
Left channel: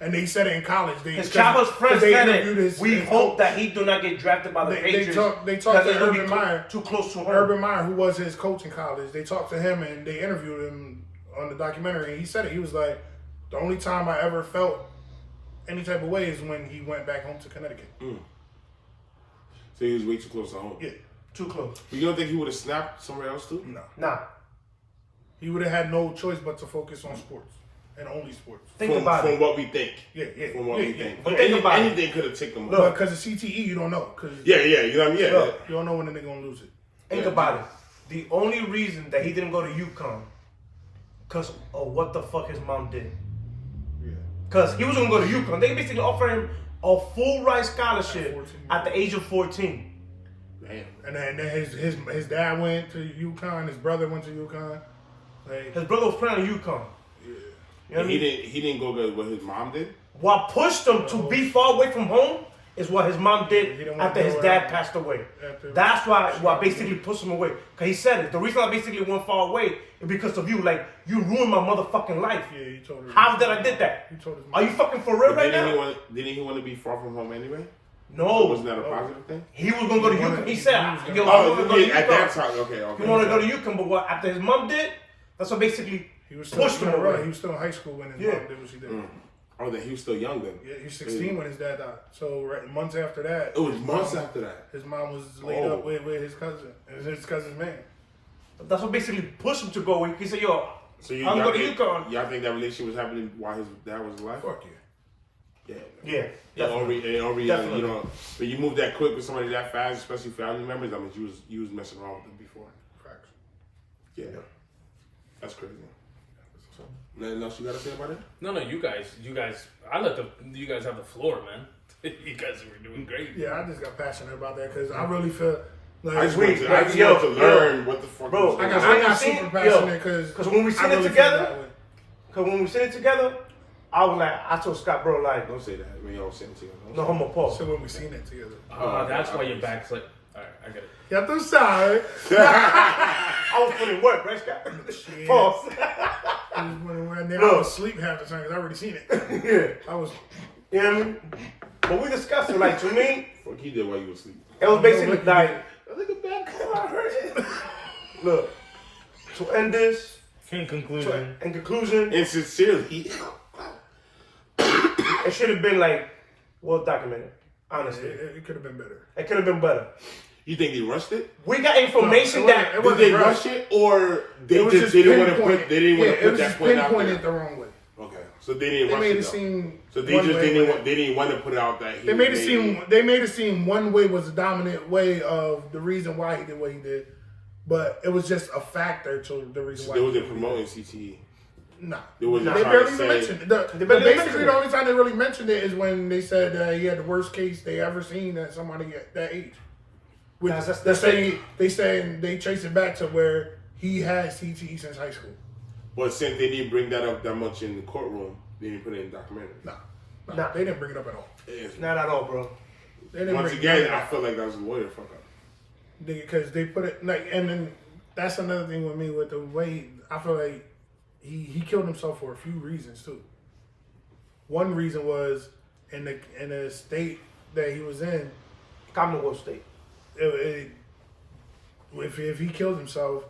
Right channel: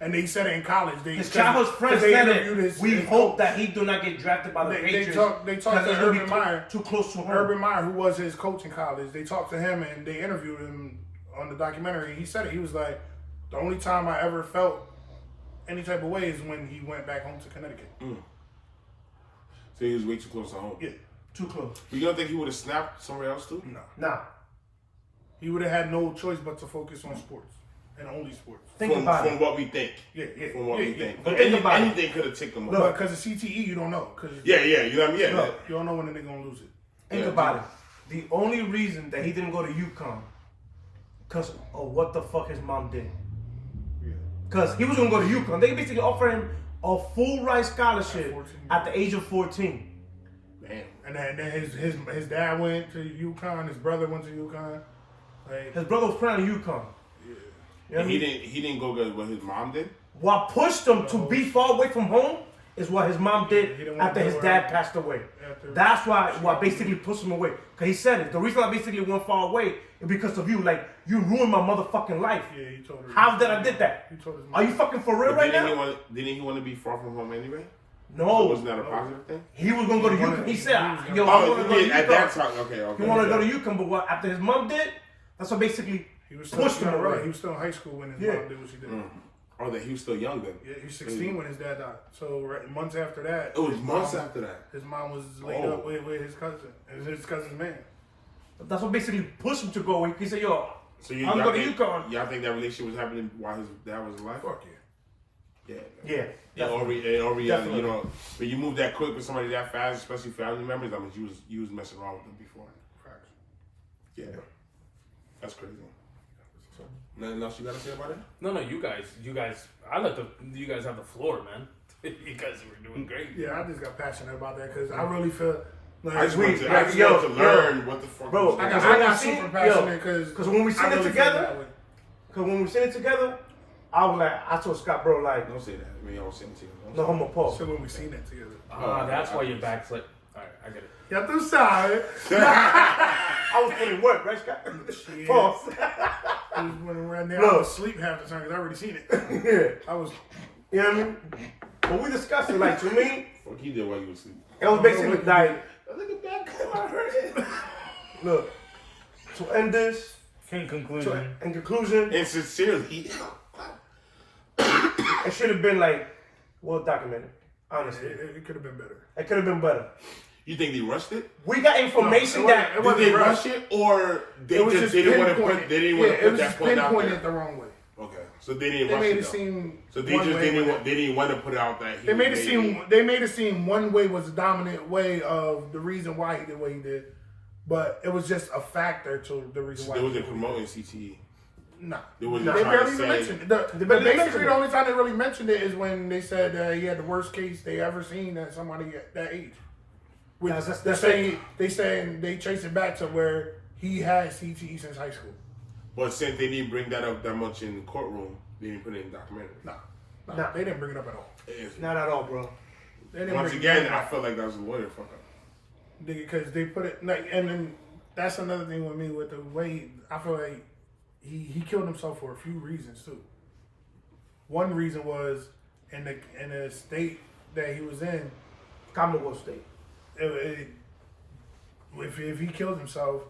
And they said it in college. His childhood friends said it. We hope that he do not get drafted by the Patriots. They talked to Urban Meyer. Too close to home. Urban Meyer, who was his coach in college, they talked to him and they interviewed him on the documentary. And he said it. He was like, the only time I ever felt any type of way is when he went back home to Connecticut. So he was way too close to home. Yeah. Too close. You don't think he would have snapped somewhere else too? No. Nah. He would have had no choice but to focus on sports and only sports. Think about it. From what we think. Yeah. From what we think. But think about it. Anything could have ticked him But up. because of CTE, you don't know. Yeah, you know what I mean? Yeah. You don't know when they're going to lose it. Think about it. The only reason that he didn't go to UConn, because of what the fuck his mom did. Yeah. Because he was going to go to UConn. They basically offered him a full ride scholarship At 14. at the age of 14. Damn. And then his dad went to UConn. His brother went to UConn. Like, His brother was playing at UConn. yeah. You know what I mean? He didn't go good what his mom did. What pushed him to be far away from home is what his mom He did didn't want after to his go dad out. passed away. After- That's what basically pushed him away. Because he said it. The reason I basically went far away is because of you. Like, you ruined my motherfucking life. Yeah, he told her. How did I did that? He told his Are you fucking for real But right didn't now? he want to be far from home anyway? No. Wasn't that a positive thing? He was going to go to He wanted- UConn. He he said, was gonna- yo, I want to go to at that UConn. time. Okay. He wanted to go to UConn, but what after his mom did, that's what basically He was still, pushed him away. He was still in high school when his Yeah. mom did what she did. Oh, that he was still young then. Yeah, he was 16 when his dad died. So months after that, It was his months mom- after that. His mom was laid Oh. up with his cousin. It was his cousin's man. That's what basically pushed him to go away. He said, yo, So I'm y'all going to think, UConn. y'all think that relationship was happening while his dad was alive? Fuck yeah. Yeah. Yeah. You know, when you move that quick with somebody that fast, especially family members, I mean, you was messing around with them before. Facts. Yeah. That's crazy. Nothing else you gotta say about it? No, you guys. I let you guys have the floor, man. You guys were doing great. Yeah, I just got passionate about that because I really feel like I just we- want to, yo, learn what the fuck. bro, was I going got, on. I got seen- super passionate because when we seen it together, way. because when we seen it together, I was like, I told Scott, bro, like, Don't say that. When y'all sitting together. Don't no say homo Paul. So when we seen it together. That's why your back's like. All right, I get it. Yeah, I'm sorry. I was putting work, right, Scott? Shit. Pause. Right now, Look. I was asleep half the time because I already seen it. Yeah. I was. You know what I mean? But we discussed it, like, to me, Fuck he did while you was asleep. it was basically like, Look at that. I heard it. look, to end this, In conclusion, in conclusion, And sincerely, it should have been like, well documented, honestly. It could have been better. It could have been better. you think they rushed it? We got information No, that it Did wasn't they rushed. rush it, or they It was just didn't want to pinpointed. put? They didn't want to it put was that just point out pinpointed there. the wrong way. Okay, so they didn't They rush made it. it though. seem. So they one just way didn't with want. They didn't want to put out that. They made it seem one way was the dominant way of the reason why he did what he did, but it was just a factor to the reason why. They he wasn't did what he promoting did. CTE. Nah. They wasn't They trying barely to even say. mentioned it. barely Basically, mentioned it. the only time they really mentioned it is when they said he had the worst case they ever seen at somebody at that age. Which That's it. they trace it back to where he had CTE since high school. But since they didn't bring that up that much in the courtroom, they didn't put it in the documentary. Nah, they didn't bring it up at all. It's- Not at all, bro. They didn't Once bring again, it I up feel like that was a lawyer fuck up. because they put it like, and then that's another thing with me with the way I feel like he killed himself for a few reasons too. One reason was in the state that he was in. Commonwealth State. If he killed himself,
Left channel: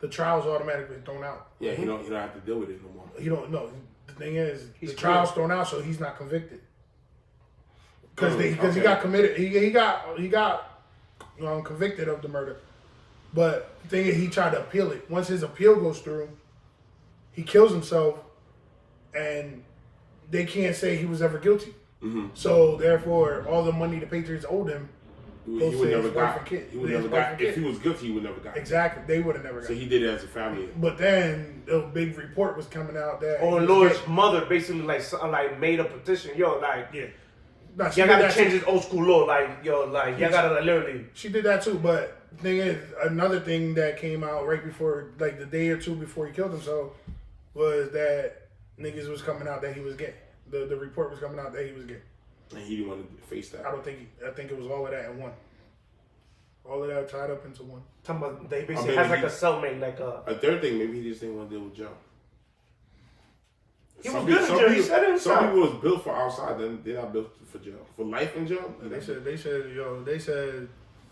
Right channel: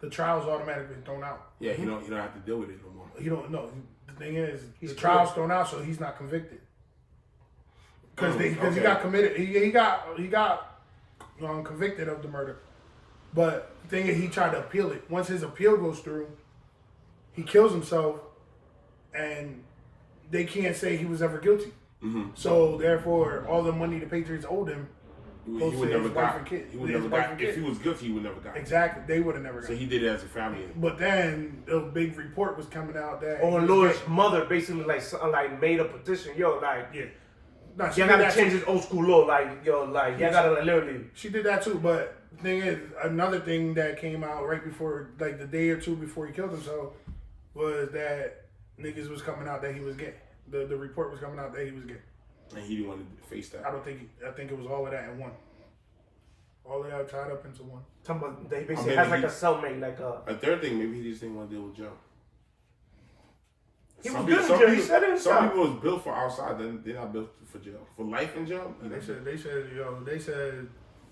the trial's automatically thrown out. Yeah, you don't have to deal with it no more. You don't know. The thing is, He's the trial's thrown out, so he's not convicted. Because he okay. got committed. He got convicted of the murder. But the thing is, he tried to appeal it. Once his appeal goes through, he kills himself, and they can't say he was ever guilty. Mm-hmm. So therefore, all the money the Patriots owed him. He Goes would to never his wife got. and kid. He would His never wife got. and If kid. he was guilty, he would never got. Exactly, they would have never got. So he did it as a family. But then a big report was coming out that Oh, he was Lord's gay. mother basically like made a petition. Yo, like, Yeah. Nah, she you did gotta that change too. this old school law. Like, yo, like, you gotta literally. She did that too, but the thing is, another thing that came out right before, like the day or two before he killed himself, was that niggas was coming out that he was gay. The report was coming out that he was gay. And he didn't want to face that. I think it was all of that in one. All of that tied up into one. Talking about they basically maybe has like he- a cellmate, like a. A third thing, maybe he just didn't want to deal with Joe. He was good in jail. He said it himself. Some people was built for outside, then they're not built for jail. For life in jail? They said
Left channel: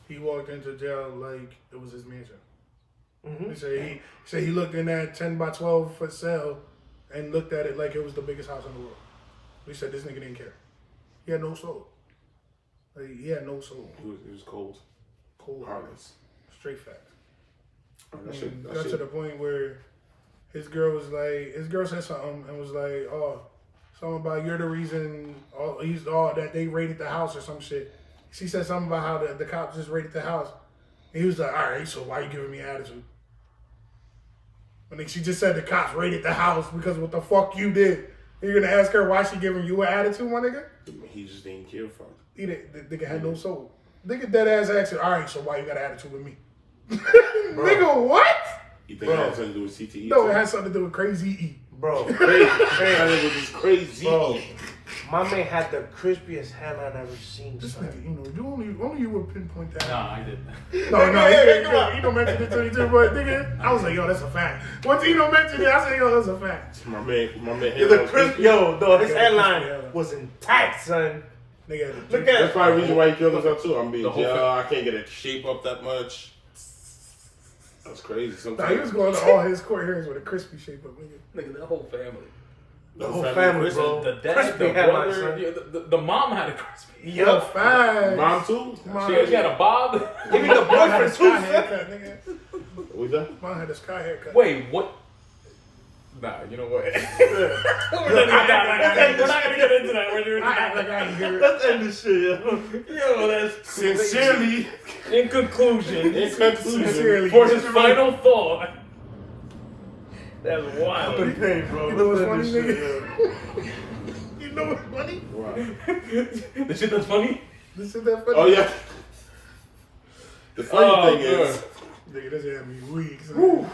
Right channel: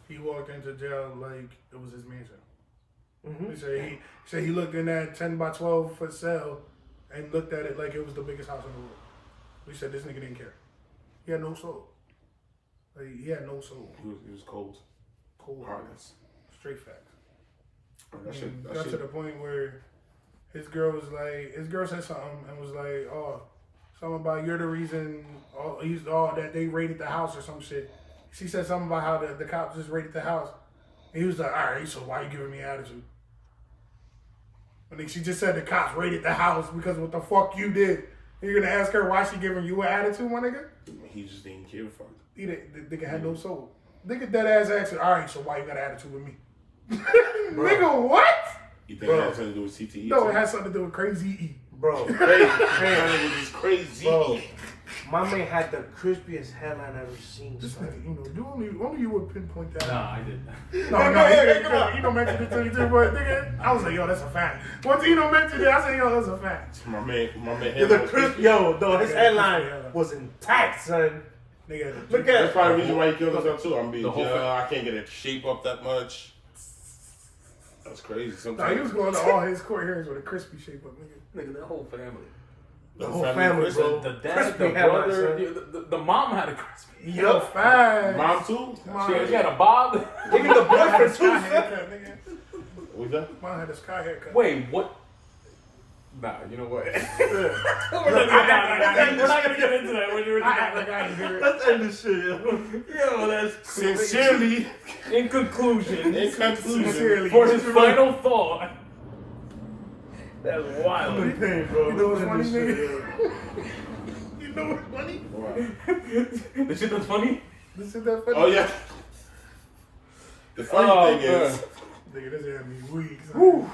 he walked into jail like it was his mansion. Mm-hmm. He said he looked in that 10 by 12 foot cell and looked at it like it was the biggest house in the world. He said this nigga didn't care. He had no soul. Like, he had no soul. He was cold. Cold, Heartless. straight facts. That shit, Got to the point where his girl said something and was like, oh, something about you're the reason that they raided the house or some shit. She said something about how the cops just raided the house. And he was like, all right, so why you giving me attitude? I think she just said the cops raided the house because what the fuck you did. And you're gonna ask her why she giving you an attitude, my nigga? He just didn't care for it. The nigga had no soul. Nigga dead ass asked, all right, so why you got an attitude with me? Nigga, what? You think it had something to do with CTE? No, too? it has something to do with crazy E. Bro, Crazy. That nigga was just crazy. bro, my man had the crispiest hairline I've ever seen. This Son. nigga, only you would pinpoint that. Nah, I didn't. No, he don't mention it to you too, but nigga, I was like, yo, that's a fact. Once he don't mention it, I said, yo, that's a fact. My man. Yo, the crisp, yo, no, his Yeah, hairline yeah. was intact, son. Nigga, Look That's at probably the reason why he killed himself too. I'm being The whole jail. I can't get a shape up that much. That's crazy. Nah, Sometimes he was going to all his court hearings with a crispy shape up, nigga. Nigga, that whole family. the whole family, crispy. bro. The dad, Crispy the hairline, brother, son. yeah, the mom had a crispy. Yo, fast. Mom too. She had a bob. Even the Mom had a boyfriend too, sky son. haircut, nigga. What's that? Mom had a sky haircut. Wait, what? Nah, you know what? We're not gonna get into that. I act like I ain't hear it. Let's end this shit, yo. Yo, that's Sincerely, in conclusion. in conclusion, Sincerely. For his final thought. That's wild. I'm in pain, bro. You know what's funny, Let's end this nigga? shit, You know what's funny? The shit that's funny? This is that funny. oh yeah. The funny thing is, Nigga, this had me weak. son. yo.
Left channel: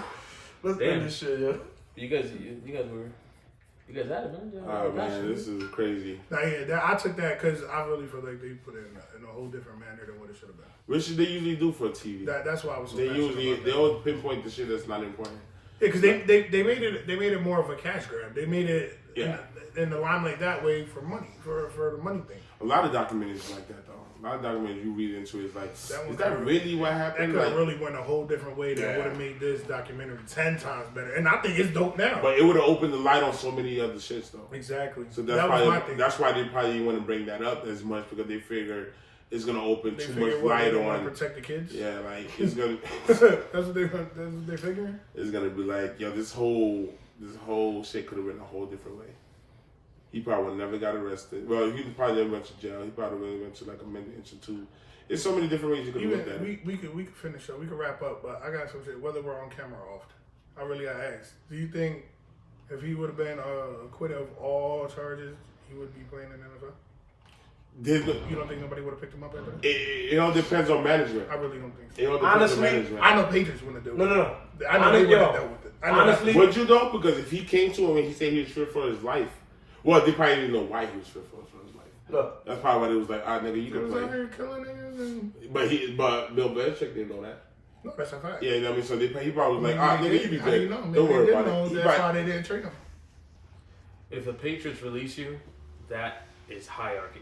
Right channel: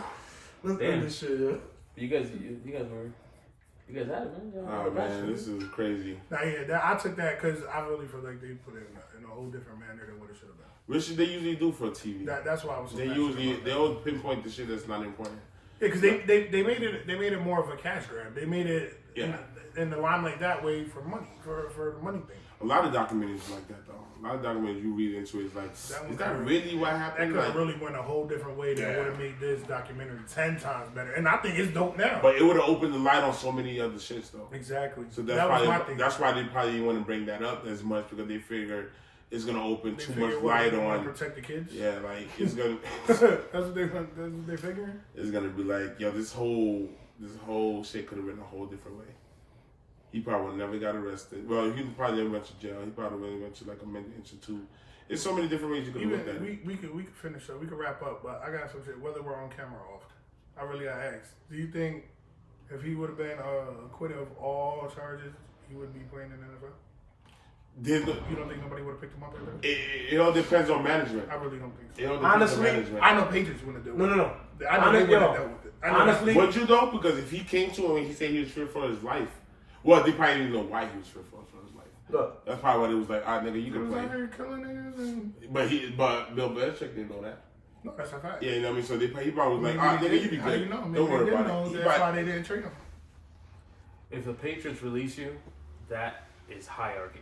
Let's Damn. end this shit, yo. You guys had it, man. oh man, this is crazy. Nah, yeah, I took that because I really feel like they put it in a whole different manner than what it should have been. What should they usually do for TV? That's why I was so They passionate usually about they that. always pinpoint the shit that's not important. Yeah, because they made it more of a cash grab. They made it Yeah. in the limelight that way for money, for the money thing. A lot of documentaries like that though. A lot of documentaries you read into is like, That one is that kinda- really what That happened? could have Like, really went a whole different way that Yeah. would have made this documentary 10 times better. And I think it's dope now. but it would have opened the light on so many other shits though. Exactly. So that was my probably thing. that's why they probably didn't want to bring that up as much because they figured it's gonna open They too much figured what, light they want on. to protect the kids. Yeah, like it's gonna that's what they're figuring. it's gonna be like, yo, this whole shit could have been a whole different way. He probably would never got arrested. Well, he probably never went to jail. He probably would have went to like a mental institute. There's so many different ways you could have looked at Even it. we could finish up. We could wrap up, but I got some shit. Whether we're on camera or off, I really got asked. Do you think if he would have been acquitted of all charges, he would be playing in the NFL? You don't think nobody would have picked him up after that? It all depends on management. I really don't think so. It all depends Honestly, on management. I know Patriots wouldn't have dealt with No. it. I know they wouldn't have dealt with it. I know Honestly, Would you though? Because if he came to him and he said he was fearful for his life, well, they probably didn't know why he was fearful for his life. look, That's probably why it was like, ah, nigga, you he can was out play. here killing niggas and... But Bill Belichick didn't know that. No, that's a fact. Yeah, you know what I mean? So he probably was like, Maybe ah, they nigga, you be did. How good. you know? Maybe Don't worry they about did know it. He that's why probably- they didn't trade him. If the Patriots release you, that is hierarchy.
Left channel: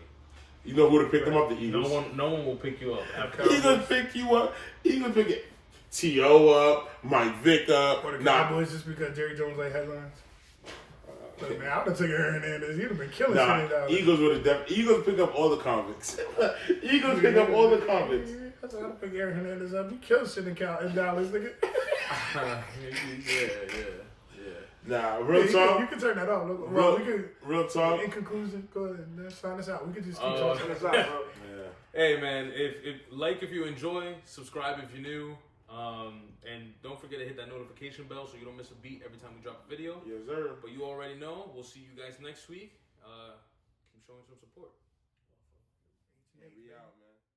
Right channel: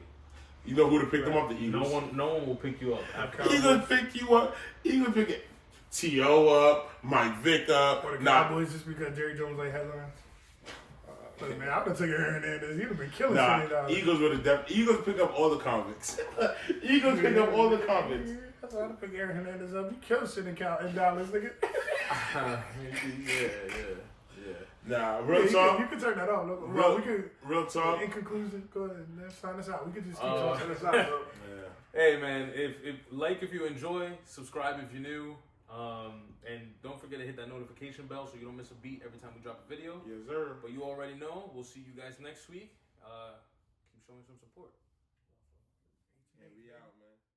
You know who would have picked him up? The Eagles. No one will pick you up. He gonna pick you up. He gonna pick T.O. up, Mike Vick up. Or the Nah, Cowboys just because Jerry Jones like headlines. Look, man, I would have took Aaron Hernandez. He'd have been killing nah. $20. Eagles would have Eagles pick up all the convicts. Eagles pick up all the convicts. That's why I'd have picked Aaron Hernandez up. He killed shit in Dallas, nigga. yeah. Nah, real You talk. can turn that off. Look, Real, well, we could, real talk. in conclusion, go ahead and sign us out. We could just keep talking us out, bro. Yeah. Hey man, if you enjoy, subscribe if you're new, and don't forget to hit that notification bell so you don't miss a beat every time we drop a video. Yes, sir. But you already know. We'll see you guys next week. Keep showing some support. Yeah, we out, man.